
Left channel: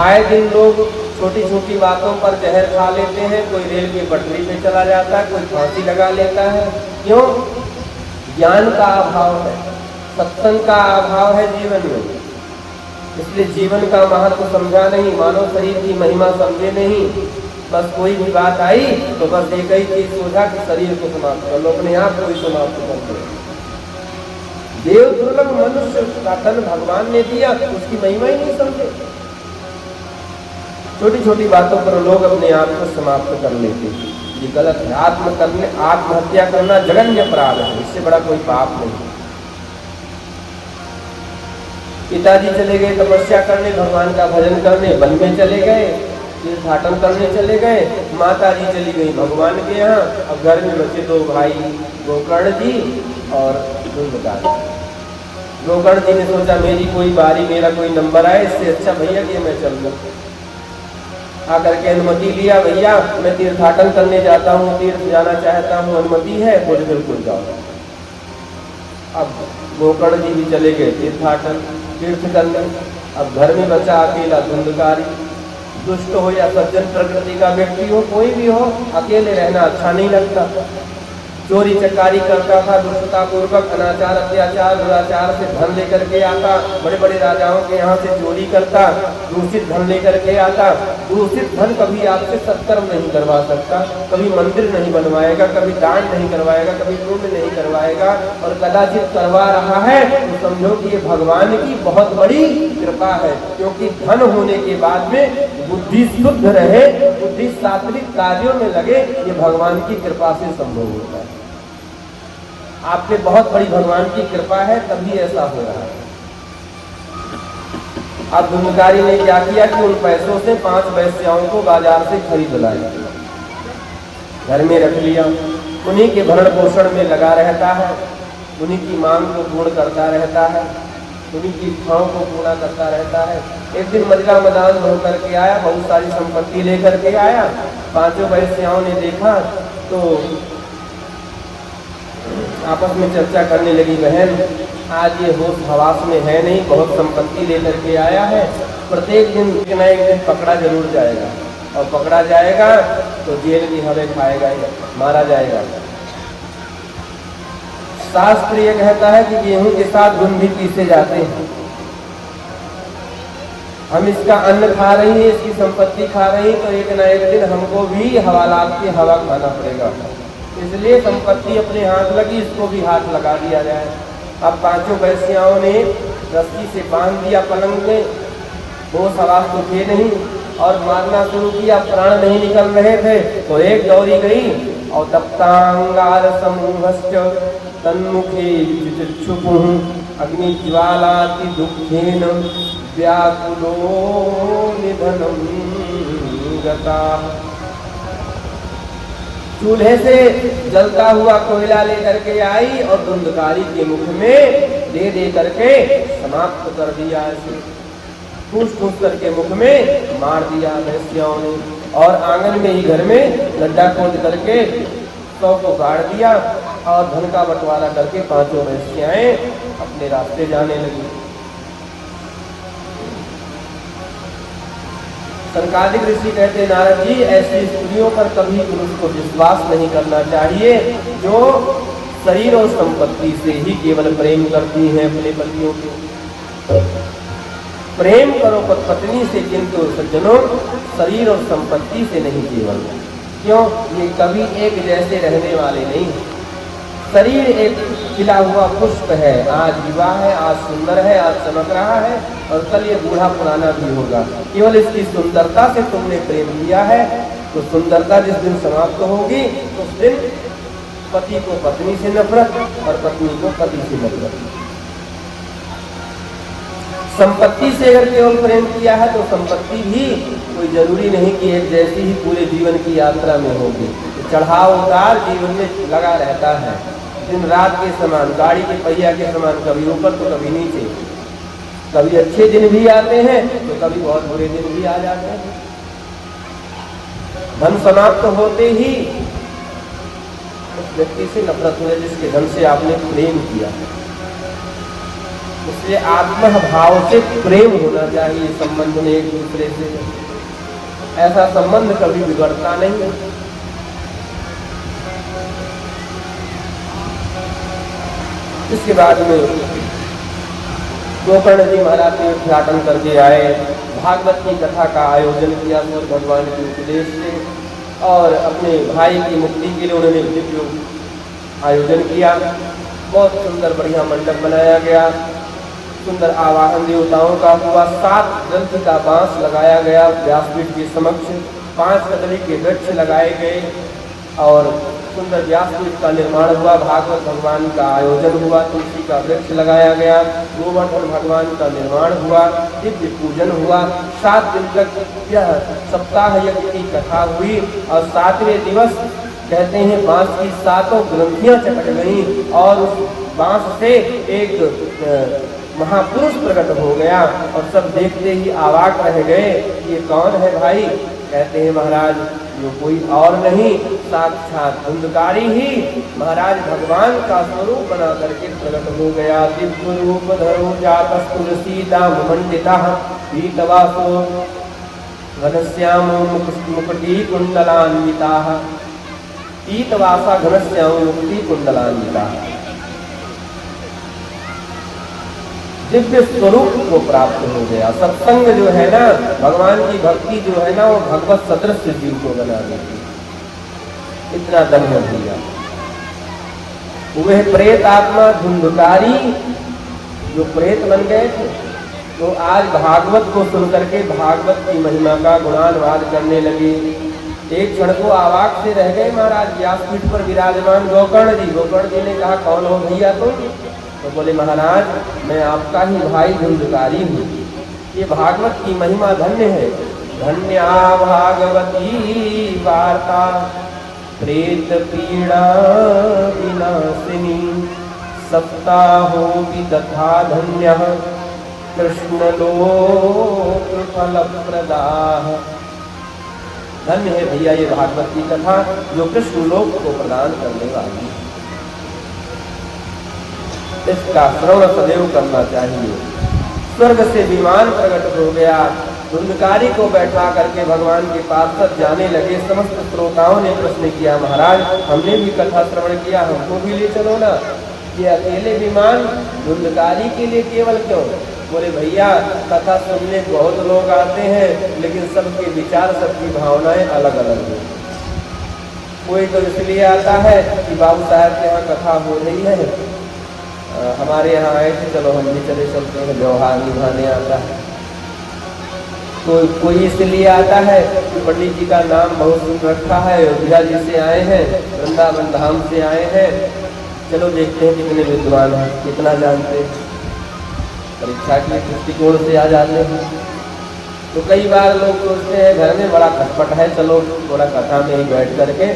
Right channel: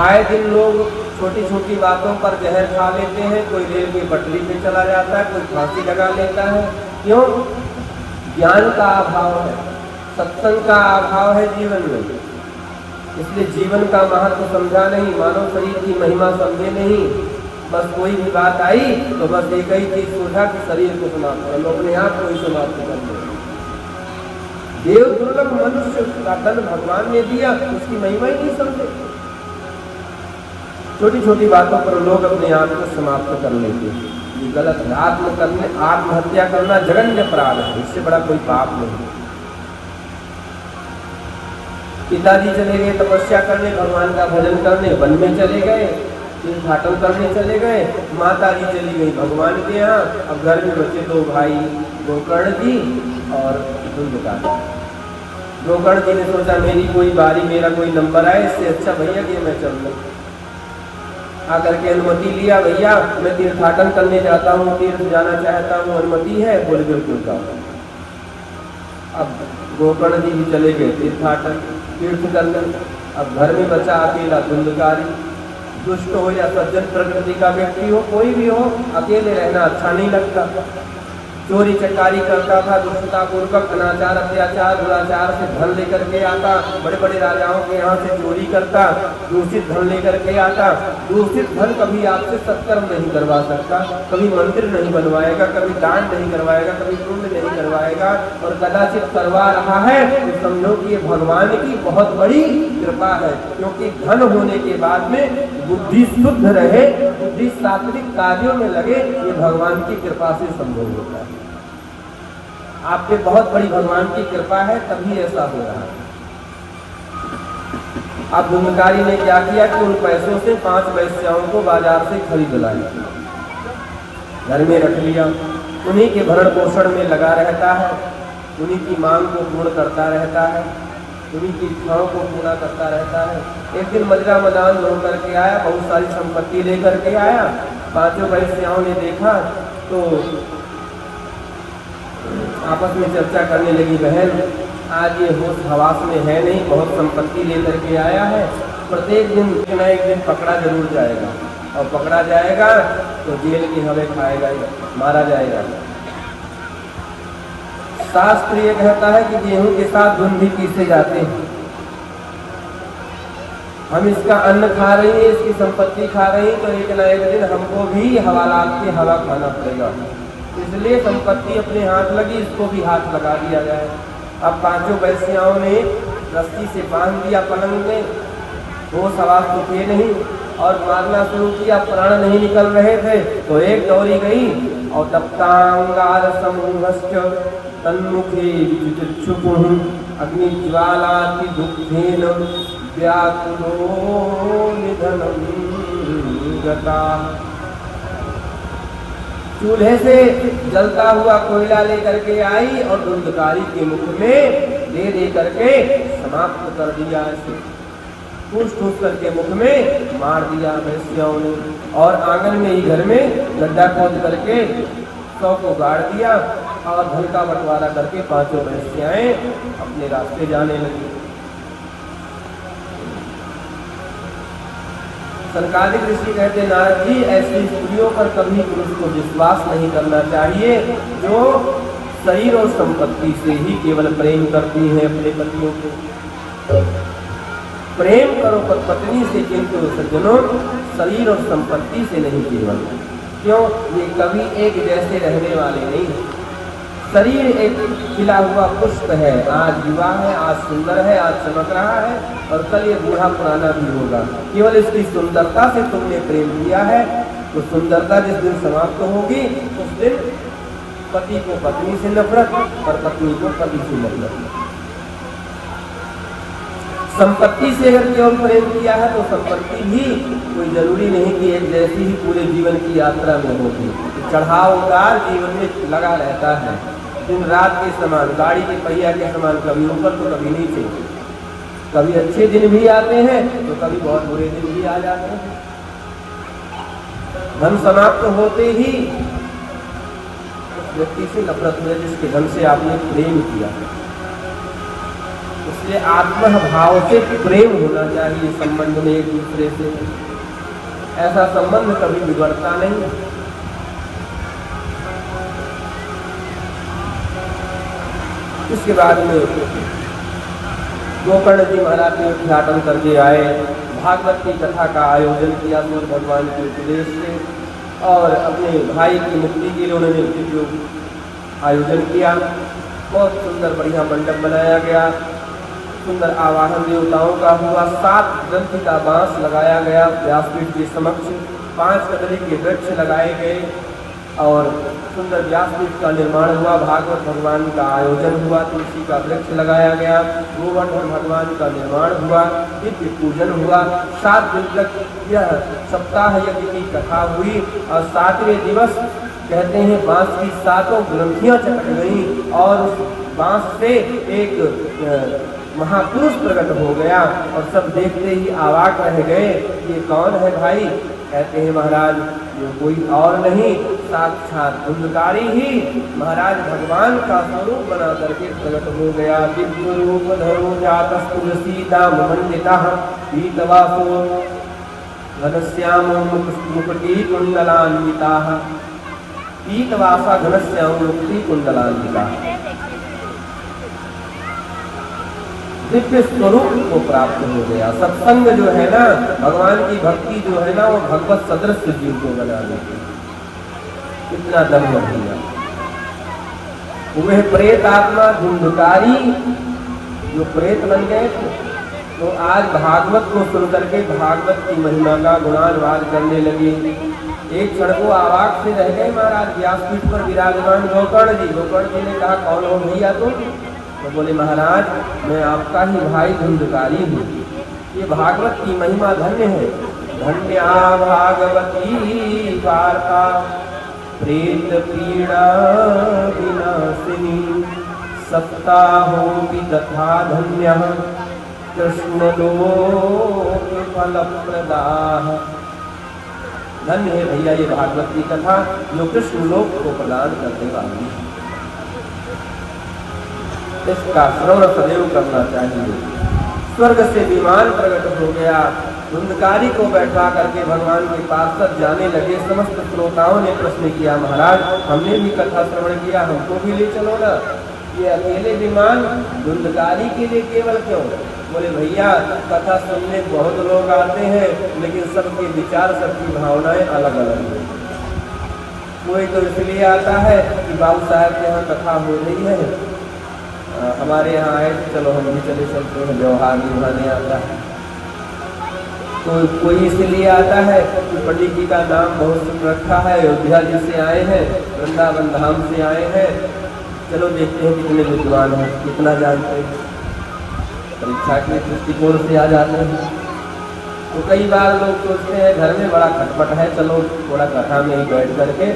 आए दिन लोग छोटी छोटी बातों पर जहर खा लेते हैं, कोई रेल की पटरी पे चला जाता है, कोई फांसी लगा लेता है। क्यों? ज्ञान का अभाव है, सत्संग का अभाव है जीवन में। इसलिए जीवन का महत्व समझा नहीं, मानव शरीर की महिमा समझे नहीं। बस कोई भी बात आई तो बस एक ही चीज सोचा कि शरीर को समाप्त कर लो, अपने आप को ही समाप्त कर लो। देव दुर्लभ मनुष्य का तन भगवान ने दिया, उसकी महिमा ही नहीं समझे। छोटी छोटी बातों पर लोग अपने आप को समाप्त कर लेते हैं, ये गलत है। आत्महत्या करना जघन्य अपराध है, इससे बड़ा कोई पाप नहीं है। पिताजी चले गए तपस्या करने, भगवान का भजन करने, वन में चले गए, तीर्थाटन करने चले गए। माता जी चली गई भगवान के यहाँ, और घर में बचे दो भाई, गोकर्ण जी और धुंधकारी। गोकर्ण जी ने सोचा मेरी कोई बारी, मेरा कोई नंबर आए, इससे अच्छा भैया कि मैं चल लूं। आकर के अनुमति लिया, भैया मैं तीर्थाटन करने जाता हूँ, तीर्थ जाना चाहता हूँ, अनुमति है? बोले बिल्कुल जाओ। अब गोकर्ण जी भी चले गए तीर्थाटन, तीर्थ करने। अब घर में बचा अकेला धुंधकारी। दुष्ट हो या सज्जन प्रकृति का व्यक्ति हो, कोई भी हो, अकेले रहना अच्छा नहीं लगता। चोरी चकारी करता था, दुष्टता पूर्वक अनाचार अत्याचार दुराचार से धन लेकर के आता, बड़े बड़े राजाओं के यहाँ से चोरी करता, दूषित धन लेकर के आता। दूषित धन कभी आपसे सत्कर्म नहीं करवा सकता, कभी मंदिर नहीं बनवाएगा, कभी दान नहीं करवाएगा, कभी पुण्य नहीं करवाएगा, और कदाचित करवा रहा है तो समझो कि ये भगवान की बहुत बड़ी कृपा है। क्योंकि धन होने के बाद में बुद्धि शुद्ध रहे, बुद्धि सात्विक कार्यों में लगे, ये भगवान की कृपा से संभव होता है। आप पे बहुत बड़ी भगवान की कृपा है, तभी ऐसा हो रहा है। अब धुंधकारी ने क्या किया कि उन पैसों से 5 वेश्याओं को बाजार से खरीद लाया, घर में रख लिया, उन्हीं के भरण पोषण में लगा रहता है, उन्हीं की मांग को पूर्ण करता रहता है, उन्हीं की इच्छाओं को पूरा करता रहता है। एक दिन मजरा मदान होकर के आया, बहुत सारी संपत्ति लेकर के आया। 5 वेश्याओं ने देखा तो आपस में चर्चा करने लगी, बहन आज ये होश हवास में है नहीं, बहुत संपत्ति लेकर के आया है, प्रत्येक दिन एक न एक दिन पकड़ा जरूर जाएगा, और पकड़ा जाएगा तो जेल की हवा खाएगा, मारा जाएगा। शास्त्र ये कहता है कि गेहूं के साथ घुन भी पीसे जाते हैं। हम इसका अन्न खा रही है, इसकी संपत्ति खा रही, तो एक न एक दिन हमको भी हवालात की हवा खाना पड़ेगा। इसलिए संपत्ति अपने हाथ लगी, इसको भी हाथ लगा दिया जाए। अब 5 वेश्याओं ने रस्सी से बांध दिया पलंग में, वो सवाल तो थे नहीं, और मारना शुरू किया, प्राण नहीं निकल रहे थे, तो एक दौड़ी गई और तप्तांगार समूहश्च तन्मुखे विचक्षुपुः अग्नि ज्वालाति दुःखेन व्याकुलो निधनं गता। चूल्हे से जलता हुआ कोयला लेकर के आई और धुंधकारी के मुख में दे करके समाप्त कर दिया, ठूस करके मुख में मार दिया वेश्याओं ने। और आंगन में ही घर में गड्ढा खोद करके शव को गाड़ दिया, और धन का बंटवारा करके 5 वेश्याएं अपने रास्ते जाने लगी। संकादिक ऋषि कहते, नारद जी ऐसी स्त्रियों पर कभी पुरुष को विश्वास नहीं करना चाहिए जो शरीर और संपत्ति से ही केवल प्रेम करती है अपने पतियों को। प्रेम करो पत्नी से, किंतु सज्जनों शरीर और संपत्ति से नहीं केवल। क्यों? ये कभी एक जैसे रहने वाले नहीं। शरीर एक खिला हुआ पुष्प है, आज युवा है, आज सुंदर है, आज चमक रहा है, और कल ये बूढ़ा पुराना भी होगा। केवल इसकी सुंदरता से तुमने प्रेम किया है, तो सुंदरता जिस दिन समाप्त होगी उस दिन पति को पत्नी से नफरत और पत्नी को पति से नफरत। संपत्ति से अगर केवल प्रेम किया है तो संपत्ति भी कोई जरूरी नहीं कि एक जैसी ही पूरे जीवन की यात्रा में होगी। चढ़ाव उतार जीवन में लगा रहता है, दिन रात के समान, गाड़ी के पहिया के समान, कभी ऊपर तो कभी नीचे। कभी अच्छे दिन भी आते हैं तो कभी बहुत बुरे दिन भी आ जाते हैं। धन समाप्त होते ही व्यक्ति से नफरत हो जाए जिसके धन से आपने प्रेम किया। इसलिए आत्मा भाव से प्रेम होना चाहिए संबंध में एक दूसरे से। ऐसा संबंध कभी बिगड़ता नहीं। इसके बाद में गोकर्ण जी महाराज ने उद्घाटन करके आए, भागवत की कथा का आयोजन किया भगवान के उपदेश से, और अपने भाई की मुक्ति के लिए उन्होंने दिव्य आयोजन किया। बहुत सुंदर बढ़िया मंडप बनाया गया, सुंदर आवाहन देवताओं का हुआ, 7 ग्रंथ का बांस लगाया गया व्यासपीठ के समक्ष, 5 कदली के वृक्ष लगाए गए और सुंदर व्यासपीठ का निर्माण हुआ। भागवत भगवान का आयोजन हुआ, तुलसी का वृक्ष लगाया गया, गोवर्धन भगवान का निर्माण हुआ, दिव्य पूजन हुआ। 7 दिन तक यह सप्ताह यज्ञ की कथा हुई और 7वें दिवस कहते हैं बांस की 7 ग्रंथियां चटक गई और बांस से एक महापुरुष प्रकट हो गया और सब देखते ही अवाक रह गए, ये कौन है भाई? कहते हैं महाराज कोई और नहीं, साक्षात धुंधकारी ही महाराज भगवान का स्वरूप बना करके प्रकट हो गया। दिव्य रूप धरो जातः तुलसीदां मंडितः पीतवासो घनश्याम मुकुटी कुंडलान्विताः, पीतवासा घनश्याम मुकुटी कुंडलान्विताः। दिव्य स्वरूप को प्राप्त हो गया। सत्संग जो है ना, भगवान की भक्ति जो है ना, वो भगवत सदृश जीव को बना देती, इतना दम है भैया। वह प्रेत आत्मा धुंधकारी जो प्रेत बन गए थे, तो आज भागवत को सुन करके भागवत की महिमा का गुणानुवाद करने लगे। एक क्षण को अवाक से रह गए महाराज, व्यासपीठ पर विराजमान गोकर्ण जी। गोकर्ण जी ने कहा कौन हो भैया तुम? तो बोले महाराज मैं आपका ही भाई धुंधकारी हूँ। ये भागवत की महिमा धन्य है। धन्या भागवती वार्ता प्रेत पीड़ा विनाशिनी, सप्ताहो तथा धन्य कृष्ण लोक फल प्रदाः। धन्य है भैया ये भागवत की कथा जो कृष्ण लोक को प्रदान करने वाली है। इसका श्रवण सदैव करना चाहिए। स्वर्ग से विमान प्रकट हो गया, धुंधकारी को बैठा करके भगवान के पास तक जाने लगे। समस्त श्रोताओं ने प्रश्न किया महाराज हमने भी कथा श्रवण किया, हमको भी ले चलो ना। ये अकेले विमान धुंधकारी के लिए केवल क्यों? बोले भैया कथा सुनने बहुत लोग आते हैं, लेकिन सबके विचार सबकी भावनाएं अलग अलग हैं। कोई तो इसलिए आता है कि बाबू साहब के यहाँ कथा हो रही है, हमारे यहाँ आए थे, चलो हम भी चले चलते हैं, व्यवहार निभाने आता है। तो कोई इसलिए आता है कि पंडित जी का नाम बहुत सुन रखा है, अयोध्या जी से आए हैं, वृंदावन धाम से आए हैं, चलो देखते हैं कितने विद्वान हैं, कितना जानते हैं। परीक्षा के दृष्टिकोण से आ जाते हैं। तो कई बार लोग सोचते हैं घर में बड़ा खटपट है, चलो थोड़ा कथा में ही बैठ करके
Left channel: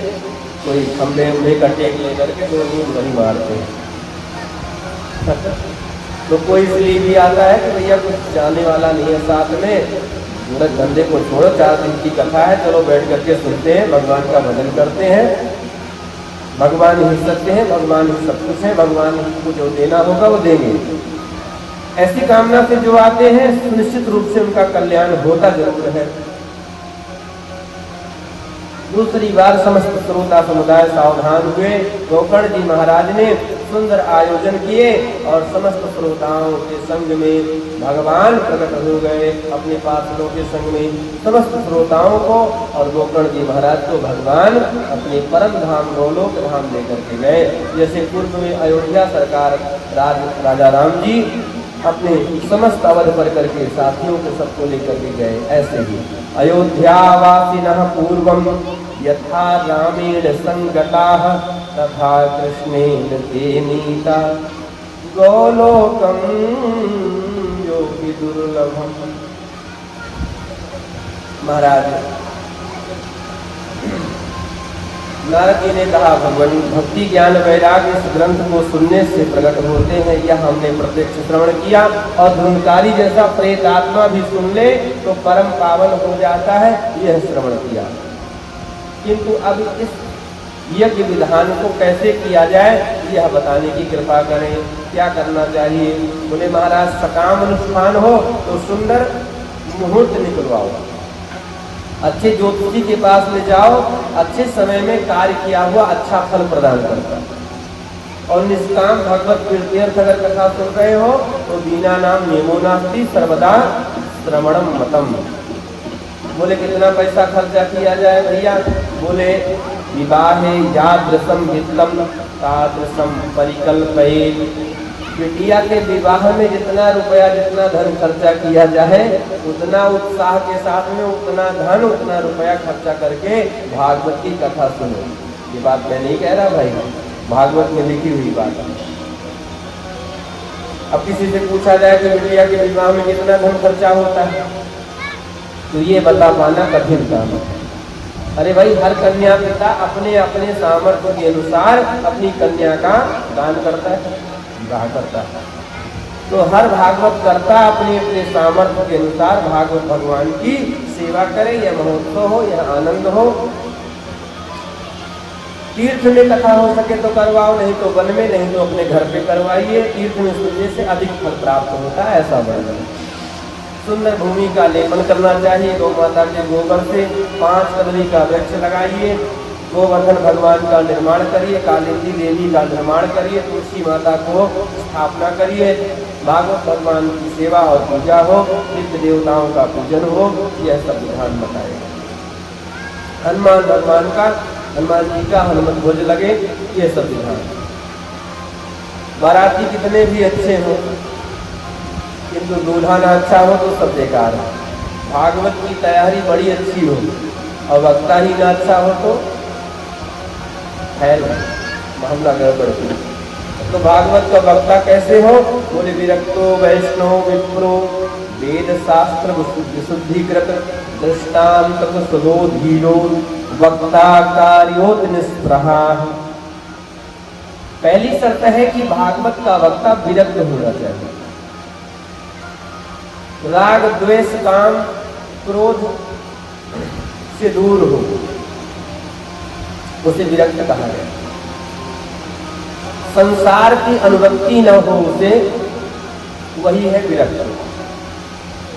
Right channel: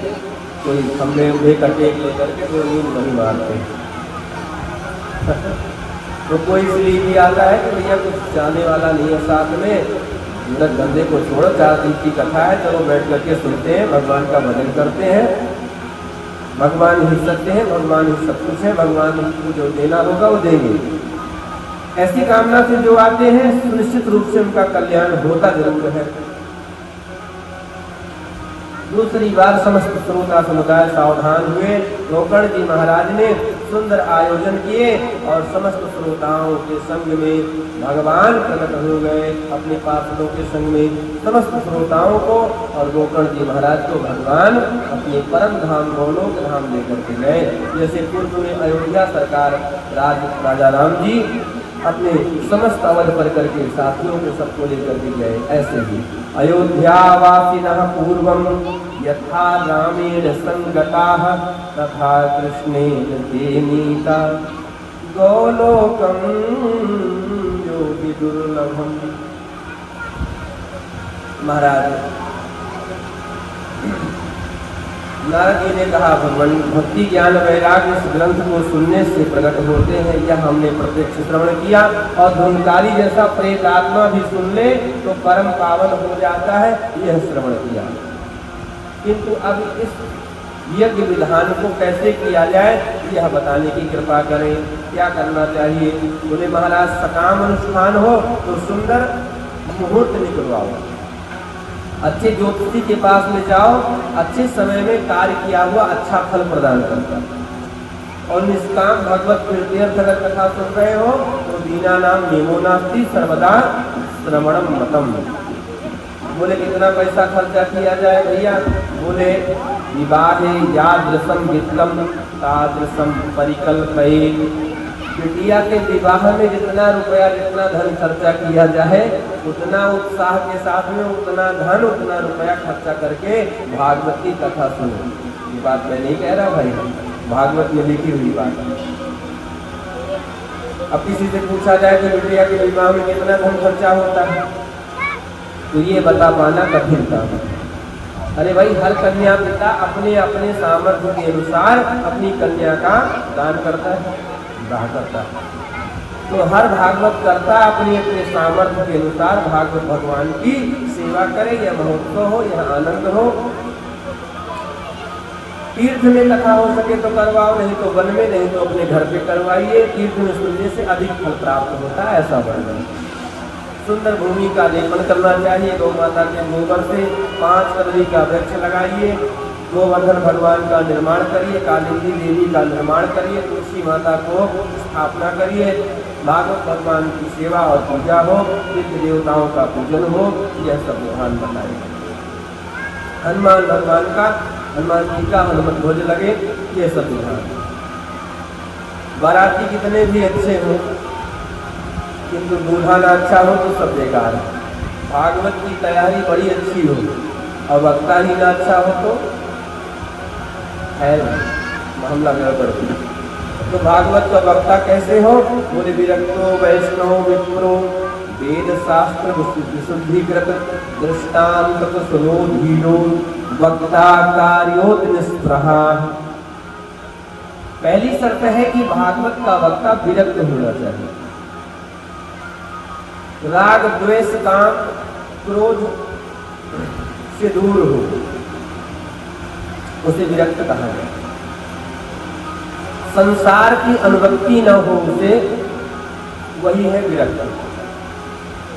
कोई खम्भे उम्भे कटे ले करके तो नींद नहीं मारते। तो कोई इसलिए भी आता है कि भैया कुछ जाने वाला नहीं है साथ में, बंदे को छोड़ो, 4 दिन की कथा है, चलो बैठ करके सुनते हैं, भगवान का भजन करते हैं। भगवान ही सत्य है, भगवान ही सब कुछ है, भगवान को जो देना होगा वो देंगे। ऐसी कामना से जो आते हैं निश्चित रूप से उनका कल्याण होता जरूर है। दूसरी बार समस्त श्रोता समुदाय सावधान हुए। गोकर्ण जी महाराज ने सुंदर आयोजन किए और समस्त श्रोताओं के संग में भगवान प्रकट हो गए। अपने पार्षदों के संग में समस्त श्रोताओं को और गोकर्ण जी महाराज को भगवान अपने परम धाम गोलोक धाम लेकर के गए। जैसे पूर्व में अयोध्या सरकार राजा राम जी अपने समस्त अवध पर करके साथियों को सबको लेकर के गए, ऐसे ही अयोध्यावासिनः पूर्वं यथा रामेण संगताः तथा कृष्णेन ते नीता गोलोकं योगी दुर्लभम्। महाराज नारद जी ने कहा भगवान भक्ति ज्ञान वैराग्य इस ग्रंथ को सुनने से प्रकट होते हैं, यह हमने प्रत्यक्ष श्रवण किया। और धुंधकारी जैसा प्रेत आत्मा भी सुन ले तो परम पावन हो जाता है, यह श्रवण किया। किंतु अब इस यज्ञ विधान को कैसे किया जाए यह बताने की कृपा करें, क्या करना चाहिए। बोले महाराज सकाम अनुष्ठान हो तो सुंदर मुहूर्त निकलवाओ, अच्छे ज्योतिषी के पास में जाओ, अच्छे समय में कार्य किया हुआ अच्छा फल प्रदान करता है। और निष्काम भगवत कीर्त्यर्थ अगर कथा सुन रहे हो तो बिना नाम नियमो नास्ति सर्वदा श्रवणम मतम। बोले कितना पैसा खर्चा किया जाए भैया? बोले विवाहे यादृशम हितलम तादृशम परिकल्पये। बिटिया के विवाह में जितना रुपया जितना धन खर्चा किया जाए उतना उत्साह के साथ में उतना धन उतना रुपया खर्चा करके भागवत की कथा सुनो। ये बात मैं नहीं कह रहा भाई, भागवत में लिखी हुई बात। अब किसी से पूछा जाए कि बिटिया के विवाह में कितना धन खर्चा होता है तो ये बता पाना कठिन काम है। अरे भाई, हर कन्या पिता अपने अपने सामर्थ्य के अनुसार अपनी कन्या का दान करता है, विवाह करता है। तो हर भागवत करता अपने अपने सामर्थ्य के अनुसार भागवत भगवान की सेवा करे। यह महोत्सव हो, यह आनंद हो। तीर्थ में कथा हो सके तो करवाओ, नहीं तो वन में, नहीं तो अपने घर पे करवाइए। तीर्थ में सुनने से अधिक फल प्राप्त होता है, ऐसा वर्णन। सुंदर भूमि का लेपन करना चाहिए। गौ माता के गोबर से 5 कदली का वृक्ष लगाइए। गोवर्धन भगवान का निर्माण करिए। कालिंदी देवी का निर्माण करिए। तुलसी माता को स्थापना करिए। भागवत भगवान की सेवा और पूजा हो, नित्य देवताओं का पूजन हो, यह सब विधान बताएगा। हनुमान भगवान का, हनुमान जी का हनुमत ध्वज लगे, ये सब विधान। बाराती कितने भी अच्छे हो किंतु दूल्हा ना अच्छा हो तो सब बेकार है। भागवत की तैयारी बड़ी अच्छी हो और वक्ता ही ना अच्छा हो तो है मामला गड़बड़। तो भागवत का वक्ता कैसे हो? बोले विरक्तो वैष्णव विप्रो वेद शास्त्र विशुद्धिकृत दृष्टांत सुनो धीरो वक्ता कार्योत निष्प्रहा। पहली शर्त है कि भागवत का वक्ता विरक्त होना चाहिए। राग द्वेष काम क्रोध से दूर हो, उसे विरक्त कहा गया। संसार की अनुरक्ति न हो उसे, वही है विरक्त।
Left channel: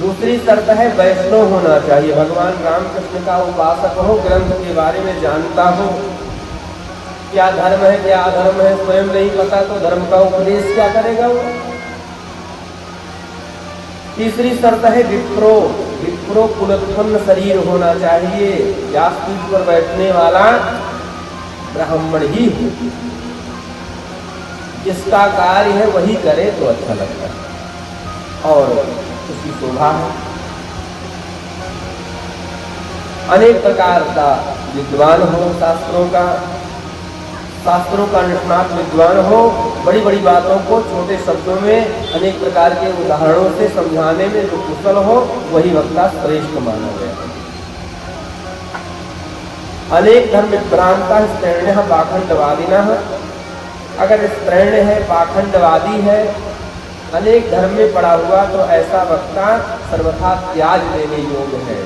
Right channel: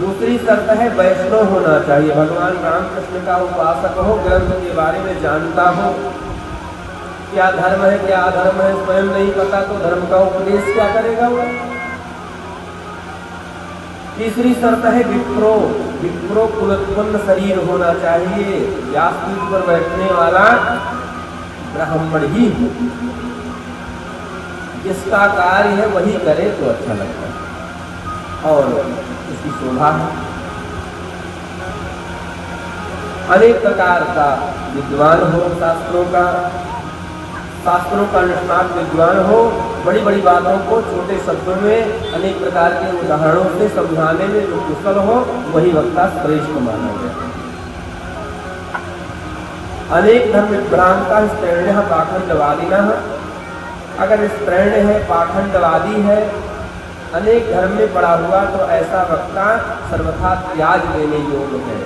दूसरी शर्त है वैष्णव होना चाहिए। भगवान रामकृष्ण का उपासक हो, ग्रंथ के बारे में जानता हो, क्या धर्म है क्या अधर्म है स्वयं नहीं पता तो धर्म का उपदेश क्या करेगा वो। तीसरी शर्त है विप्रो। विप्रो कुलोत्पन्न शरीर होना चाहिए। व्यासपीठ पर बैठने वाला ब्राह्मण ही हो, जिसका कार्य है वही करे तो अच्छा लगता है और उसकी शोभा है। अनेक प्रकार का विद्वान हो, शास्त्रों का निष्णात विद्वान हो, बड़ी बड़ी बातों को छोटे शब्दों में अनेक प्रकार के उदाहरणों से समझाने में जो कुशल हो वही वक्ता श्रेष्ठ माना गया। अनेक धर्म भ्रांता स्त्रैण्य पाखंडवादिनः। अगर स्त्रैण्य है, पाखंडवादी है, अनेक धर्म में पड़ा हुआ तो ऐसा वक्ता सर्वथा त्याग लेने योग्य है।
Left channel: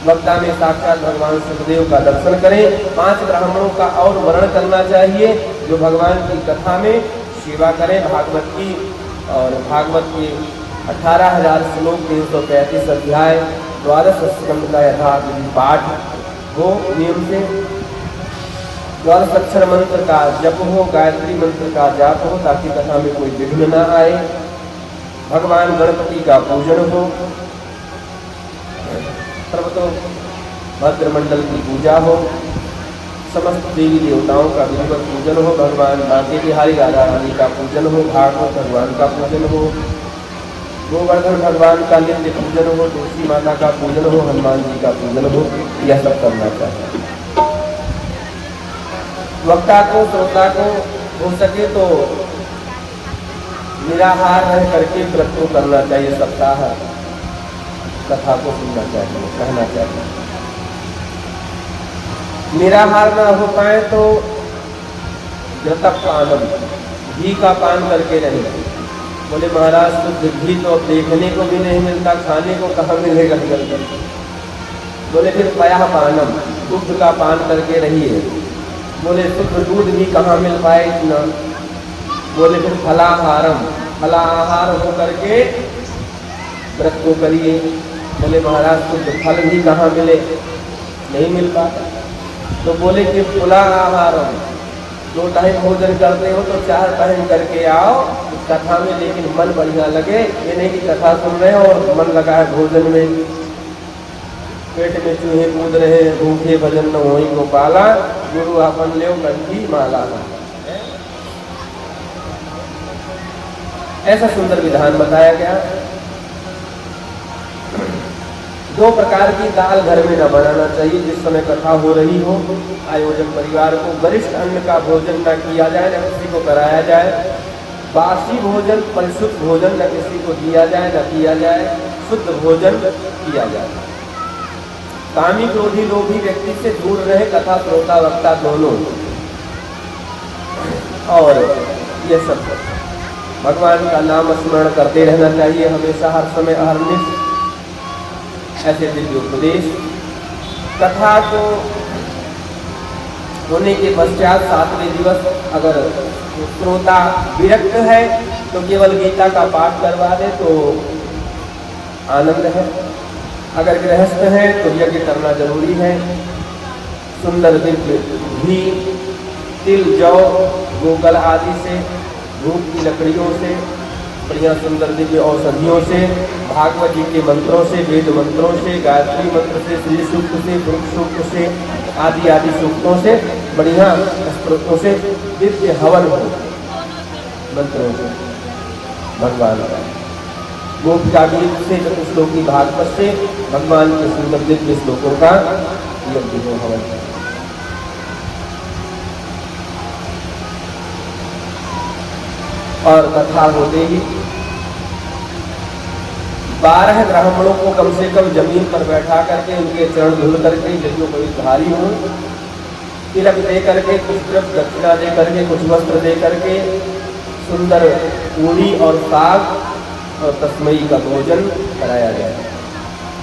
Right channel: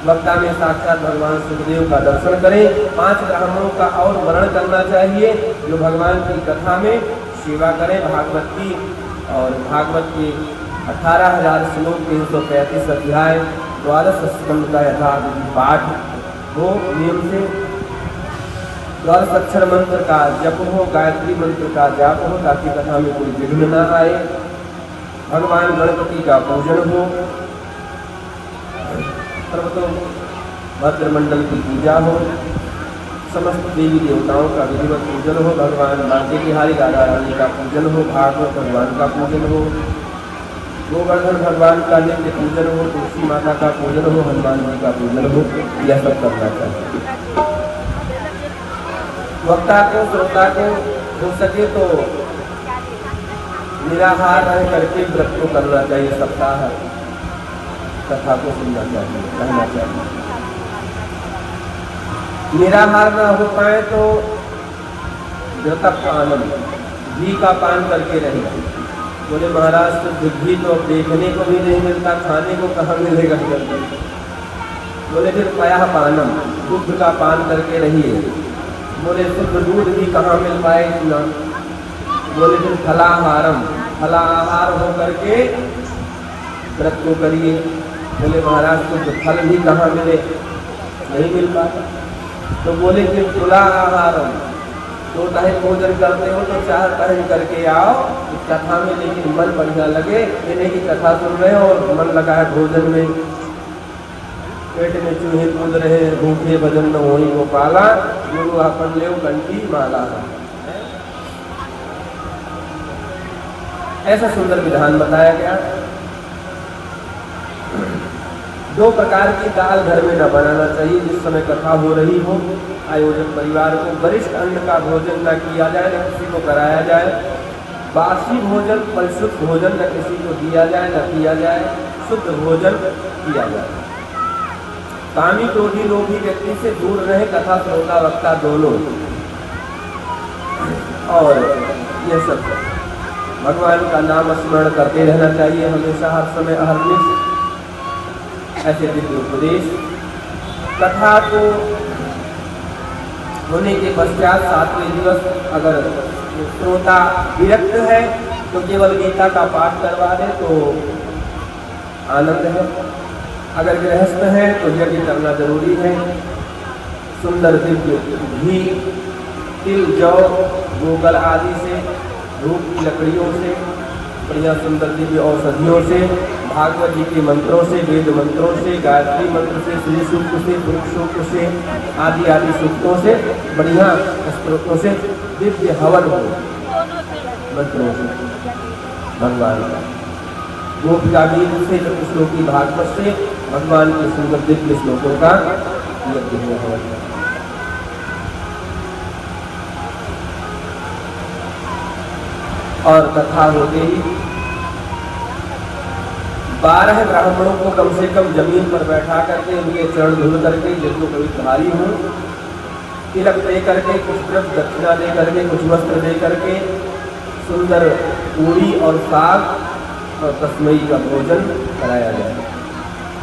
वक्ता में साक्षात भगवान सुखदेव का दर्शन करें। 5 ब्राह्मणों का और वर्णन करना चाहिए जो भगवान की कथा में सेवा करें भागवत की। और भागवत के 18,000 श्लोक, 335 अध्याय, 12 स्कंद का यथाविधि पाठ हो नियम से। 12 अक्षर मंत्र का जप हो, गायत्री मंत्र का जाप हो, ताकि कथा में कोई विघ्न न आए। भगवान गणपति का पूजन हो, सर्वतो भद्रमंडल की पूजा हो, समस्त देवी देवताओं का विधिवत पूजन हो, भगवान बांके बिहारी राधा रानी का पूजन हो, भागवत भगवान का पूजन हो, गोवर्धन भगवान का नित्य पूजन हो, तुलसी माता का पूजन हो, हनुमान जी का पूजन हो, यह सब करना चाहिए। वक्ता को, श्रोता को हो सके तो निराहार रह करके व्रत को करना चाहिए। सप्ताह कथा को सुनना चाहिए, कहना चाहिए। निराहार न हो पाए तो व्रतक का आनंद घी का पान करके रहे। बोले महाराज शुद्ध घी तो अब देखने को भी नहीं मिलता, खाने को कहाँ मिलेगा। बोले फिर पया पानम, दूध का पान करके रहिए। बोले शुद्ध दूध भी कहाँ मिल पाए इतना। बोले फिर फलाहारम, फलाहार हो करके व्रत को करिए। बोले महाराज कुछ फल भी कहाँ मिले, नहीं मिल पाता। तो बोले कि तुला आहारम, 2 टाइम भोजन करते हो तो 4 टाइम करके आओ इस कथा में, लेकिन मन बढ़िया लगे। ये नहीं कि कथा सुन रहे हो और मन लगा है भोजन में, पेट में चूहे कूद रहे हैं, भूखे भजन न होई गोपाला, गुरु अपन ले कंठी माला। ऐसा सुंदर विधान बताया गया। 2 प्रकार की दाल घर में न बनाना चाहिए जिस समय कथा हो रही हो। आयोजक परिवार को वरिष्ठ अन्न का भोजन न किया जाए, न किसी को कराया जाए। बासी भोजन, परिशुद्ध भोजन न किसी को दिया जाए न किया जाए, शुद्ध भोजन किया जाए। कामी क्रोधी लोभी व्यक्ति से दूर रहे कथा श्रोता वक्ता दोनों। और ये सब भगवान का नाम स्मरण करते रहना चाहिए हमेशा, हर समय, अहर्निश। ऐसे दिव्य उपदेश कथा को होने के पश्चात 7वें दिवस अगर श्रोता विरक्त है तो केवल गीता का पाठ करवा दे तो आनंद है। अगर गृहस्थ है तो यज्ञ करना जरूरी है। सुंदर दिव्य घी, तिल, जौ, गोगल आदि से, धूप की लकड़ियों से, बढ़िया सुंदर दिव्य औषधियों से, भागवत जी के मंत्रों से, वेद मंत्रों से, गायत्री मंत्र से, श्री सूक्त से, वृक्ष सूक्त से, आदि आदि सूक्तों से, बढ़िया स्त्रोतों से दिव्य हवन हो मंत्रों से भगवान का। गोप जागृत से, चतुश्लोकी भागवत से भगवान के श्रीमद् दिव्य श्लोकों का यज्ञ हो हवन। और कथा होते ही 12 ब्राह्मणों को कम से कम जमीन पर बैठा करके उनके चरण धुल करके, जिनको कभी धारी हो, तिलक दे करके, कुछ द्रव्य दक्षिणा दे करके, कुछ वस्त्र दे करके, सुंदर पूरी और साग और तस्मई का भोजन कराया जाए।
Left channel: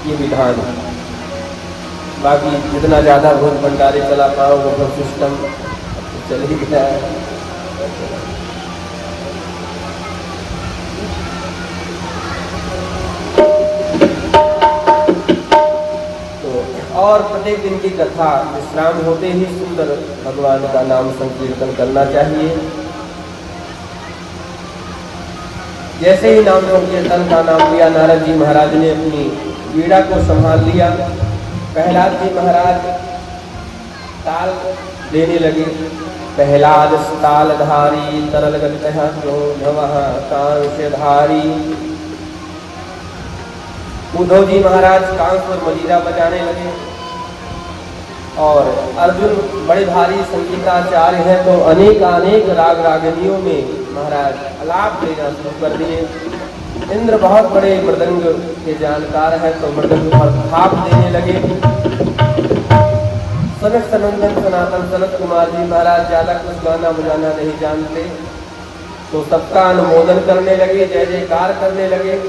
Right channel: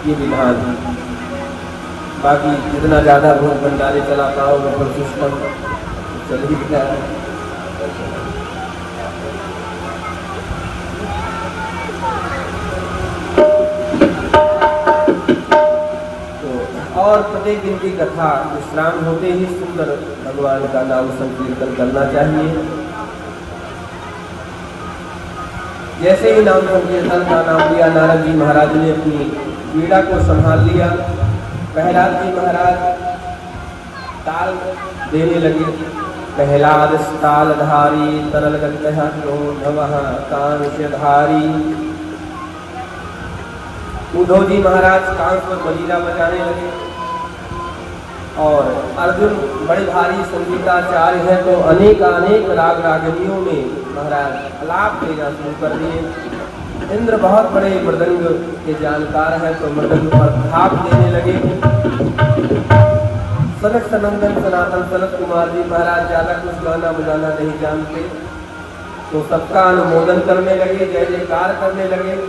ये विधान है। बाकी जितना ज्यादा भोग भंडारे चला पाओ वो सिस्टम चल ही जाए। और प्रत्येक दिन की कथा विश्राम होते ही सुंदर भगवान का नाम संकीर्तन करना चाहिए। जैसे ही नाम संकीर्तन का नाम लिया, नारद जी महाराज ने अपनी वीणा को संभाल लिया। प्रहलाद जी महाराज ताल देने लगे। प्रहलाद तालधारी तरल गतः चोभवः कांस्यधारी। उद्धव जी महाराज कांस पर मजीरा बजाने लगे। और अर्जुन बड़े भारी संगीताचार्य है तो अनेक राग रागनियों में महाराज आलाप देना शुरू कर दिए। इंद्र बहुत बड़े मृदंग के जानकार है तो मृदंग पर भाप देने लगे। सनत सनंदन सनातन सनत कुमार जी महाराज ज्यादा कुछ गाना बजाना नहीं जानते तो सबका अनुमोदन करने लगे, जय जयकार करने लगे।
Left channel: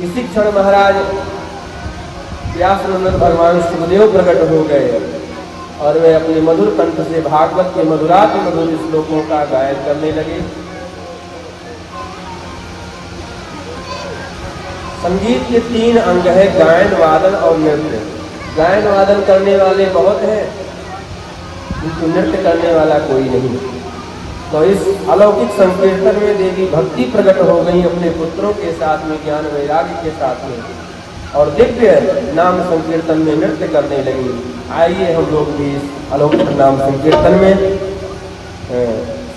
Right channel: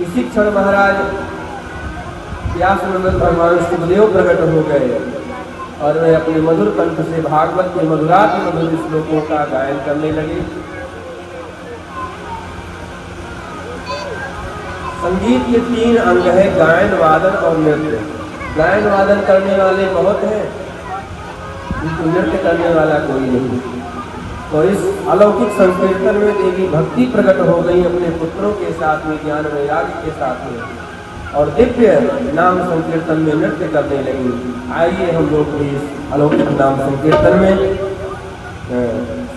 इसी क्षण महाराज व्यासनंदन भगवान शिवदेव प्रकट हो गए और वे अपने मधुर कंठ से भागवत के मधुराति मधुर श्लोकों का गायन करने लगे। संगीत के 3 अंग है, गायन, वादन और नृत्य। गायन वादन करने वाले बहुत हैं, किंतु नृत्य करने वाला कोई नहीं। तो इस अलौकिक संकीर्तन में देवी भक्ति प्रकट हो गई अपने पुत्रों के साथ में, ज्ञान वैराग्य के साथ में, और दिव्य नाम संकीर्तन में नृत्य करने लगी। आइए हम लोग भी अलौकिक नाम संकीर्तन में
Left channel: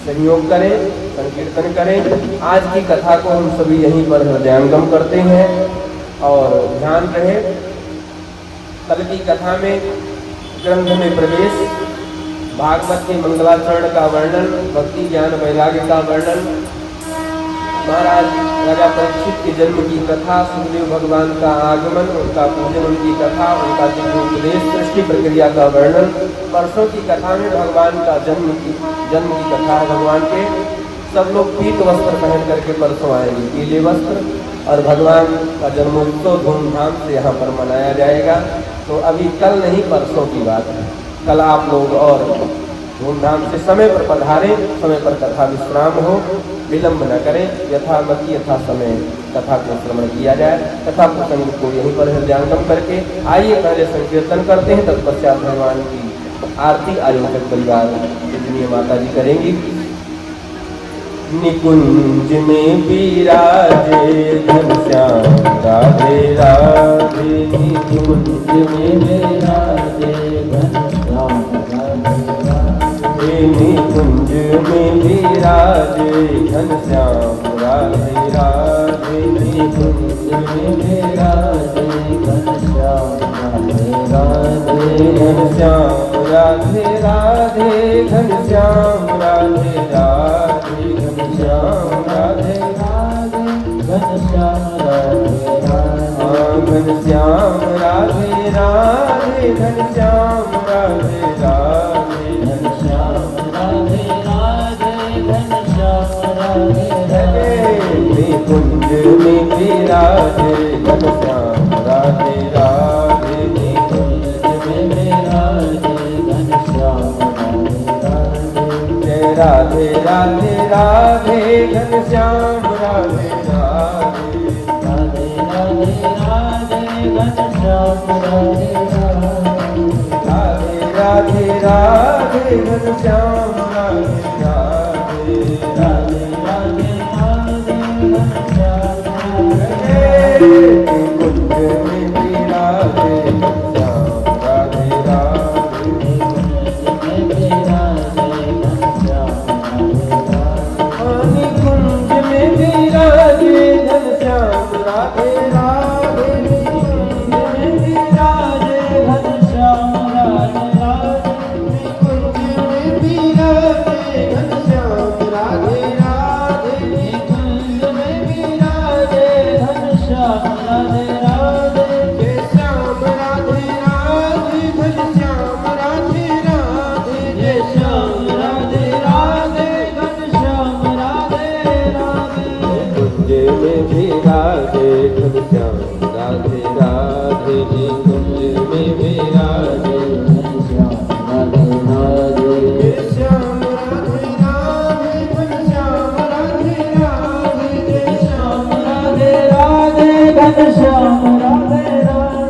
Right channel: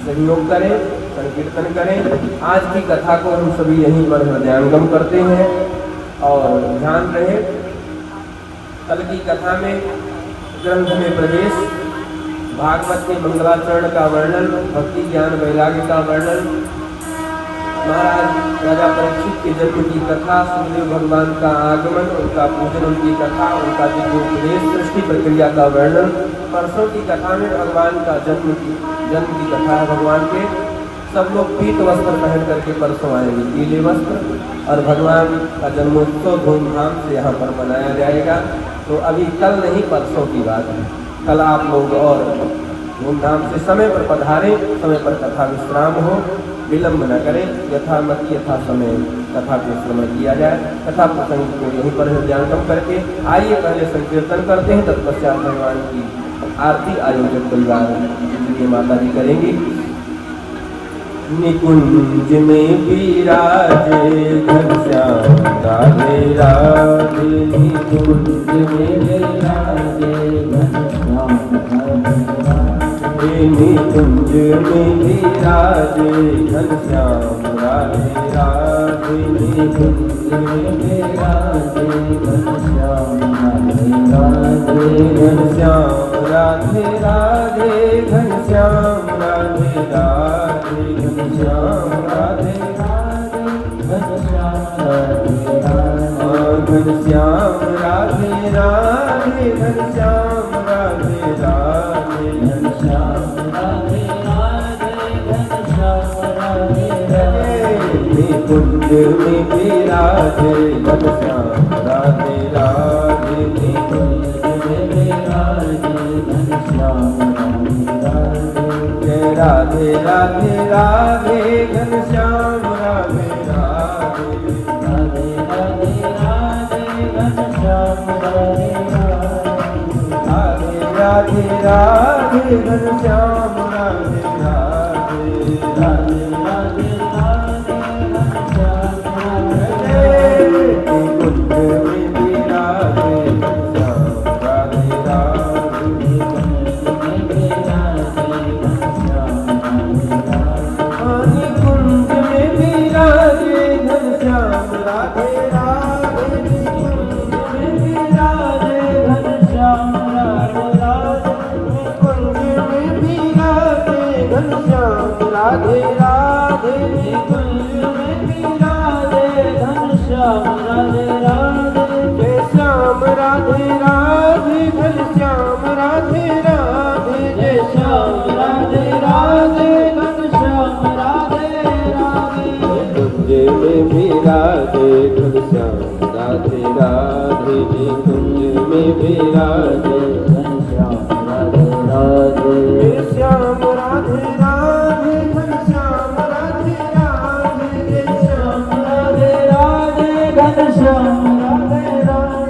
सहयोग करें, संकीर्तन करें। आज की कथा को हम सभी यहीं पर हृदयांगम करते हैं और ध्यान रहे कल की कथा में ग्रंथ में प्रवेश, भागवत के मंगलाचरण का वर्णन, भक्ति ज्ञान वैराग्य का वर्णन, महाराज राजा परीक्षित के जन्म की कथा, सुखदेव भगवान का आगमन, उनका पूजन, उनकी कथा, उनका दिव्योपदेश, सृष्टि प्रक्रिया का वर्णन। परसों की कथा में भगवान का जन्म की कथा है। भगवान के सब लोग पीत वस्त्र पहन करके परसों आएंगे, पीले वस्त्र, और भगवान का जन्मोत्सव धूमधाम से यहाँ पर मनाया जाएगा। तो अभी कल नहीं परसों की बात है, कल आप लोग और धूमधाम से समय पर पधारें, समय पर कथा विश्राम हो। विलंब न करें, यथामति यथा समय कथा को श्रवण किया जाए। कथा प्रसंग को यहीं पर हृदयांगम करके आइए पहले संकीर्तन करते हैं, तत्पश्चात भगवान की आरती आयोजक परिवार पूजनीय माता जी करेंगी। निकुंज में विराजे घनश्याम राधे राधे, निकुंज में विराजे घनश्याम राधे, निकुंज में विराजे घनश्याम राधे राधे, निकुंज में विराजे घनश्याम राधे राधे, घनश्याम राधे राधे, घनश्याम राधे राधे, घनश्याम राधे राधे, घनश्याम राधे राधे, घनश्याम राधे राधे, घनश्याम राधे राधे, घनश्याम राधे राधे, घनश्याम राधे राधे, निकुंज में विराजे घनश्याम राधे राधे, निकुंज में विराजे घनश्याम राधे राधे, राधे राधे घनश्याम राधे राधे, राधे राधे राधे घनश्याम राधे राधे, राधे राधे घनश्याम राधे राधे, राधे राधे राधे घनश्याम राधे, निकुंज में विराजे घनश्याम राधे राधे, निकुंज में विराजे निकुंज में विराजे घनश्याम राधे राधे, निकुंज में विराजे घनश्याम राधे राधे, निकुंज में विराजे घनश्याम राधे राधे, निकुंज में विराजे घनश्याम राधे राधे, जय श्याम राधे राधे, घनश्याम राधे राधे, जय श्याम राधे राधे, घनश्याम राधे राधे, निकुंज में विराजे घनश्याम राधे राधे, निकुंज में विराजे घनश्याम राधे राधे, जय श्याम राधे राधे, घनश्याम राधे राधे, जय श्याम राधे राधे, घनश्याम राधे राधे,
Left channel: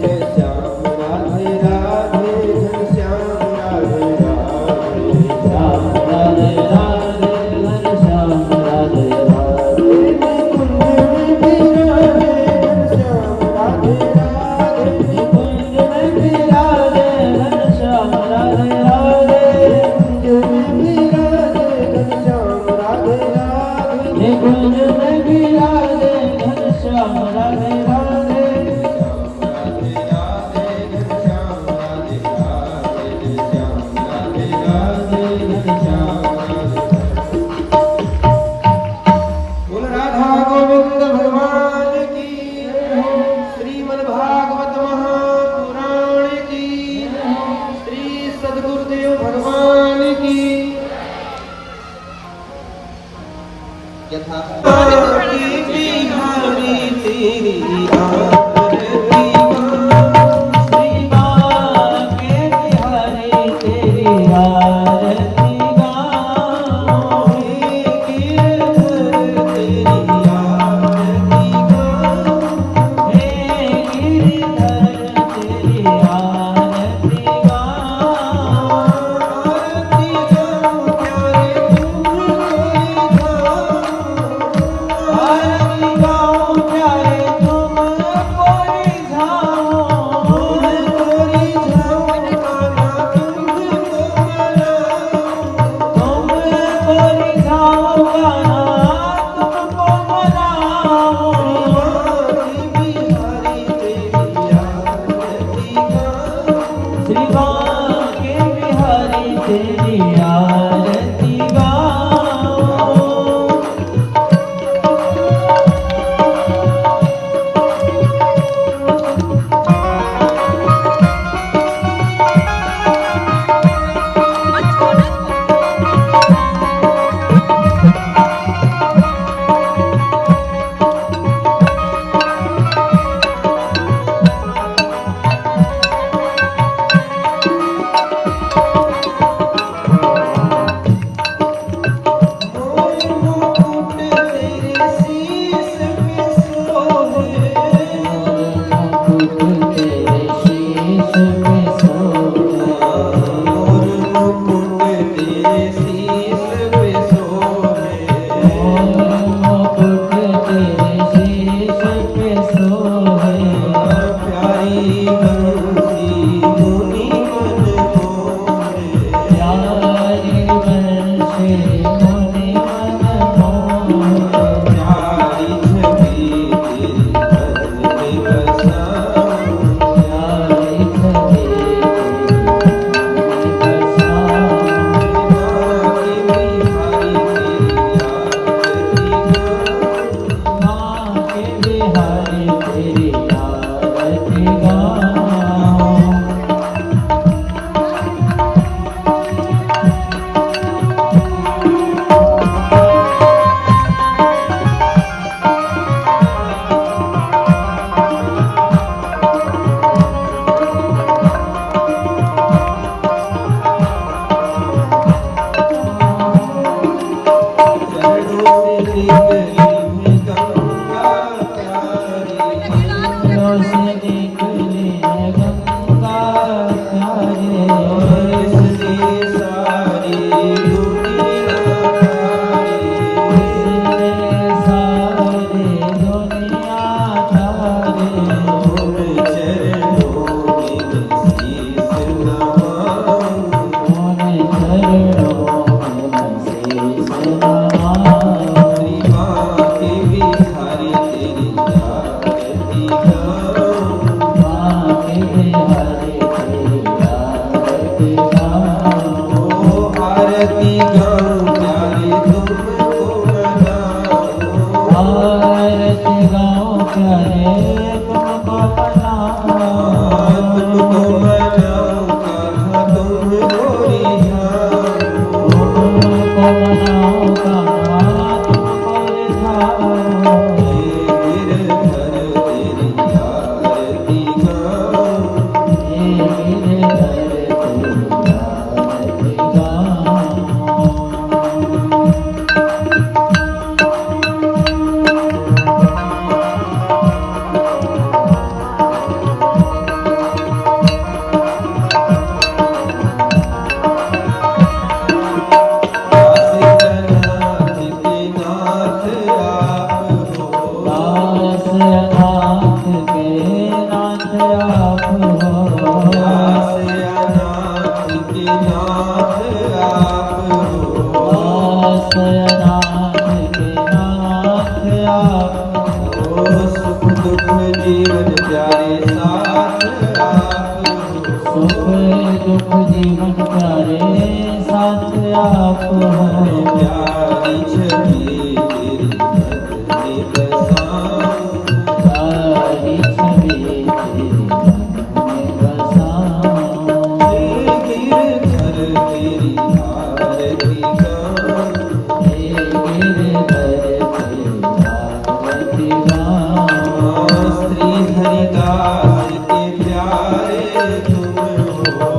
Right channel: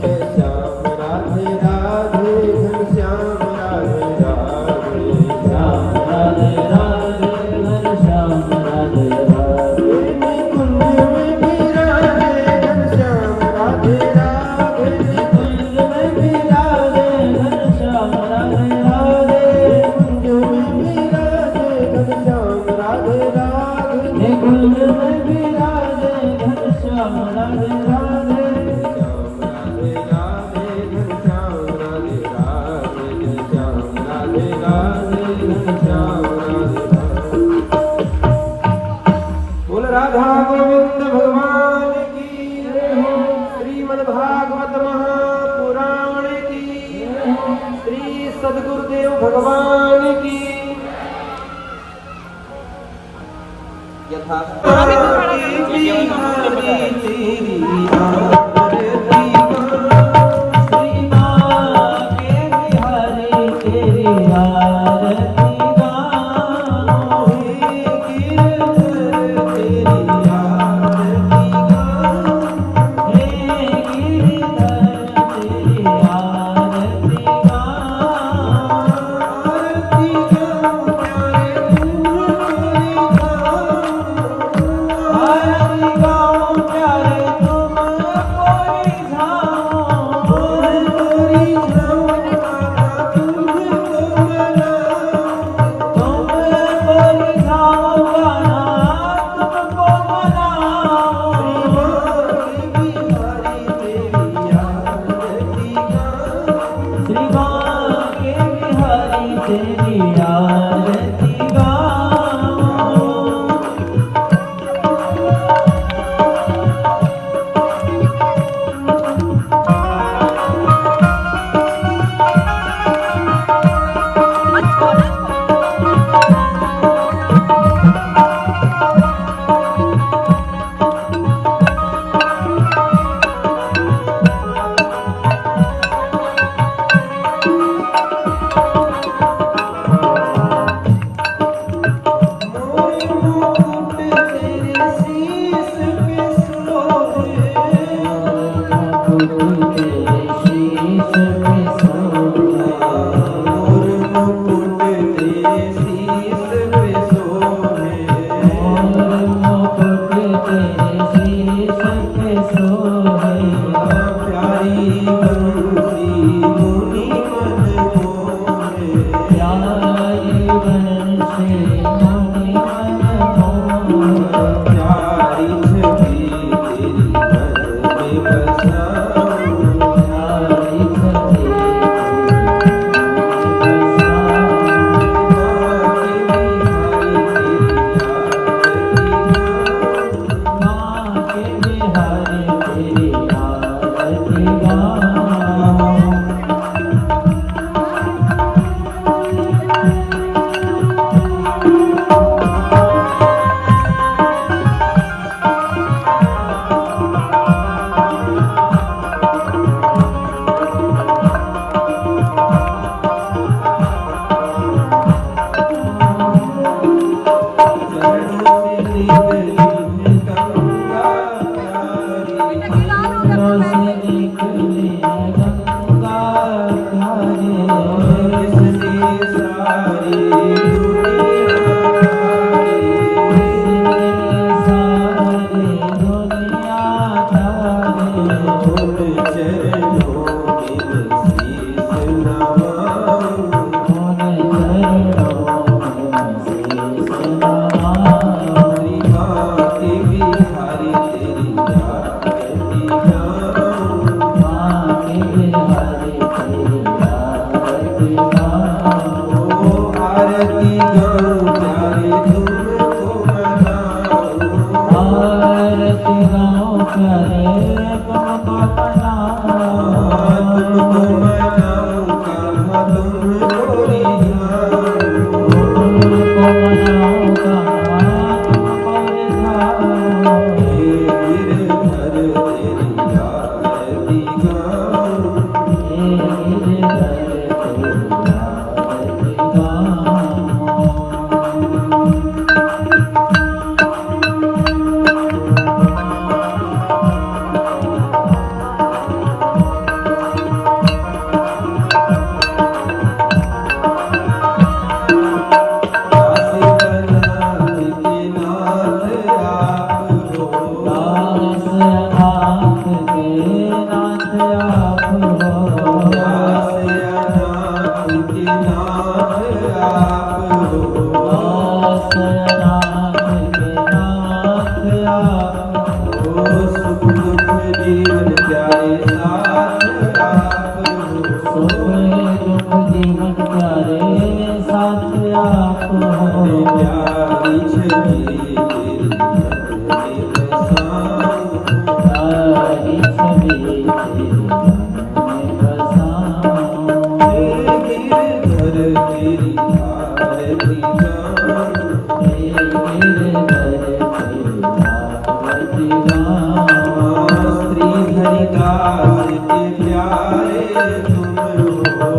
जय श्याम राधे राधे, घनश्याम राधे राधे, श्याम राधे राधे, घनश्याम राधे राधे, निकुंज में विराजे घनश्याम राधे राधे, निकुंज में विराजे घनश्याम राधे राधे, निकुंज में विराजे घनश्याम राधे राधे, निकुंज में विराजे घनश्याम राधे राधे, श्याम राधे राधे, घनश्याम राधे राधे, श्याम राधे राधे, घनश्याम राधे राधे। बोल राधा गोविंद भगवान की, श्रीमद् भागवत महापुराण की, श्री सद्गुरुदेव भगवान की। यथा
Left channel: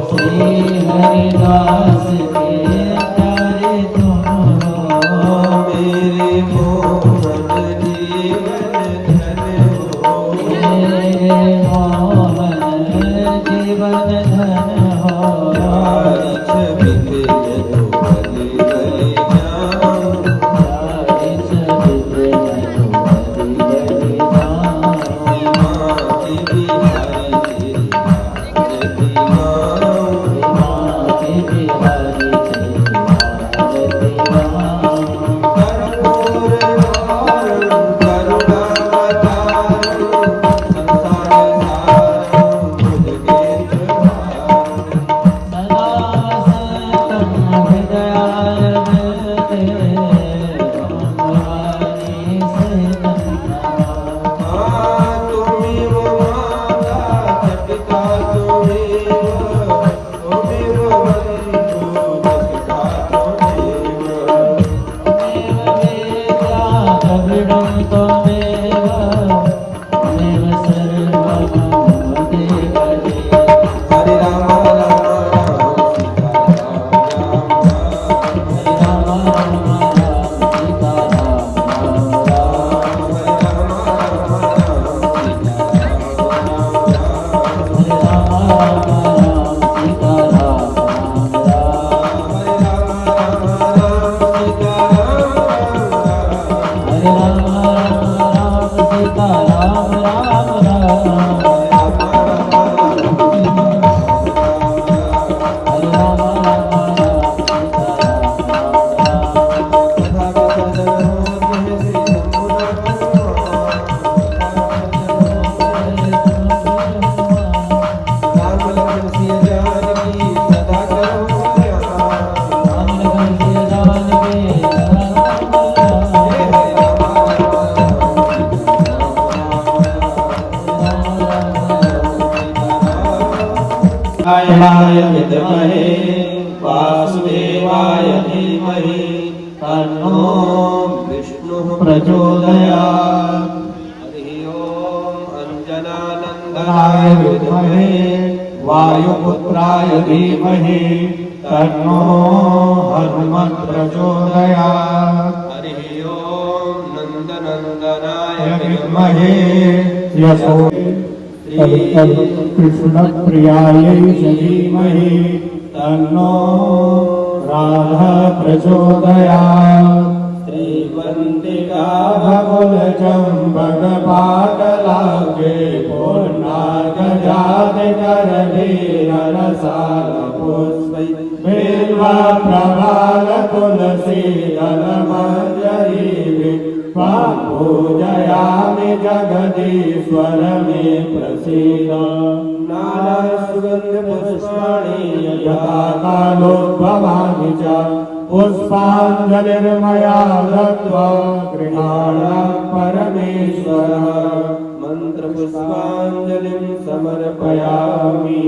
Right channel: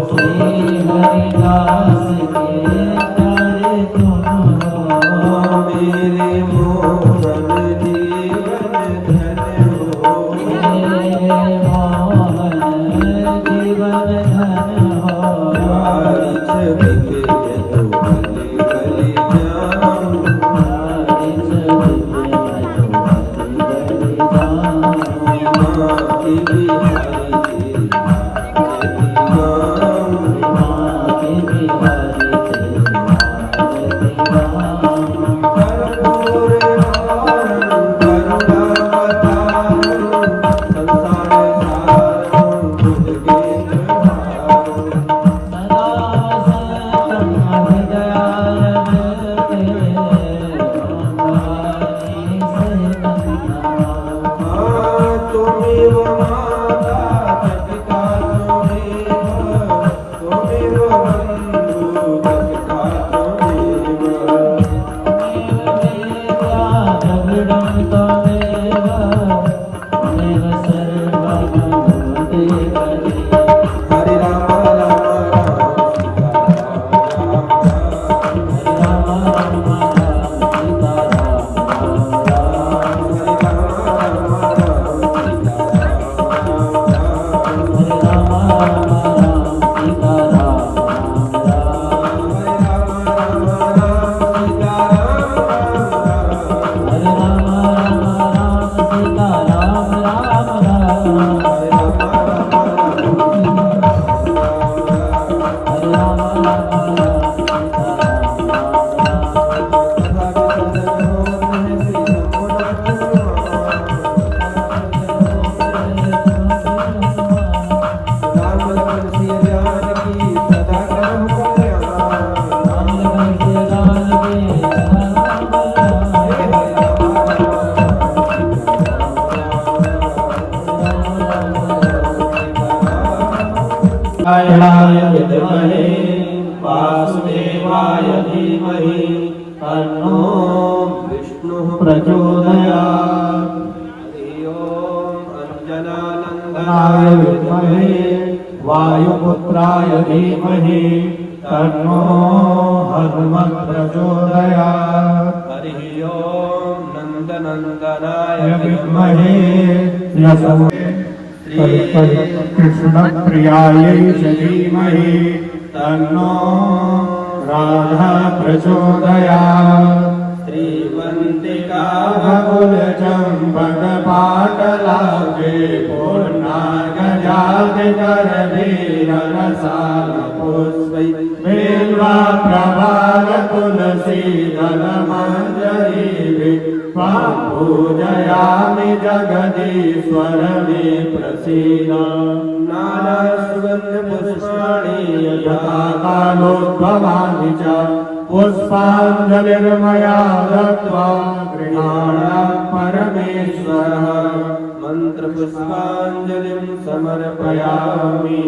श्री हरिदास के प्यारे तुम हो। मेरे मोहन जीवन धन हो। मेरे मोहन जीवन धन हो। बारिश बिंदे यदु बलि बलि जाऊं। बारिश बिंदे यदु बलि बलि जाऊं। माँ की बिहारी तेरी आरती गाऊं। माँ के बिहारी तेरी आरती गाऊं। कर्पूर गौरं करुणावतारं संसार सारं भुजगेन्द्रहारं। सदा वसंतं हृदयारविंदे भवानी सेविका। तुमेव माता च पिता तुमेव। तुमेव बन्धु सखा तुमेव। त्वमेव विद्या द्रविडं त्वमेव। त्वमेव सर्वं देवदेव। हरे राम राम राम राम राम राम सीता राम राम राम। विद्महे वासुदेवाय धीमहि तन्नो विष्णुः प्रचोदयात्। हरि ओम अंजनानंदनाय विद्महे वायुपुत्राय धीमहि तन्नो हनुमत् प्रचोदयात्। हरि ओम नंदनंदनाय विद्महे यशो कृष्ण प्रियायै च धीमहि तन्नो राधा प्रचोदयात्। श्रीवन्तिका बकुल चम्पक पाटलाभे पूर्णार्घजाति करधीर रसाल पुष्पै बिल्वा प्रभाव तुलसी दल मंजरी पूजयामि जगदीश्वर मे प्रसीद। नाना सुगंध पुष्पाणि यथा कालोद्भवानि च पुष्पाञ्जलिर्मया दत्त्वा गृहाणां परमेश्वरः। मंत्र पुष्पांजलिं समर्पयामि।